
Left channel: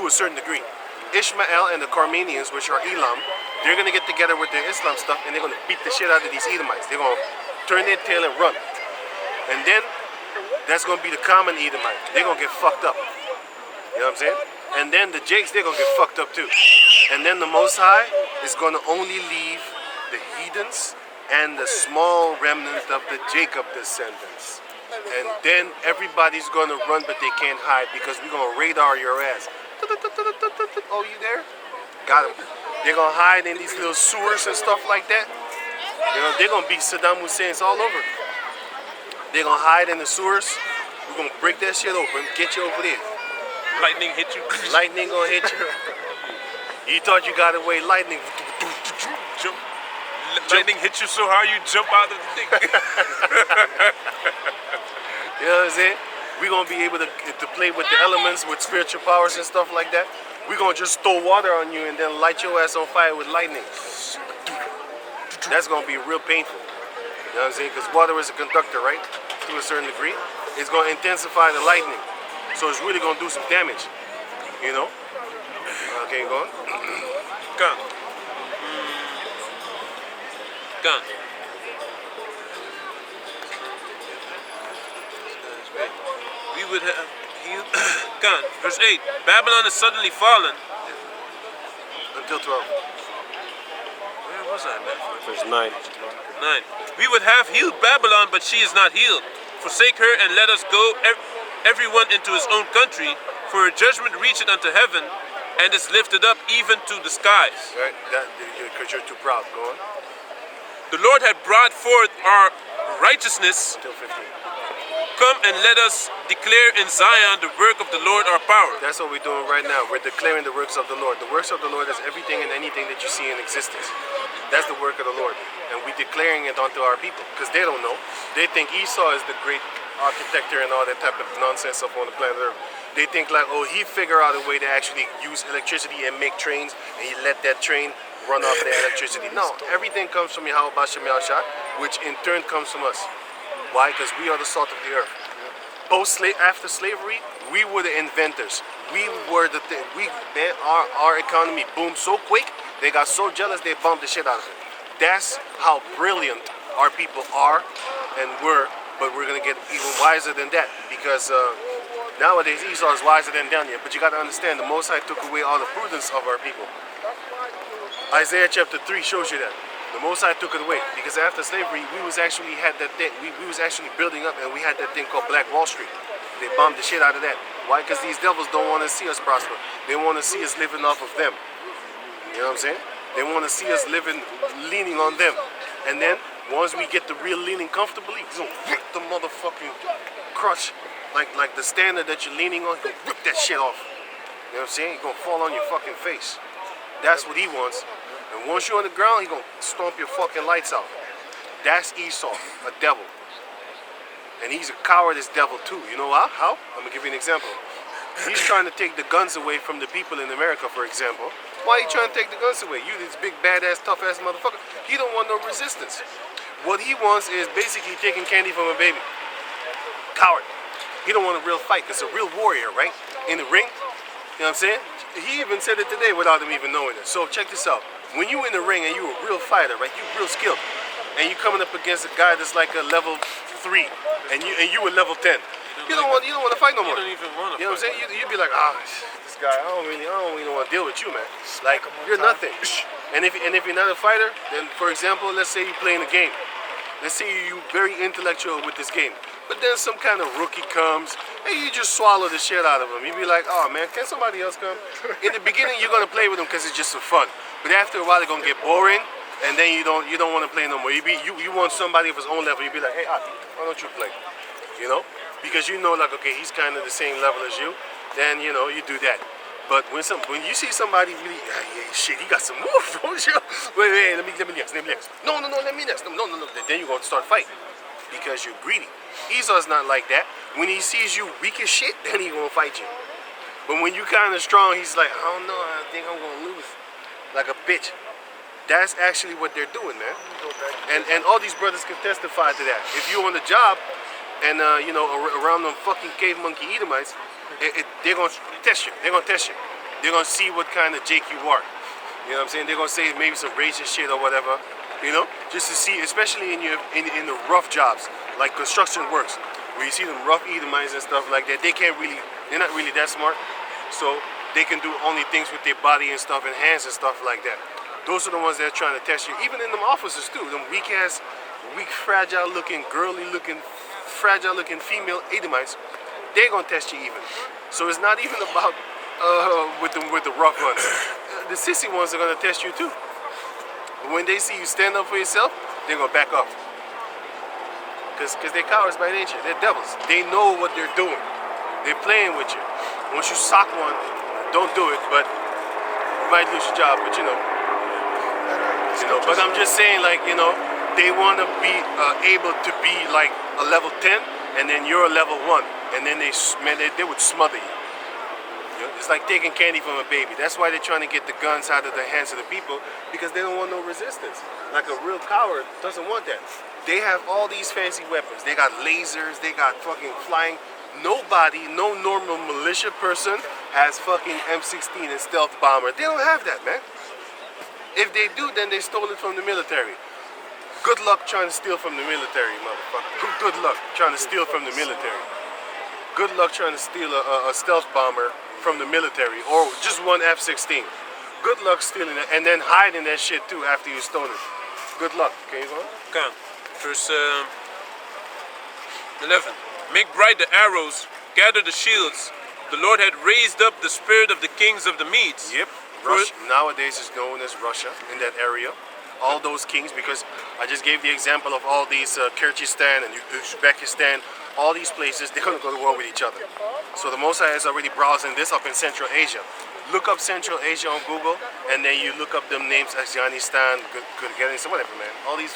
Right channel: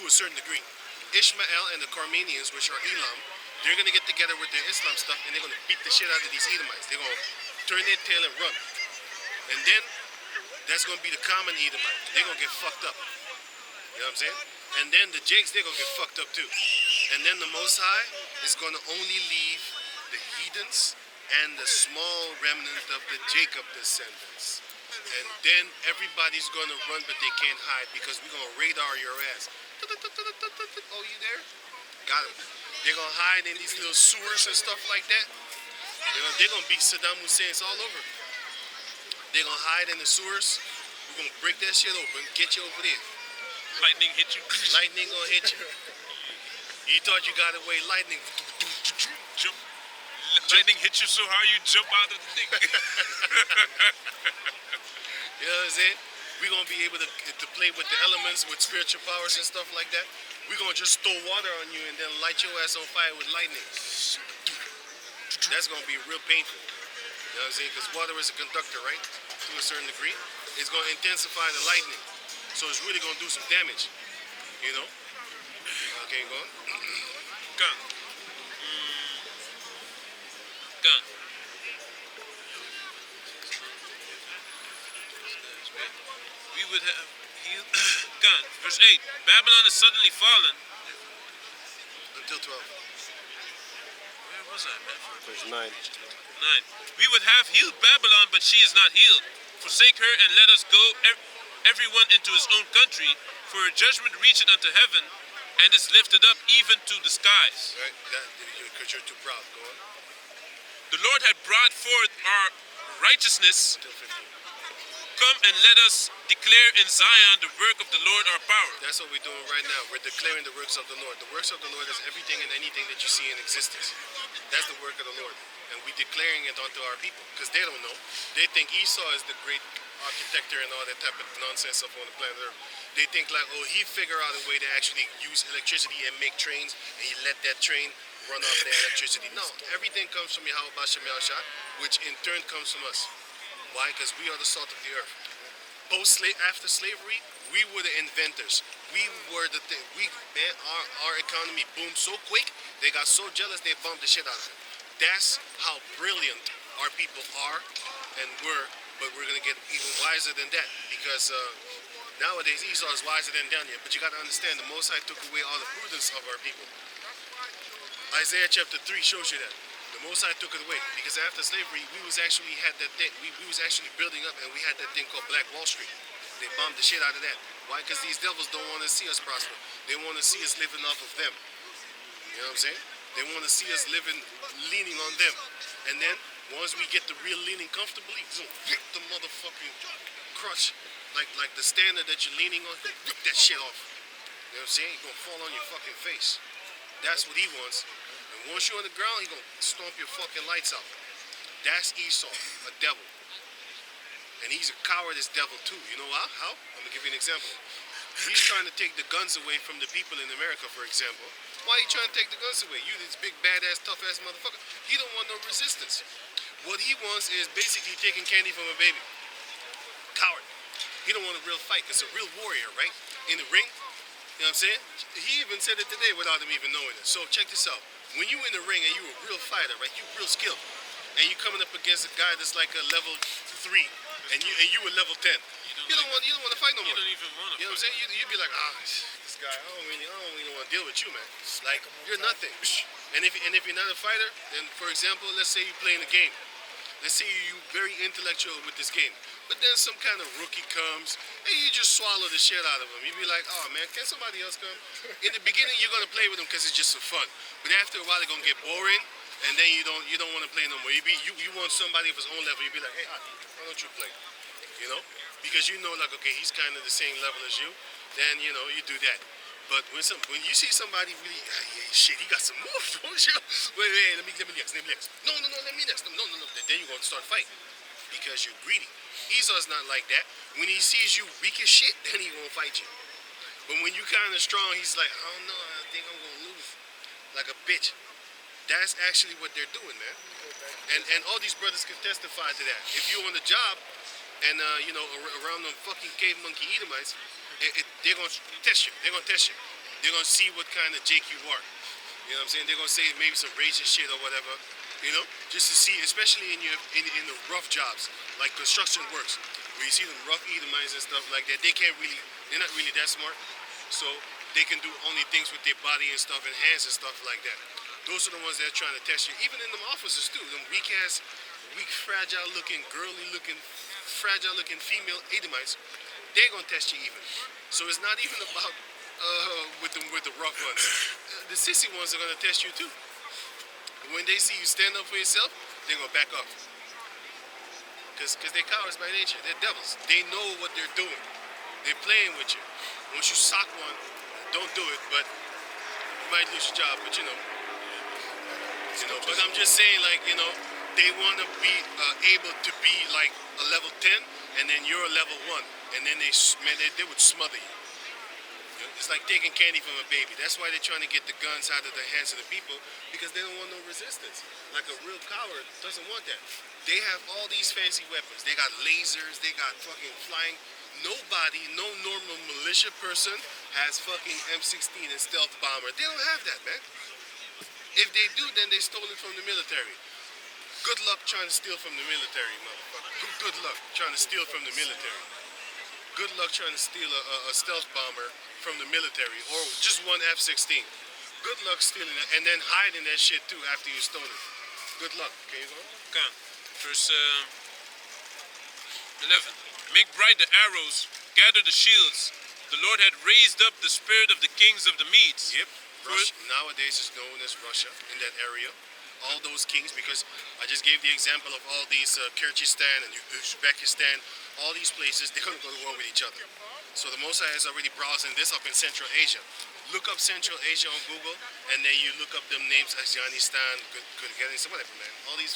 To a certain degree. Ishmael and the Carmenians, which are Elam, they're gonna get together with their Islam stuff and they're gonna beat the shit out of these Edomites. They're gonna turn their tail and run. And then that's gonna be the common Edomite. They're gonna get fucked up. You know what I'm saying? And then the Jakes, they're gonna get fucked up too. And then the Most High is gonna only leave the heathens and the small remnant of the Jacob descendants. And then everybody's gonna run, but they can't hide because we're gonna radar your ass. Oh, you there? Got him. They're gonna hide in these little sewers and stuff like that. You know, they're gonna be Saddam Hussein's all over. They're gonna hide in the sewers. We're gonna break that shit open, get you over there. Lightning hit you. Lightning gonna hit you. You thought you got away, lightning. Jump. Lightning hit you so hard you jump out of the thing. You know what I'm saying? We're gonna be able to play with the elements, with spiritual powers and stuff like that. We're gonna just throw water on you and then light your ass on fire with lightning. That's gonna be real painful. You know what I'm saying? Because water is a conductor, right? To a certain degree. It's gonna intensify the lightning. So it's really gonna do some damage. You know? Okay, go on. Gun. Gun. We would have healed. Gun. Verse 8. Babylon is suddenly fallen. Until 12. Where was I, man? Verse 9. 9. We would have healed Babylon, but she is not healed. Forsake her and let us go, everyone into his own country, for a judgment reacheth unto heaven, and is lifted up even to the skies. Right? Because you're too proud. Go on. The Lord had brought forth our righteousness. Till 15. Come and let us declare in Zion the work of the Lord our power. That's what we're doing right now. We're declaring the works of the Lord. The works of the Lord is everything and anything that you see in existence. That's the work of the Lord. And we're declaring it onto our people. Because they don't know. They think Esau is the great architecture and all that type of nonsense up on the planet Earth. They think like, oh, he figured out a way to actually use electricity and make trains, and he let that train run off the electricity. No, everything comes from Yahweh Bashem Yahshua, which in turn comes from us. Why? Because we are the salt of the earth. After slavery, we were the inventors. We were the thing. Our economy boomed so quick, they got so jealous they bombed the shit out of it. That's how brilliant our people are and were, but we're gonna get even wiser than that because nowadays Esau is wiser than Daniel. But you gotta understand, the Most High took away all the prudence of our people. Isaiah chapter 3 shows you that. The Most High took it away because after slavery, we was actually building up, and we had that thing called Black Wall Street. They bombed the shit out of that. Why? Because these devils don't want to see us prosper. They want to see us living off of them. You know what I'm saying? They want to see us leaning on them. And then once we get the real leaning comfortably, he's gonna rip the motherfucking crutch, like the standard that you're leaning on. He's gonna rip that shit off. You know what I'm saying? He's gonna fall on your fucking face. That's what he wants. And once you're on the ground, he's gonna stomp your fucking lights out. That's Esau, a devil. And he's a cowardice devil too. You know how? I'm gonna give you an example. He's trying to take the guns away from the people in America, for example. Why are you trying to take the guns away? You this big, badass, tough-ass motherfucker. He don't want no resistance. What he wants is basically taking candy from a baby. Coward. He don't want a real fight. It's a real warrior, right? In the ring. You know what I'm saying? He even said it today without him even knowing it. So check this out. When you in the ring and you a real fighter, right? You real skilled, and you coming up against a guy that's like a level 3, and you a level 10. You don't want to fight no more. You don't even want to. You know what I'm saying? You'd be like, this guy, I don't really want to deal with you, man. Like you're nothing. And if you're not a fighter, then for example, let's say you're playing a game. Let's say you're very intellectual with this game. But then some kind of rookie comes and you just swallow the shit out of him. You'd be like, oh man, can somebody else come? In the beginning, you're gonna play with him because it's just for fun. But after a while, it's gonna get boring, and then you don't want to play no more. You want somebody of his own level. You'd be like, hey, Aki, why don't you play? You know, because you know, like, okay, he's kind of the same level as you. Then you know you do that. But when you see somebody really, shit, he got some moves. Wait, let me next. No, let me next. No. Then you're gonna start fighting because you're greedy. Esau's not like that. When he sees you weak as shit, then he gonna fight you. But when you kind of strong, he's like, I don't know, I think I'm gonna lose, like a bitch. That's actually what they're doing, man. And all these brothers can testify to that. If you're on the job, and you know, around them fucking cave monkey Edomites, they're gonna test you. They're gonna see what kind of Jake you are. You know what I'm saying? They're gonna say maybe some racist shit or whatever. You know, just to see, especially in the rough jobs, like construction works, where you see them rough Edomites and stuff like that. They're not really that smart, so they can do only things with their body and stuff and hands and stuff like that. Those are the ones that are trying to test you. Even in them offices too, them weak, fragile-looking, girly-looking, fragile-looking female Edomites, they're gonna test you even. So it's not even about with the rough ones. The sissy ones are gonna test you too. But when they see you stand up for yourself, they're gonna back up. Because they're cowards by nature. They're devils. They know what they're doing. They're playing with you. Once you sock one, don't do it, but you might lose your job, but you know. But I'm just saying, like, you know, they want to be able to be like a level 10, and then you're a level 1, and then they would smother you. It's like taking candy from a baby. That's why they're trying to get the guns out of the hands of the people, because they don't want no resistance. Like a real coward doesn't want that. They have all these fancy weapons. They got lasers, they got fucking flying. Nobody, no normal militia person has fucking M16 and stealth bomber. They don't have that, man. If they do, then they stole it from the military. Good luck trying to steal from the military, motherfucker. Good luck trying to steal from the military. Good luck trying to steal a stealth bomber from the military, or just one F-16. Good luck stealing it, and then hiding that shit too after you stole it. Good luck. Can you go on? Kan. Verse 11. Make bright the arrows gather the shields, the Lord had raised up the spirit of the kings of the Medes. Yep. Russia nowadays is known as Russia in that area. All those kings, because I just gave the example of all these Kyrgyzstan and Uzbekistan, all these places, they're going to go to war with each other. So the Mosai is already browsing this up in Central Asia. Look up Central Asia on Google, and then you look up them names, Afghanistan, Kyrgyzstan, whatever, man. All these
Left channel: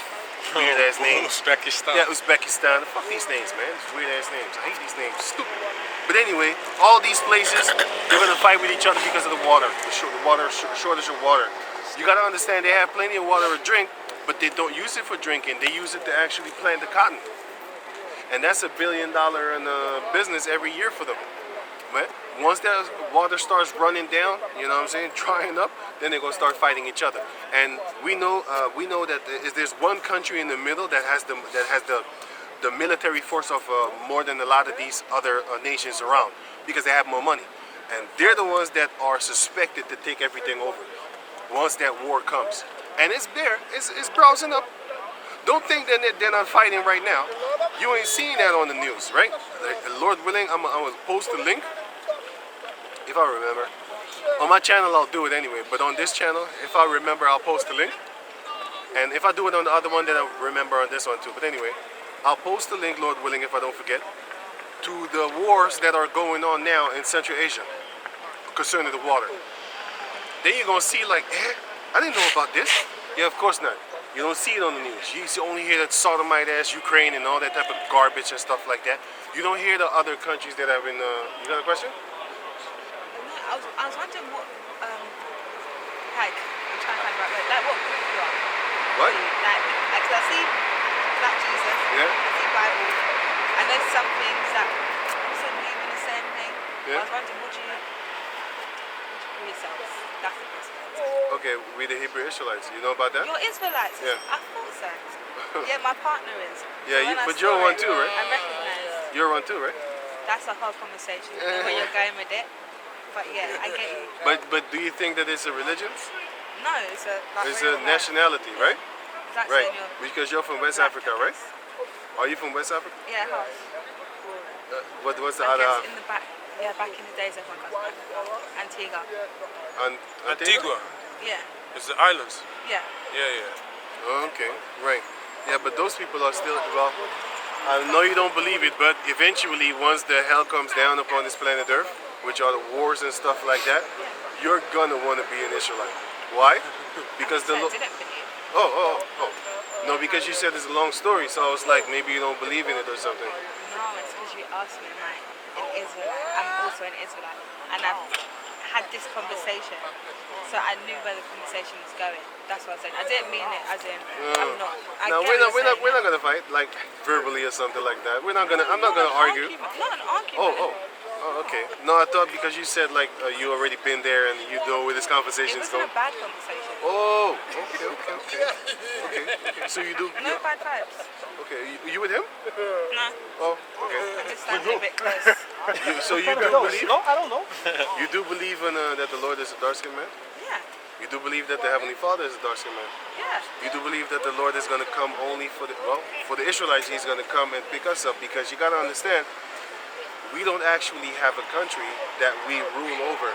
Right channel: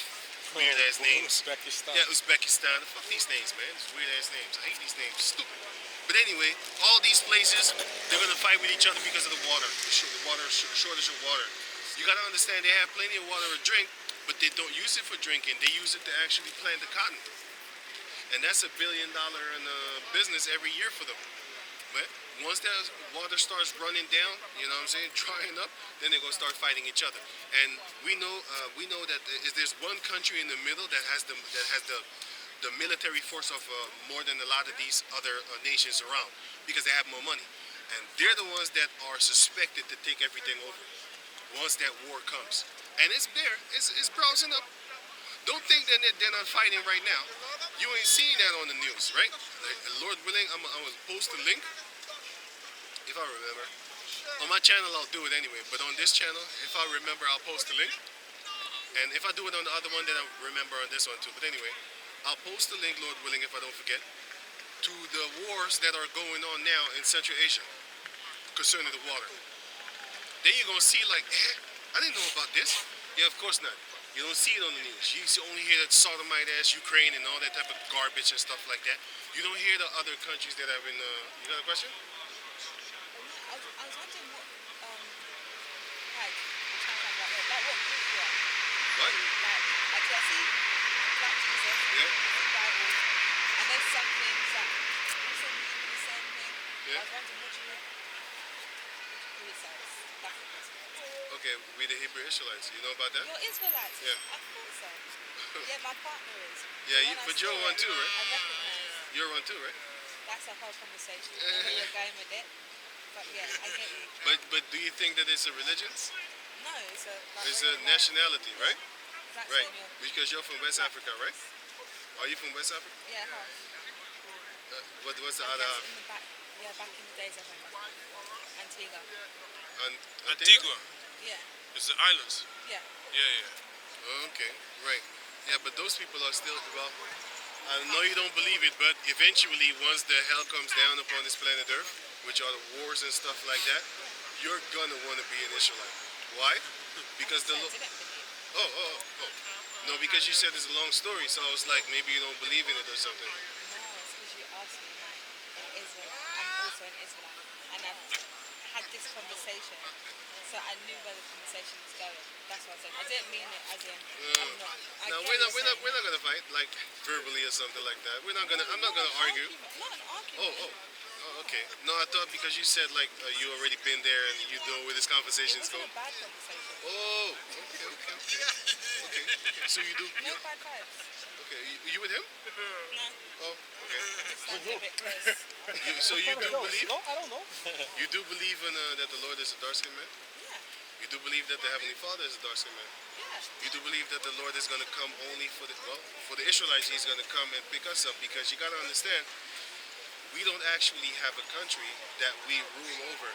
weird ass names. Uzbekistan. Yeah, Uzbekistan. Fuck these names, man. It's weird ass names. I hate these names. Stupid. But anyway, all these places, they're gonna fight with each other because of the water, shortage of water. You gotta understand, they have plenty of water to drink, but they don't use it for drinking. They use it to actually plant the cotton, and that's $1 billion in business every year for them. But once that water starts running down, you know what I'm saying, drying up, then they're gonna start fighting each other. And we know that there's one country in the middle that has the military force of more than a lot of these other nations around, because they have more money, and they're the ones that are suspected to take everything over once that war comes. And it's there, it's browsing up. Don't think that they're not fighting right now. You ain't seeing that on the news, right? Lord willing, I'm gonna post a link if I remember. On my channel, I'll do it anyway, but on this channel, if I remember, I'll post a link. And if I do it on the other one, then I'll remember on this one too. But anyway, I'll post the link, Lord willing, if I don't forget, to the wars that are going on now in Central Asia concerning the water. Then you're gonna see like, I didn't know about this. Yeah, of course not. You don't see it on the news. You only hear that sodomite ass Ukraine and all that type of garbage and stuff like that. You don't hear the other countries that have been. You got a question? I was wondering what, like, I'm trying to find the right word, like what group you are. What? Like, 'cause I see Black Jesus, Yeah. I see Bible, and there's some things that also believe in the same thing. Yeah. I was wondering, what do you call yourselves? That's the question. Okay, we the Hebrew Israelites. You know about that? You're Israelites? Yeah. I thought so. Yeah, my partner is. Yeah, So when I but saw you're one it, too, right? I recognise. You're one too, right? That's a whole conversation. I don't know where you're going with it. But yeah, I get you. But do you think that it's a religion? No, it's a like It's real a life. nationality, right? That's Right. in your Because you're from West black Africa, right? Are you from West Africa? Yeah, half. What's the I other guess half? in the back. Yeah, back in the days everyone got back. Antigua. Antigua. Yeah. It's the islands. Yeah. Yeah, yeah. Oh, okay, right. Yeah, but those people are still, well, I know you don't believe it, but eventually once the hell comes down upon this planet Earth, which are the wars and stuff like that, you're gonna want to be an Israelite. Why? Because So the I didn't believe. oh. No, because you said it's a long story, so I was like, maybe you don't believe in it or something. No, it's because you asked me, am I an Israelite? I'm also an Israelite. And I've had this conversation. So I knew where the conversation was going. That's what I said. I didn't mean it as in, I'm not. I No, get we're what not you're saying. gonna fight like verbally or something like that. I'm not gonna argue. Not an argument. Oh, okay. No, I thought because you said like you already been there and you know where this It conversation is wasn't going. a bad conversation. Oh, okay. So you do. No bad vibes. Okay, you with him? No. Oh, okay. Just standing a bit close. So you do believe? No, I don't know. You do believe in that the Lord is a dark-skinned man? Yeah. You do believe that the Heavenly Father is a dark-skinned man? Yeah. You do believe that the Lord is going to come only for the Israelites. He's going to come and pick us up, because you got to understand, we don't actually have a country that we rule over.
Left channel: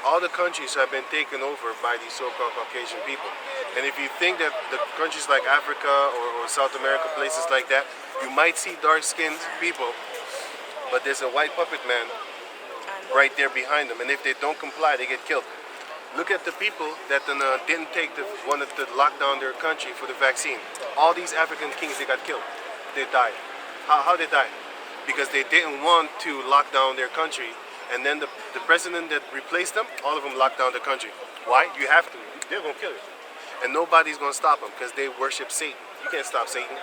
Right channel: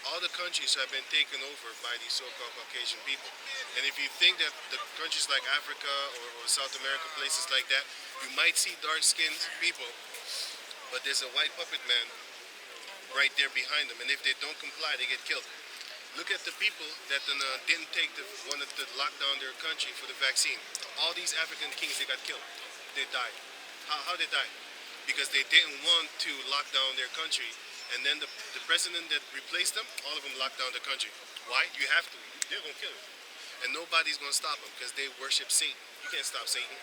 All the countries have been taken over by these so-called Caucasian people. And if you think that the countries like Africa or South America, places like that, you might see dark-skinned people, but there's a white puppet man right there behind them. And if they don't comply, they get killed. Look at the people that didn't wanted to lock down their country for the vaccine. All these African kings, they got killed. They died. How they died? Because they didn't want to lock down their country. And then the president that replaced them, all of them locked down the country. Why? You have to. They're going to kill you. And nobody's going to stop them because they worship Satan. You can't stop Satan.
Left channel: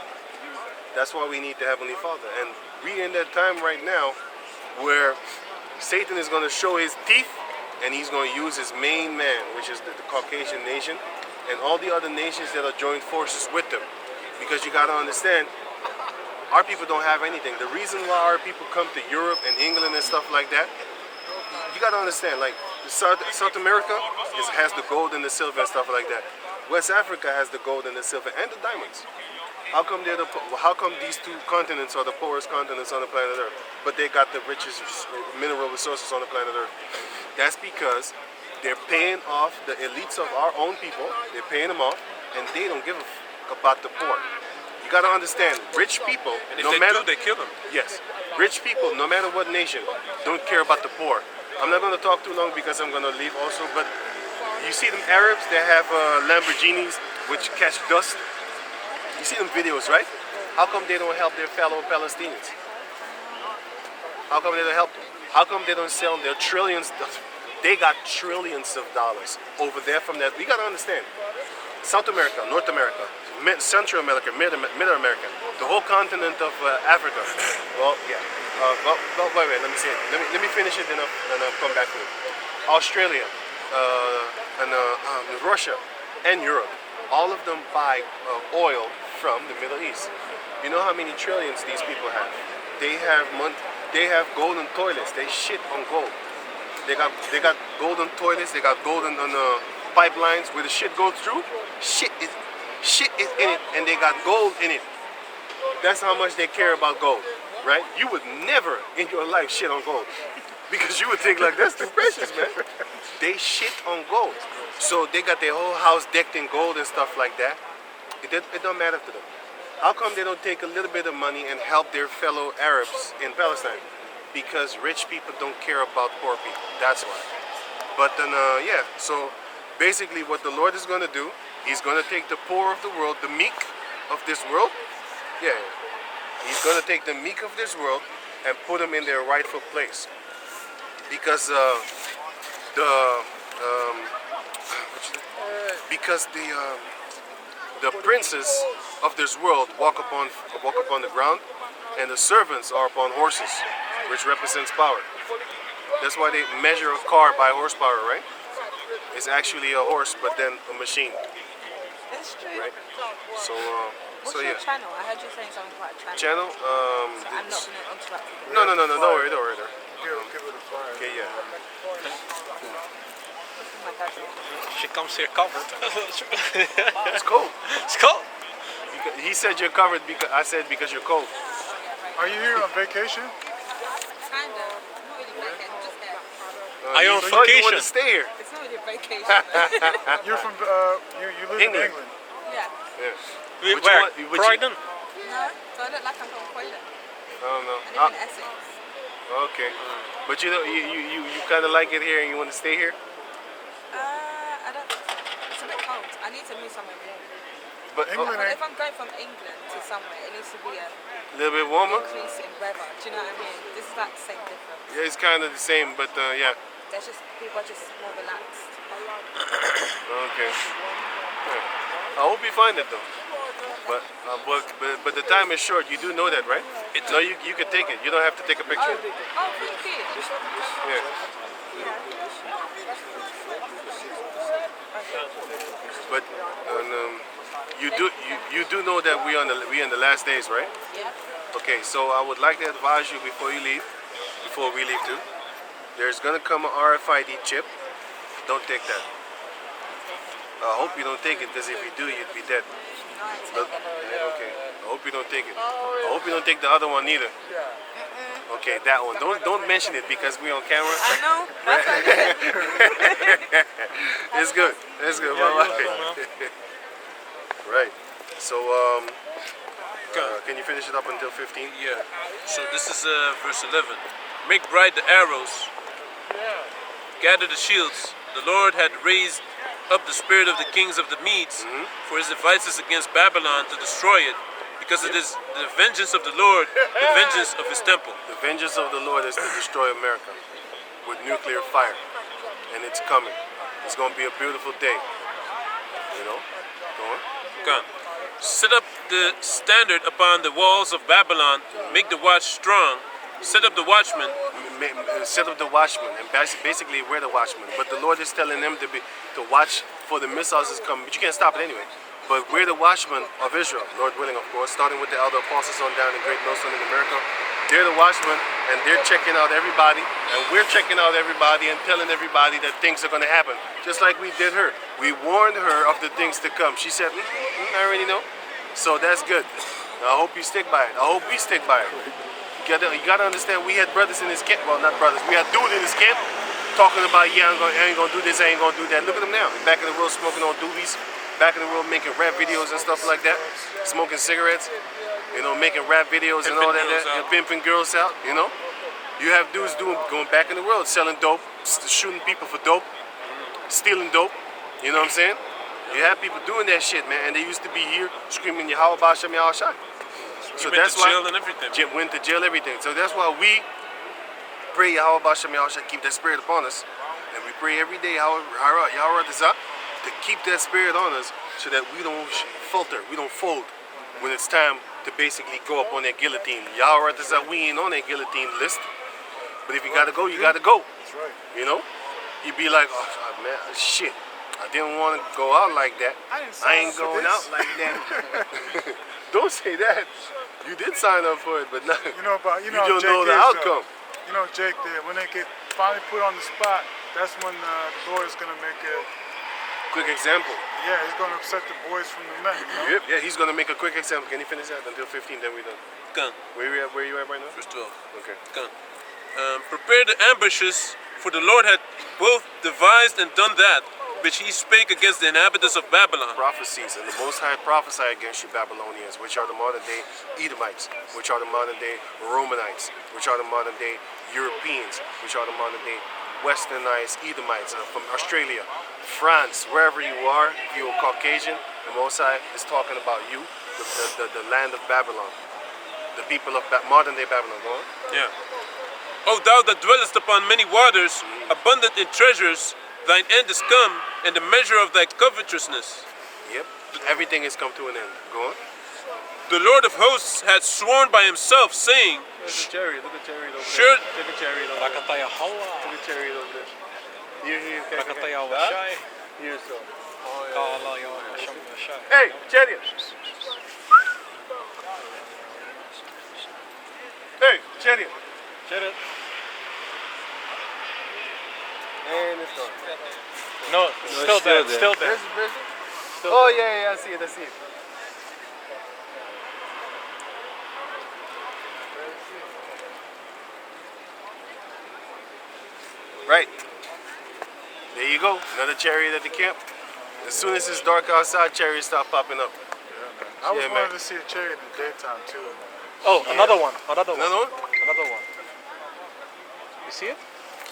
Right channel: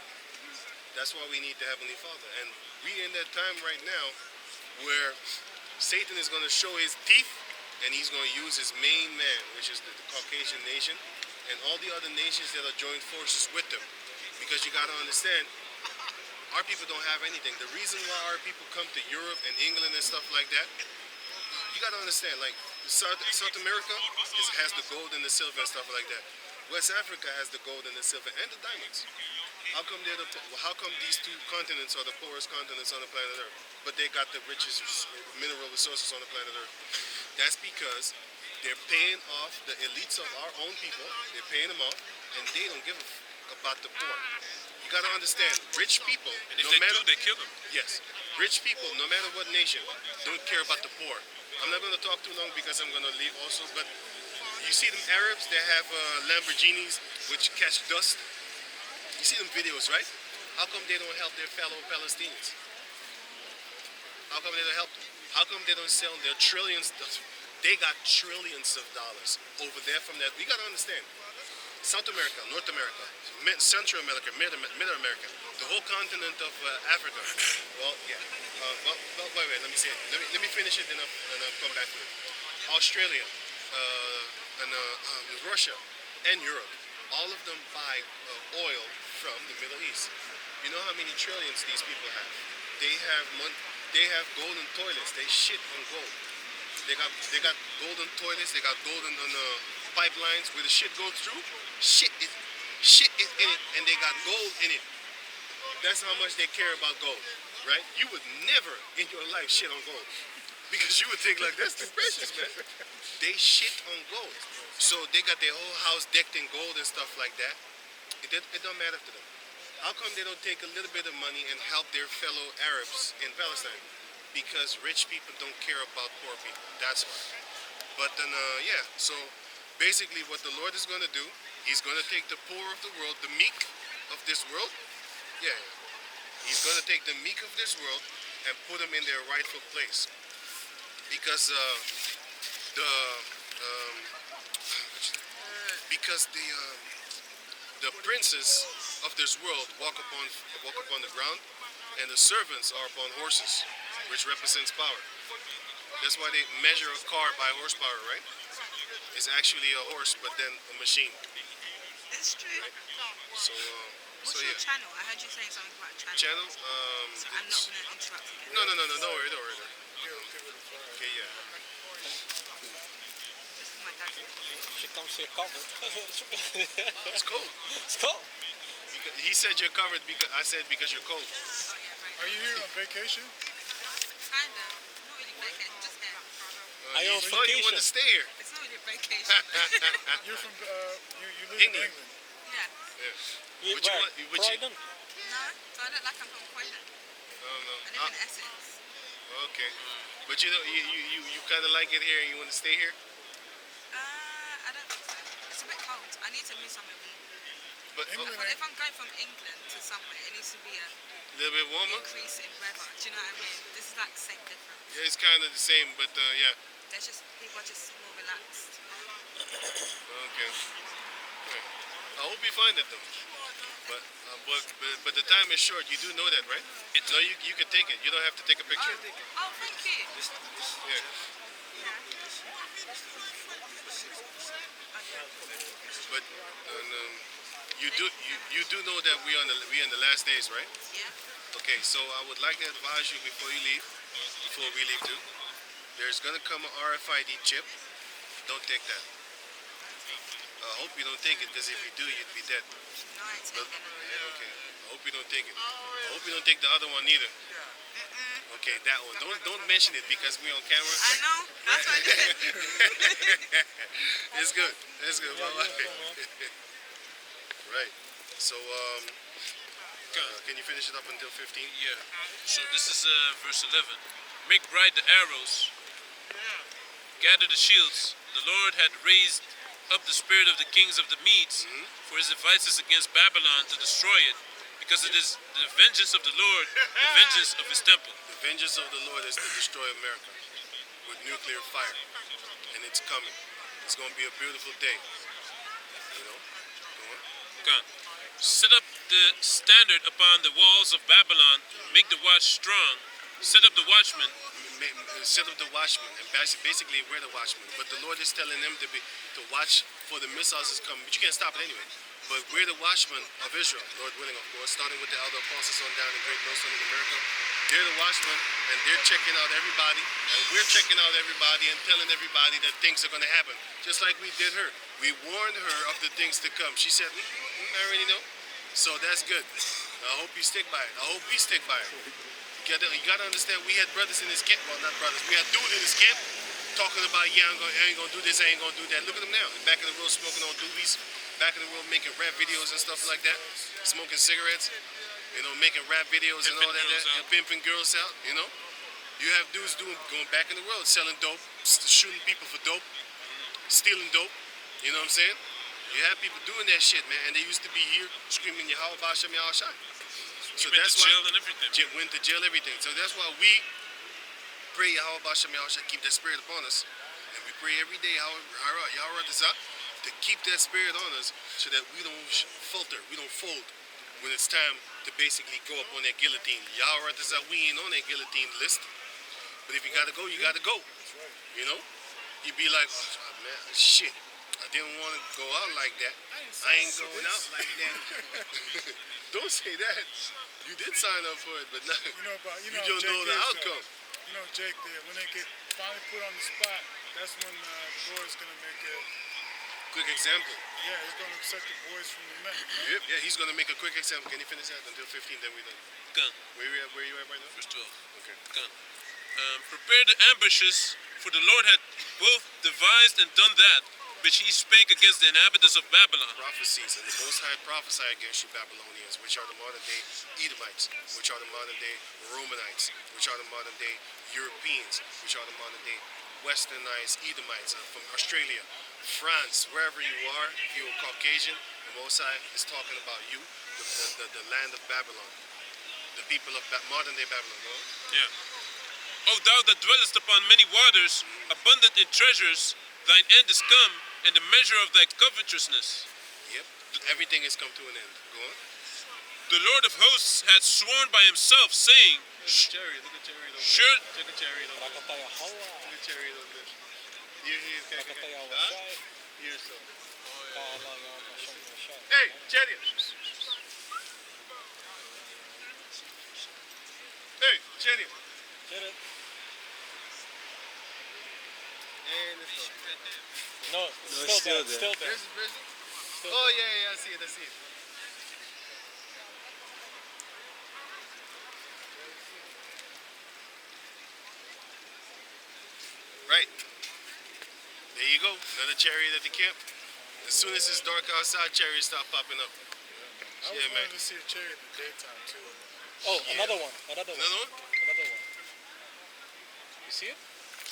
That's why we need the Heavenly Father. And we're in that time right now where Satan is going to show his teeth, and he's going to use his main man, which is the Caucasian nation, and all the other nations that are joined forces with them. Because you got to understand, our people don't have anything. The reason why our people come to Europe and England and stuff like that, you got to understand, like South America has the gold and the silver and stuff like that. West Africa has the gold and the silver and the diamonds. How come these two continents are the poorest continents on the planet Earth, but they got the richest mineral resources on the planet Earth? That's because they're paying off the elites of our own people. They're paying them off, and they don't give a about the poor. You gotta understand, rich people, And if no they matter do, they kill them. yes, rich people, no matter what nation, don't care about the poor. I'm not gonna talk too long because I'm gonna leave also, but you see them Arabs, they have Lamborghinis which catch dust. You see them videos, right? How come they don't help their fellow Palestinians? How come they don't help them? How come they don't sell their trillions? They got trillions of dollars over there from that. We gotta understand. South America, North America, Central America, Mid America, the whole continent of Africa. Well, yeah. Wait, let me say it. Let me finish it, then I'll come back to it. Australia, and Russia, and Europe. All of them buy oil from the Middle East. You know how many trillions these people have? They have They have golden toilets. They shit on gold. They got golden toilets. They got golden pipelines where the shit goes through. Shit is in it, and they got gold in it. That's how much they care about gold, right? You would never in your life shit on gold because you would think like that's too precious, man. They shit on gold, so they got their whole house decked in gold and stuff like that. It don't matter to them. How come they don't take a little bit of money and help their fellow Arabs in Palestine? Because rich people don't care about poor people. That's why. But then, yeah. So basically, what the Lord is going to do, He's going to take the poor of the world, the meek of this world. Yeah. He's going to take the meek of this world and put them in their rightful place. Because the princes of this world walk upon the ground, and the servants are upon horses, which represents power. That's why they measure a car by horsepower, right? It's actually a horse, but then a machine, It's true. right? So, What's so your yeah. channel? I heard you saying something about a channel. Channel. So I'm not going to interrupt you. No. Don't worry. Give it a fire. Okay, yeah. Oh my God. She comes here covered. It's cold. It's cold. He said you're covered because I said because you're cold. Are you here on vacation? Kind of. Not really vacation, just here. Are you on You want vacation? to stay here? It's not really a vacation. You're from you live England. in England. Yeah. Yeah. Would you Where? want- would you- Croydon? No, so I look like I'm from Croydon. I don't know. I live in Essex. Okay. But you know, you kind of like it here and you want to stay here? I don't. It's a bit cold. I need to move somewhere warm. But England But if I'm going from England to somewhere, it needs to be a a little bit warmer? increase in weather. Do you know what I mean? This is like the same difference. Yeah, it's kind of the same, but yeah. There's just people are just more relaxed. Okay. Yeah. I hope you find it though. But the time is short. You do know that, right? No, you can take it. You don't have to take a picture. Oh, thank you. Yeah. But you do know that we in the last days, right? Yeah. Okay, so I would like to advise you before we leave too. There's gonna come an RFID chip. Don't take that. I hope you don't take it because if you do, you'd be dead. No, I ain't But, taking it. yeah, okay. I hope you don't take it. I hope you don't take the other one either. Okay, that one. Don't mention it because we're on camera. I know. That's what I did. It's good. It's good. Bye-bye. Right. So can you finish it up until 15? Yeah. So this is verse 11. Make bright the arrows. Gather the shields. The Lord had raised up the spirit of the kings of the Medes for his devices against Babylon to destroy it, because it is the vengeance of the Lord, the vengeance of his temple. The vengeance of the Lord is to destroy America with nuclear fire, and it's coming. It's going to be a beautiful day. You know? Go on. Come. Set up the standard upon the walls of Babylon. Make the watch strong. Set up the watchmen. Set up the watchmen, and basically we're the watchmen. But the Lord is telling them to watch for the missiles that's coming. But you can't stop it anyway. But we're the watchmen of Israel, Lord willing, of course, starting with the elder apostles on down in Great Millstone in America. They're the watchmen, and they're checking out everybody, and we're checking out everybody and telling everybody that things are going to happen, just like we did her. We warned her of the things to come. She said, I already know. So that's good. I hope you stick by it. I hope we stick by it. You gotta understand, we had brothers in this camp. Well, not brothers. We had dudes in this camp talking about, yeah, I ain't gonna do this, I ain't gonna do that. Look at them now. Back in the world smoking on doobies. Back in the world making rap videos and stuff like that. Smoking cigarettes. You know, making rap videos and all that. And pimping girls out, you know. You have dudes going back in the world, selling dope, shooting people for dope, stealing dope. You know what I'm saying? You have people doing that shit, man. And they used to be here screaming, Yahweh Bashem Yahushai. So that's why jail and everything. Went to jail, everything. So that's why we pray Yahweh Bashem Yahushai keep that spirit upon us, and we pray every day Yahweh Dazah to keep that spirit on us, so that we don't falter, we don't fold when it's time to basically go up on that guillotine. Yahweh Dazah, we ain't on that guillotine list, but if you gotta go, you gotta go. That's right. You know, you'd be like, oh man, shit. I didn't want to go out like that. I ain't going out like that. Don't say that. You did sign up for it, but not, You know you how don't Jake know the is, outcome. You know Jake there. When they get finally put on the spot, that's when the Lord is gonna make a. Quick example. Yeah, he's gonna upset the boys from the men. You know? Yep, yeah, he's gonna make a quick example. Can you finish that until 15? Then we're done. Kan. Where you at right now? Verse 12. Okay. Kan. Prepare the ambushes, for the Lord had both devised and done that, which he spake against the inhabitants of Babylon. Prophecies, and the Most High prophesy against you Babylonians, which are the modern day Edomites, which are the modern day Romanites, which are the modern day Europeans, which are the modern day Westernized Edomites from Australia, France, wherever you are. If you're Caucasian, the Most High is talking about you, the land of Babylon, the people of modern day Babylon. Go on. Yeah. O thou that dwellest upon many waters, abundant in treasures, thine end is come, and the measure of thy covetousness. Yep. Everything has come to an end. Go on. The Lord of hosts had sworn by himself, saying, There's a chariot. Look at the chariot over Sure. there. Take a chariot over there. Look at the chariot over there. Here, Here, so. Hey, chariot. Hey, chariot. And it's gone. No, still there. Still there. There's the prison? Oh, yeah, I see it, Right. There you go. Another chariot at the camp. As soon as it's dark outside, chariots start popping up. I was Yeah, wanting man. to see a chariot in the daytime too. Oh, Yeah. another one. Another one. Another one? Another one. You see it?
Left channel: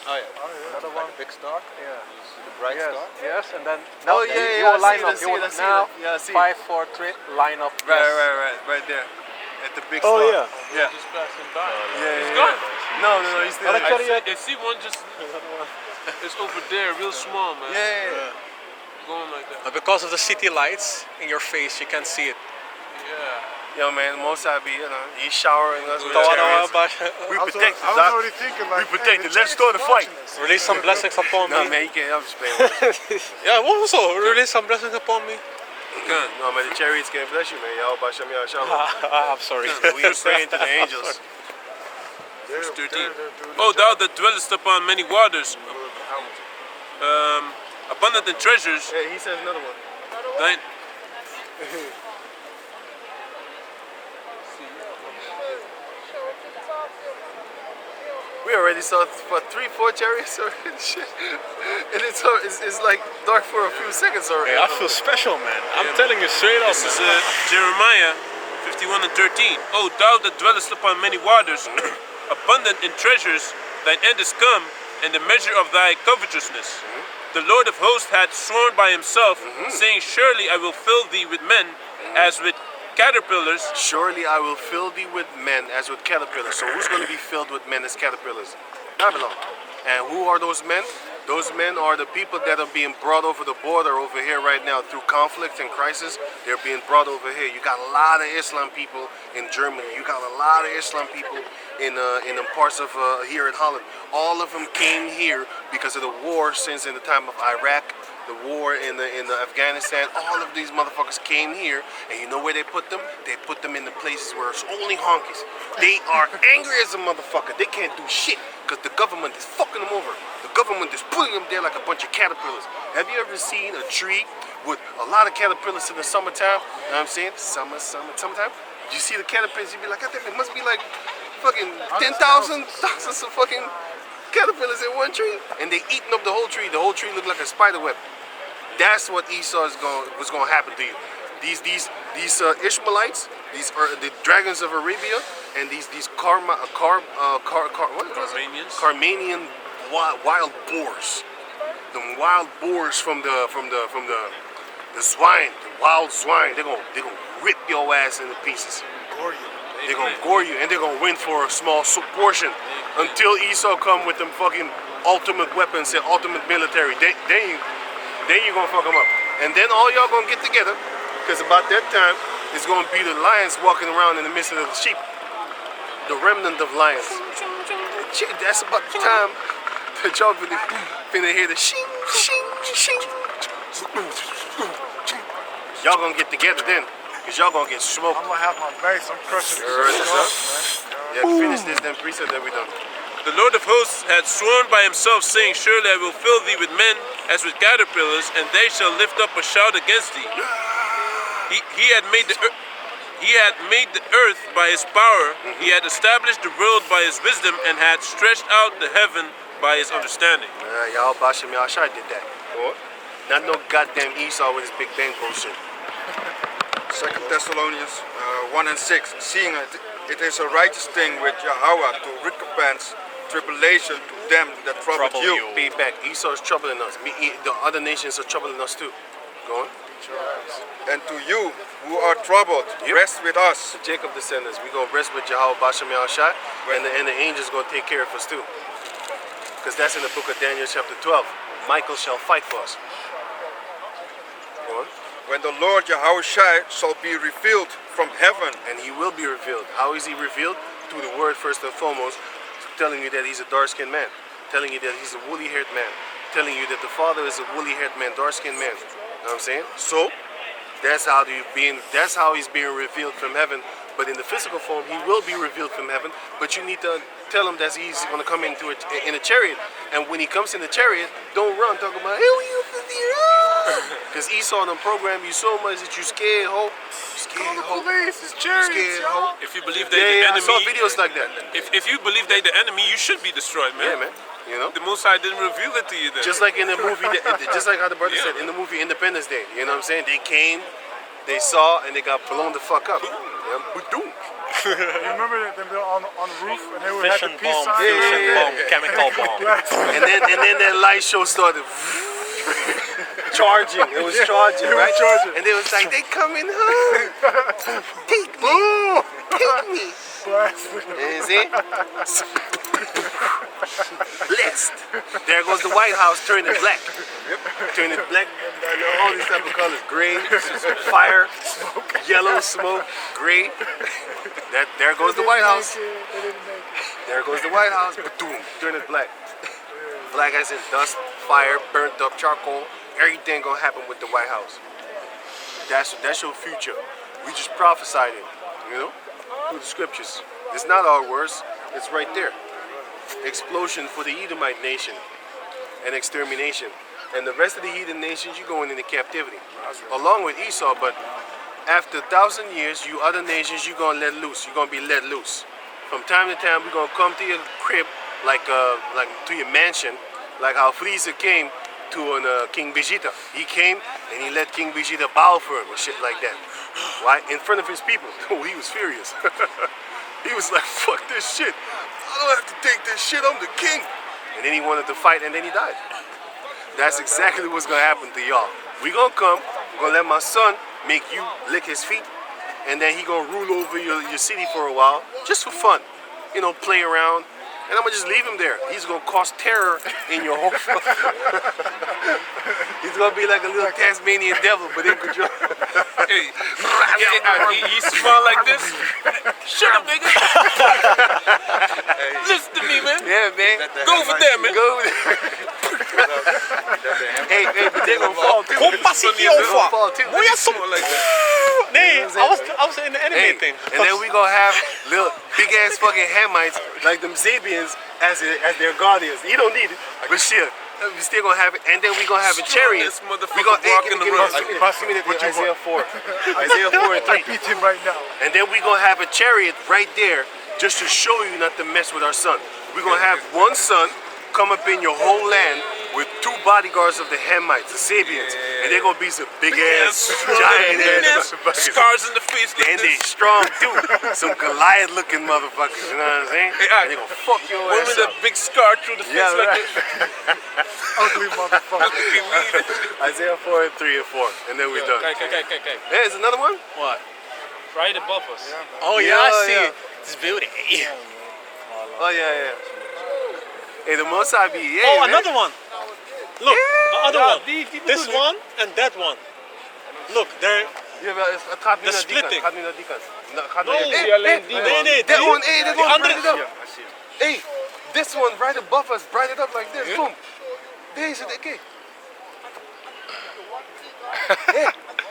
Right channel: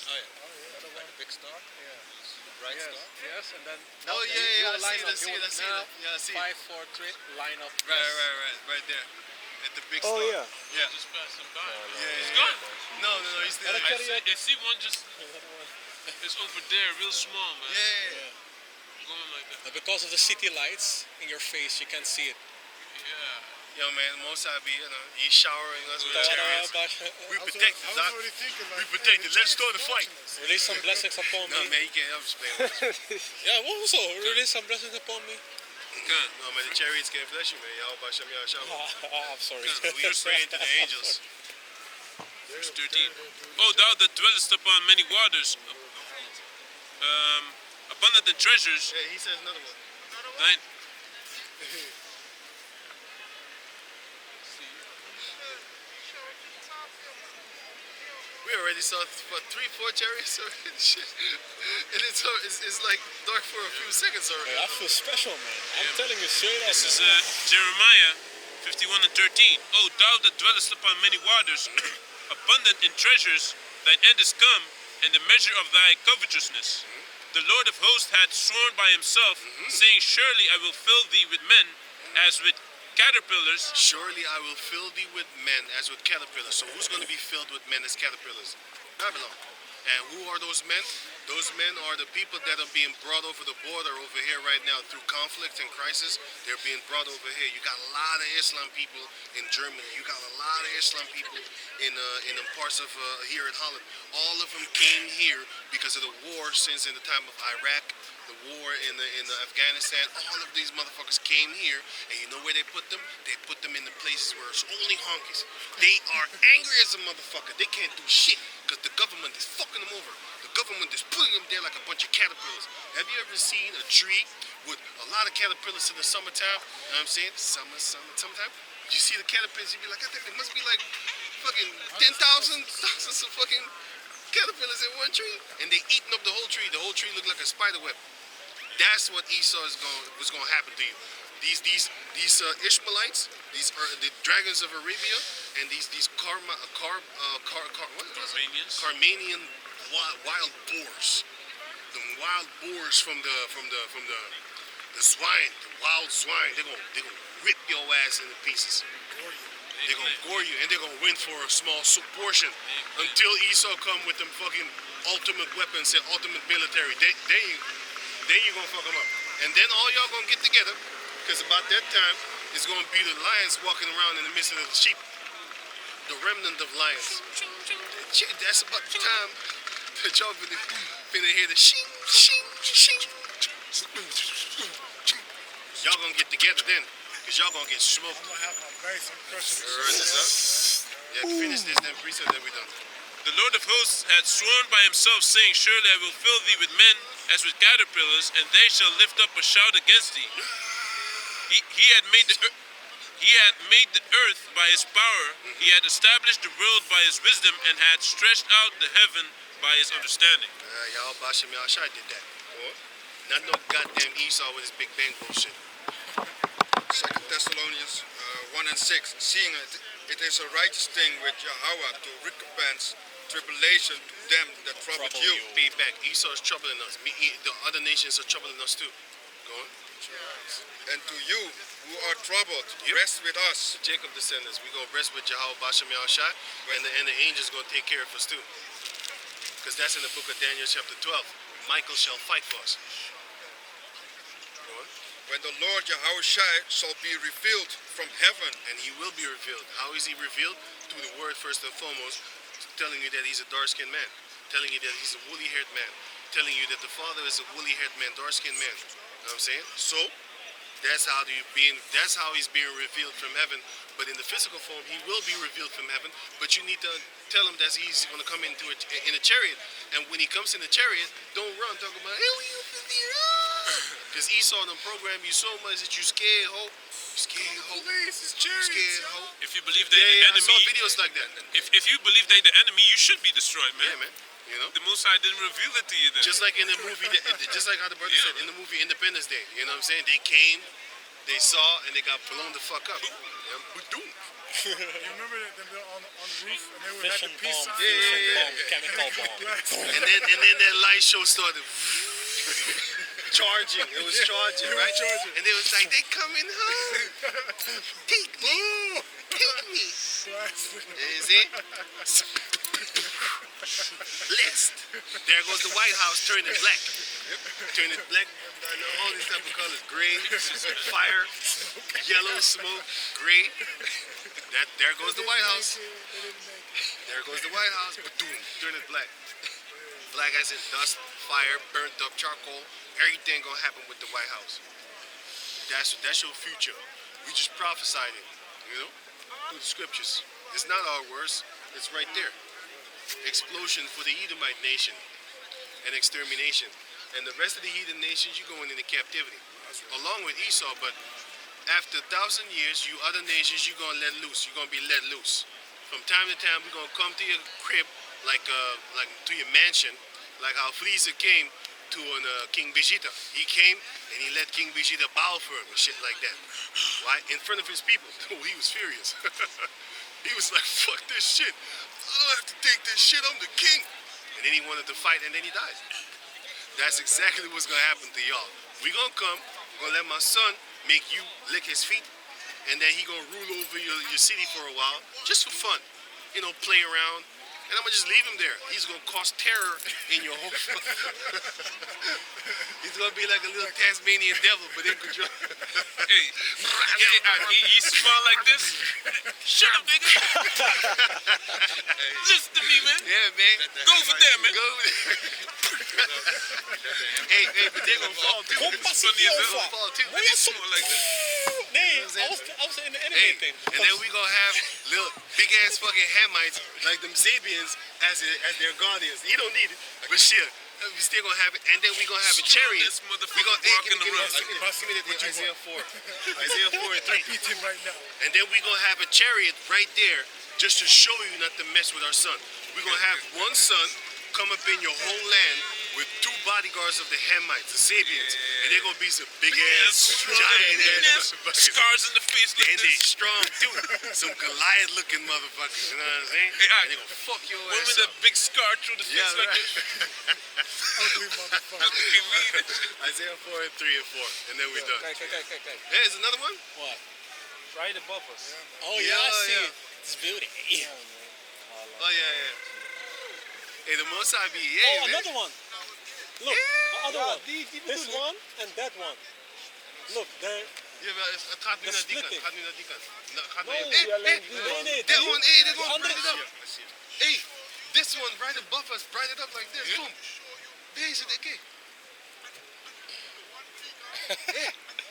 Oh yeah. Another one. Big star. Yeah. The bright Yes, star. yes, and then Oh, you yeah, will line I up. see it, I see it. Now, Yeah, I see it. 5, 4, 3, line up. Right there. At the big Oh star. yeah. Yeah. Just passing by. Yeah, He's yeah, gone. yeah. No, he's still Another there. chariot. I see one just, it's over there, real small, man. Yeah. Going like that. But because of the city lights in your face, you can't see it. Yeah. Yo, man, Most High be, he's showering us with Yeah. chariots. We I was protect I was Doc. already thinking like, We protect hey, it. the Let's chariot's start the fight. watching us. Release some blessings upon No, me. man, you can't. I'm just playing with you. Yeah, what also release some blessings upon me. Kan. No, man, the chariots can't bless you, man. Y'all by Shem Yahshua. I'm sorry. We are praying to the angels. Verse 13. They're doing O the thou that dwellest upon many waters, abundant in treasures, Hey, he says another one. thine. We already saw what 3, 4 chariots already. Shit. And it's like dark for a few seconds already. Hey, I feel special, man. I'm telling you straight up. This is Jeremiah 51 and 13. O thou that dwellest upon many waters, abundant in treasures, thine end is come, and the measure of thy covetousness. The Lord of hosts hath sworn by himself, saying, Surely I will fill thee with men, as with caterpillars. Surely I will fill thee with men as with caterpillars. So who's going to be filled with men as caterpillars? Babylon. And who are those men? Those men are the people that are being brought over the border over here right now through conflict and crisis. They're being brought over here. You got a lot of Islam people in Germany. You got a lot of Islam people in the parts of here in Holland. All of them came here because of the war since in the time of Iraq, the war in the Afghanistan. All of these motherfuckers came here, and you know where they put them? They put them in the places where it's only honkies. They are angry as a motherfucker. They can't do shit. Because the government is fucking them over. The government is putting them there like a bunch of caterpillars. Have you ever seen a tree with a lot of caterpillars in the summertime? You know what I'm saying? Summertime. You see the caterpillars, you be like, I think it must be like fucking 10,000 thousands of fucking caterpillars in one tree. And they eating up the whole tree. The whole tree looked like a spider web. That's what Esau was going to happen to you. These Ishmaelites, these are the dragons of Arabia, and these Carmanian wild boars, the wild boars from the swine, the wild swine. They're gonna rip your ass into pieces. They're gonna gore you, and they're gonna win for a small portion until Esau come with them fucking ultimate weapons and ultimate military. Then you gonna fuck them up, and then all y'all gonna get together. Because about that time, it's going to be the lions walking around in the midst of the sheep. The remnant of lions. That's about the time that y'all finna hear the shing, shing, shing. Y'all going to get together then. Because y'all going to get smoked. I'm going to have my base. I'm crushing this. Yeah, finish this then, priest, then we done. The Lord of hosts had sworn by himself, saying, surely I will fill thee with men as with caterpillars, and they shall lift up a shout against thee. He had made the earth by his power. He had established the world by his wisdom, and had stretched out the heaven by his understanding. Y'all Basham Yahshai did that. Not no goddamn Esau with his Big Bang bullshit. 2 Thessalonians 1 and 6. Seeing it is a righteous thing with Yahweh to recompense tribulation to them that trouble you. Pay back. Esau is troubling us. The other nations are troubling us too. Go on. And to you who are troubled, rest with us. The Jacob descendants, we're going to rest with Yahweh Basham Yahshai, and the angels going to take care of us too. Because that's in the book of Daniel chapter 12. Michael shall fight for us. Go on. When the Lord Yahweh shall be revealed from heaven. And he will be revealed. How is he revealed? Through the word first and foremost, telling you that he's a dark-skinned man. Telling you that he's a woolly-haired man. Telling you that the Father is a woolly-haired man, dark-skinned man. You know what I'm saying? So, that's how he's being revealed from heaven. But in the physical form, he will be revealed from heaven. But you need to tell him that he's going to come in a chariot. And when he comes in the chariot, don't run. Talk about, hey, you because Esau done program you so much that you scared, ho. Call the police. It's chariots, yo. If you believe they're the enemy, I saw videos like that. If you believe they're the enemy, you should be destroyed, man. Yeah, man. You know? The Most High didn't reveal it to you then. Just like in the movie, just like how the brother said, in the movie Independence Day. You know what I'm saying? They came, they saw, and they got blown the fuck up. Yeah, boom. You remember them on the roof and they would have the Fission peace bomb, sign? fusion bomb, chemical bomb. And then that light show started charging. It was charging, right? And they was like, they coming home. Take me. Take me. You see? Blessed. There goes the White House turning black. Turning black, all these type of colors. Gray, fire, yellow, smoke, gray. There goes the White House. There goes the White House. Boom, turning black. Black as in dust, fire, burnt up charcoal. Everything gonna happen with the White House. That's your future. We just prophesied it, you know, through the scriptures. It's not our words. It's right there. Explosion for the Edomite nation and extermination. And the rest of the heathen nations, you're going into captivity. Along with Esau, but after 1,000 years, you other nations, you're going to let loose. You're going to be let loose. From time to time, we're going to come to your crib, like to your mansion, like how Frieza came to King Vegeta. He came and he let King Vegeta bow for him and shit like that. Why? In front of his people. Oh, he was furious. He was like, fuck this shit. I don't have to take this shit, I'm the king. And then he wanted to fight and then he died. That's exactly what's gonna happen to y'all. We gonna come, we're gonna let my son make you lick his feet, and then he gonna rule over your city for a while, just for fun. You know, play around. And I'm gonna just leave him there. He's gonna cause terror in your home. He's gonna be like a little Tasmanian devil, but in control. Hey, he smell like this? Shut up, nigga. Listen to me, man. Yeah, man. Go over there, man. Go. Hey, but they're gonna fall too. Compassie They're gonna fall too. Moet je Smell like that. Nee, I was in the anime Hey, thing. and then we gonna have little big ass fucking Hamites like them Sabians as their guardians. You don't need it, but shit. We still gonna have it, and then we gonna have a chariot. Strongest motherfucker We gonna walking the road. Give me that Isaiah 4. Isaiah 4 and 3. I beat him right now. And then we gonna have a chariot right there just to show you not to mess with our son. We're gonna have one son come up in your whole land with 2 bodyguards of the Hamites, the Sabians, and they're gonna be some big ass, giant ass motherfuckers. Scars in the face. Like And they this. strong too. Some Goliath looking motherfuckers, you know what I'm saying? And they gonna fuck your One ass with a up. big scar through the face Yeah, like right. this. Ugly motherfucker. Isaiah 4 and 3 and 4, and then we're done. Kijk. Hey, there's another one? What? Right above us. Oh yeah, Yeah, I see yeah. it. This building. Oh yeah. Hey, the Most High be Oh, man. another one. Look, the other Ja, one. die This bedoel ik. one and that one. Look, there. Ja, maar het gaat nu De naar die kant. splitting. Gaat nu naar die kant. Nou, gaat No, naar zie alleen die Nee, man. nee, That die- one, hey, that die one, andere. brighten it up. Hey, this one right above us, brighten it up like this. Boom. Deze, kijk.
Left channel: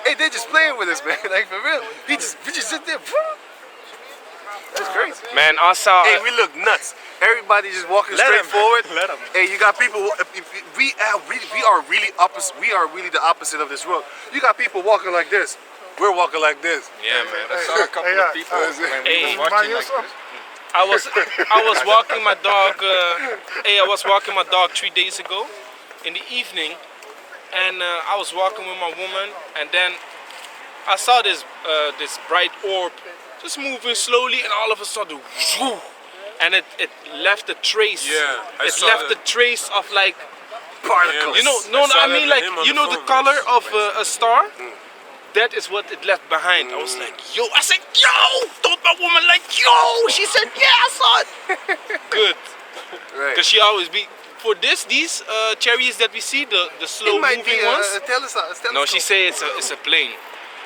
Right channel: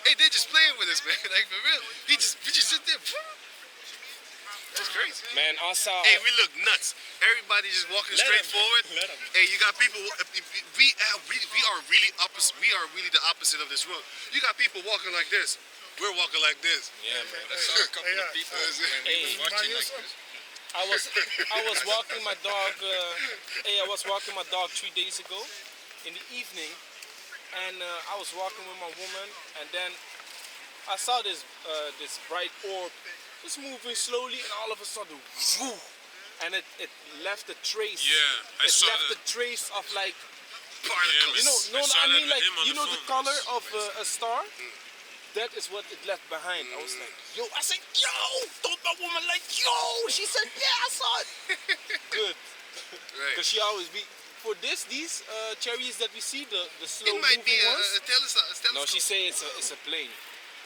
Hey, they're just playing with us, man. Like for real. We just sit there. That's crazy. Man, I saw. Hey, we look nuts. Everybody just walking Let straight 'em. forward. Let 'em. Hey, you got people. We are really opposite. We are really the opposite of this world. You got people walking like this. We're walking like this. Yeah, man. I saw a couple Hey, of people when we Hey. were watching like this. I was walking my dog. I was walking my dog 3 days ago, in the evening, and I was walking with my woman, and then I saw this bright orb just moving slowly, and all of a sudden, whoo, and it left a trace. Yeah, I it saw left that. a trace of like Particles. you know, I no, saw I that mean with like him on you the know the phone. color of a star. That is what it left behind. I was like, yo, I said, yo, told my woman like, yo. She said, yeah, I saw it. Good, Right. because she always be for these chariots that we see, the slow It might be moving ones. a telescope. No, she say it's a plane.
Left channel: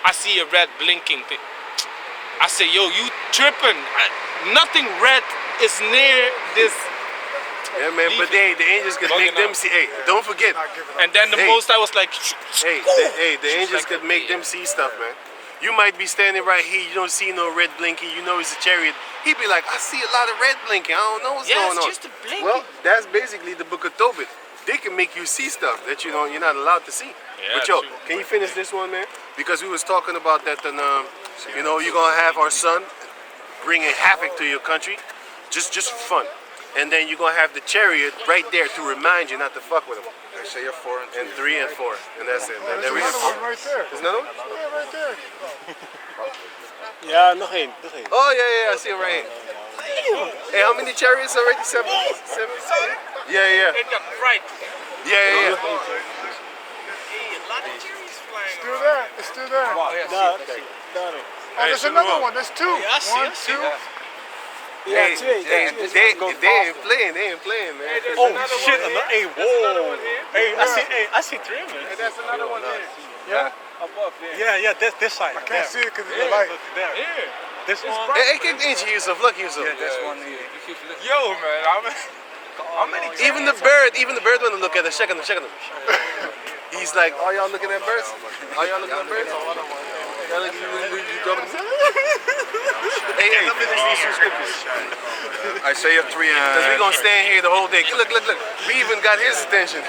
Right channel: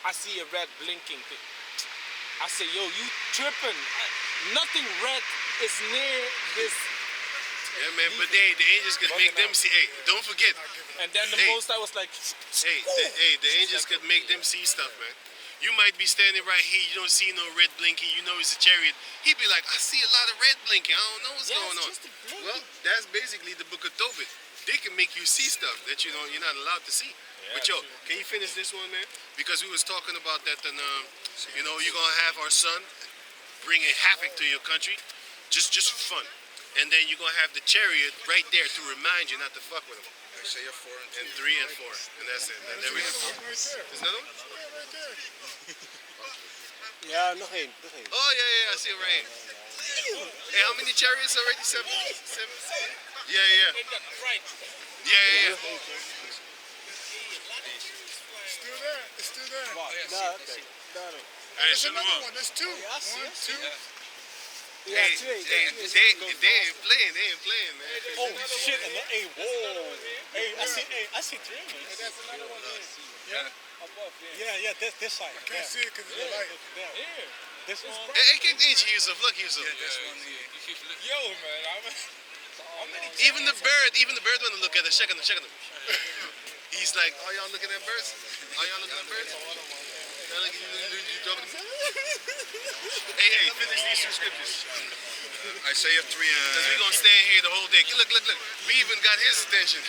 I see a red blinking thing. I say, yo, you tripping? Nothing red is near this. Yeah, man. But the angels could make them see. Hey, don't forget. And then the Hey. most I was like, The angels could make them see stuff, man. You might be standing right here, you don't see no red blinking, you know it's a chariot. He'd be like, I see a lot of red blinking, I don't know what's yeah, going it's on. just a blinking. Well, that's basically the book of Tobit. They can make you see stuff that you're not allowed to see. Yeah, But yo, true. can you finish this one, man? Because we was talking about that, and you're gonna have our son bringing havoc to your country, just for fun. And then you're gonna have the chariot right there to remind you not to fuck with him. Isaiah 4 and 3. And 3 and 4, and that's it. There's There we another go. one right there. There's another one? Yeah, right there. Ja, nog één. Oh yeah, I see it right here. Hey, how many chariots already? Seven? Yeah. It got bright. Yeah. Still there. It's still there. Oh, there's another one. There's 2. I see, 1, I see. 2. Hey, they ain't playing, man. Oh shit! Hey, whoa! Hey, I see 3 of them. There's another one here. Yeah. Above there. Yeah, this side. I can't see it because of the light. There. Here. This one. Hey, kijk eentje Yusuf, look Yusuf. Yo, man, Even the bird wanna look at us. Check on him. He's like, are y'all looking at birds? Y'all look, you talking to me? Hey, let me finish these 2 scriptures. Isaiah 3 Because we're and going to stand here the whole day. Look. We even got his attention.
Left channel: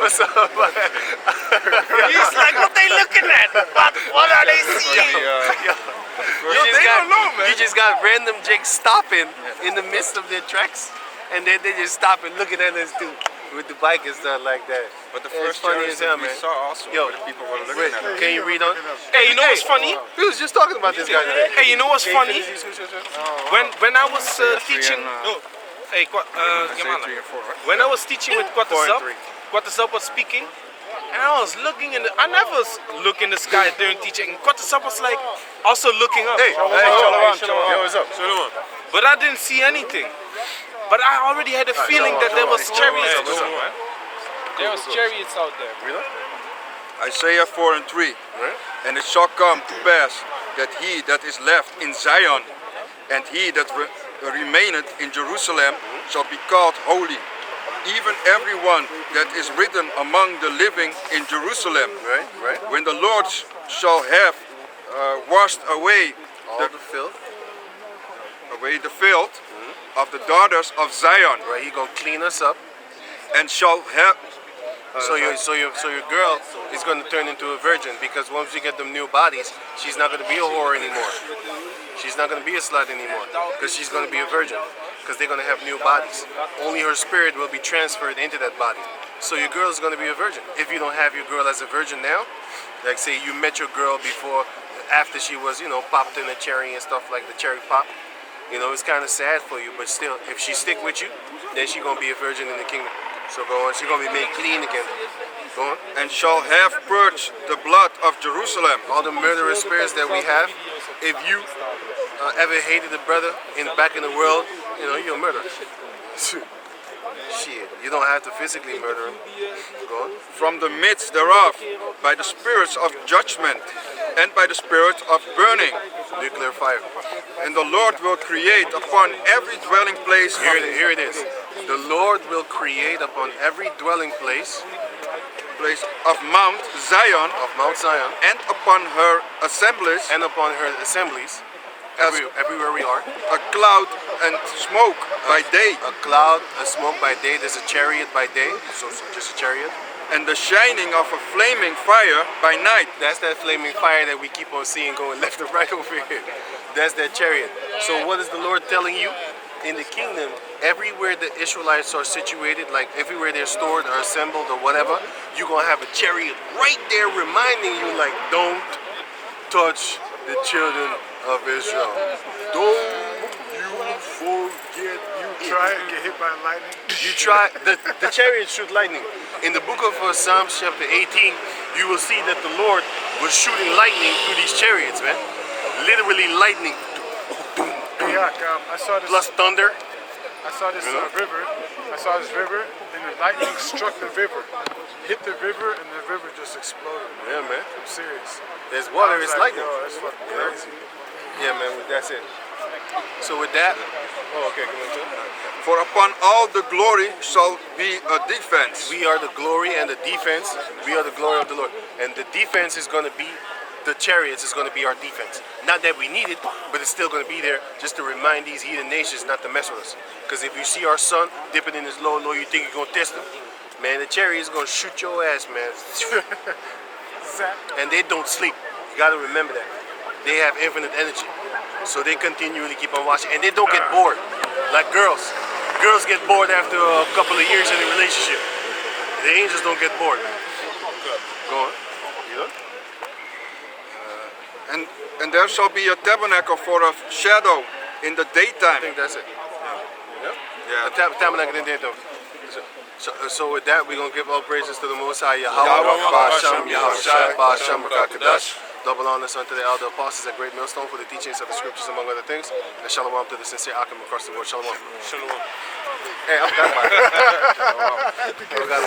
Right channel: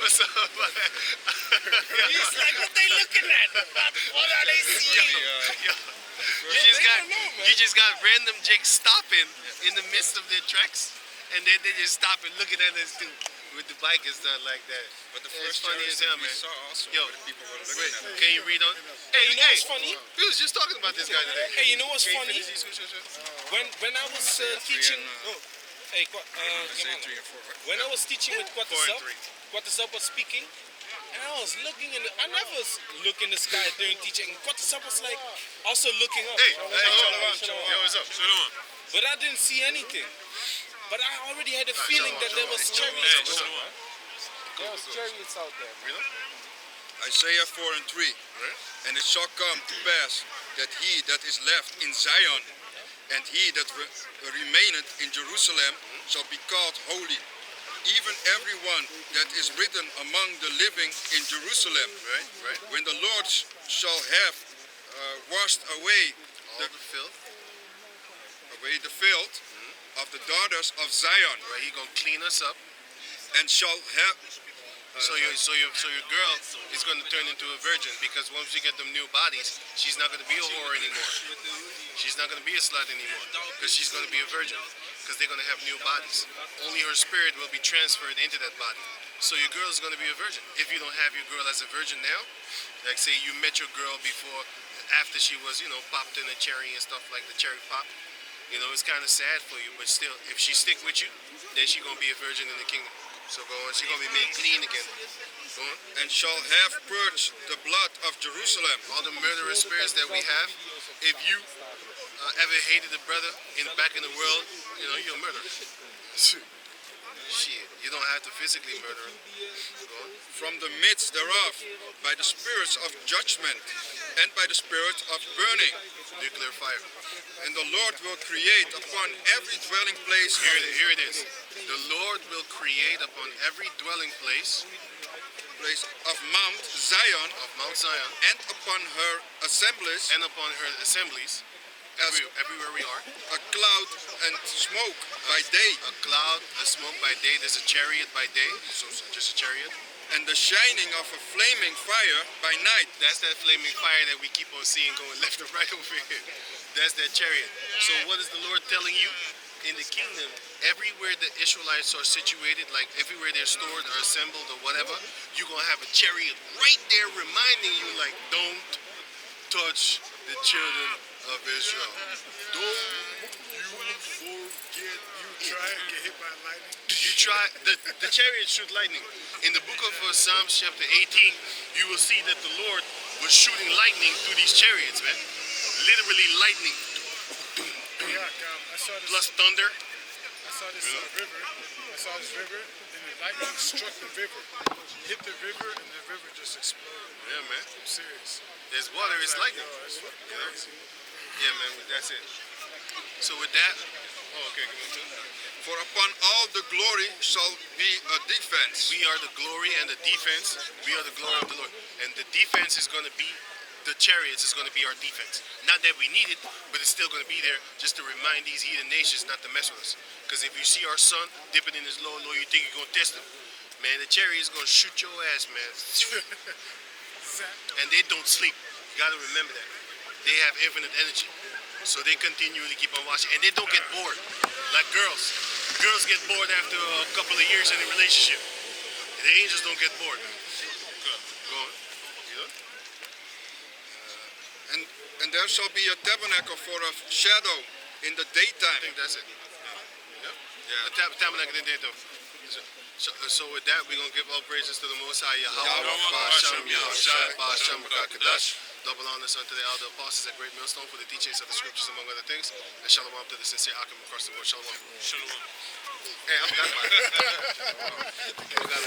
What's up? he's like, what they looking at? What are they seeing? You just got random Jake stopping in the midst of their tracks. And then they just stop and looking at us too. With the bike and stuff like that. But the Yeah, it's first funny chariots as hell, that we man. saw also, Yo, where the people were looking Wait, at it. can you read on? Hey, you know what's funny? We was just talking about this guy today. Hey, you know what's Can you funny? finish these scriptures? When I was teaching, hey, Isaiah 3 and 4, right? when I was teaching with 4 and Quatasap, 3. Quatasap was speaking, and I was looking I never look in the sky during teaching. Quatasap was like also looking up. Hey, Shalom. yo, what's up? Shalom. But I didn't see anything. But I already had a feeling that there was chariots. What's up, man? There was chariots out there. Really? Isaiah 4 and 3. And it shall come to pass that he that is left in Zion and he that remaineth in Jerusalem shall be called holy, even everyone that is written among the living in Jerusalem. Right. When the Lord shall have washed away All the filth. the filth of the daughters of Zion, Right, he gonna clean us up. and shall have So your girl is gonna turn into a virgin because once you get them new bodies, she's not gonna be a whore anymore. She's not gonna be a slut anymore because she's gonna be a virgin because they're gonna have new bodies. Only her spirit will be transferred into that body. So your girl is gonna be a virgin. If you don't have your girl as a virgin now, like say you met your girl before, after she was popped in a cherry and stuff like the cherry pop. It's kind of sad for you, but still, if she stick with you, then she gonna be a virgin in the kingdom. So go on, she gonna be made clean again. Go on. and shall have purged the blood of Jerusalem. All the murderous spirits that we have, if you ever hated a brother back in the world, you're a murderer. Shit, you don't have to physically murder him. Go on. From the midst thereof, by the spirits of judgment, and by the spirit of burning. Nuclear fire. And the Lord will create upon every dwelling place Here it is. The Lord will create upon every dwelling place of Mount Zion, of Mount Zion and upon her assemblies, and upon her assemblies, as everywhere we are, a cloud and smoke by day, a cloud, a smoke by day. There's a chariot by day, so just a chariot. and the shining of a flaming fire by night. That's that flaming fire that we keep on seeing going left and right over here. That's that chariot. So what is the Lord telling you? In the kingdom, everywhere the Israelites are situated, like everywhere they're stored or assembled or whatever, you're going to have a chariot right there reminding you, like, don't touch the children of Israel. Don't you forget. Try and get hit by lightning. You try, the chariot shoot lightning. In the book of Psalms chapter 18, you will see that the Lord was shooting lightning through these chariots, man. Literally lightning. Hey, I saw this. Plus thunder. I saw this river. I saw this river, and the lightning struck the river, hit the river, and the river just exploded. Yeah, man. I'm serious. There's water, I was it's like, lightning. yo, that's fucking crazy. Yeah, man, that's it. So with that, okay, come on. For upon all the glory shall be a defense. We are the glory and the defense. We are the glory of the Lord. And the defense is going to be, the chariots is going to be our defense. Not that we need it, but it's still going to be there just to remind these heathen nations not to mess with us. Because if you see our son dipping in his low, you think you're going to test him. Man, the chariot is going to shoot your ass, man. And they don't sleep. You got to remember that. They have infinite energy. So they continually keep on watching. And they don't get bored. Like girls. Girls get bored after a couple of years in a relationship. The angels don't get bored, man. Go on. You know? And there shall be a tabernacle for a shadow in the I daytime. think that's it. Yeah? Yeah. The tabernacle in there, though. So with that, we're going to give all praises to the Most High Yahweh, Yahweh, Ba'ashem, Yahushua, Ba'ashem, Yahushua, Kadash. Double honors unto the elder apostles at Great Millstone for the teachings of the scriptures, among other things. And shalom to the sincere Akim across the world. Shalom. Shalom. Hey, I forgot about it. I forgot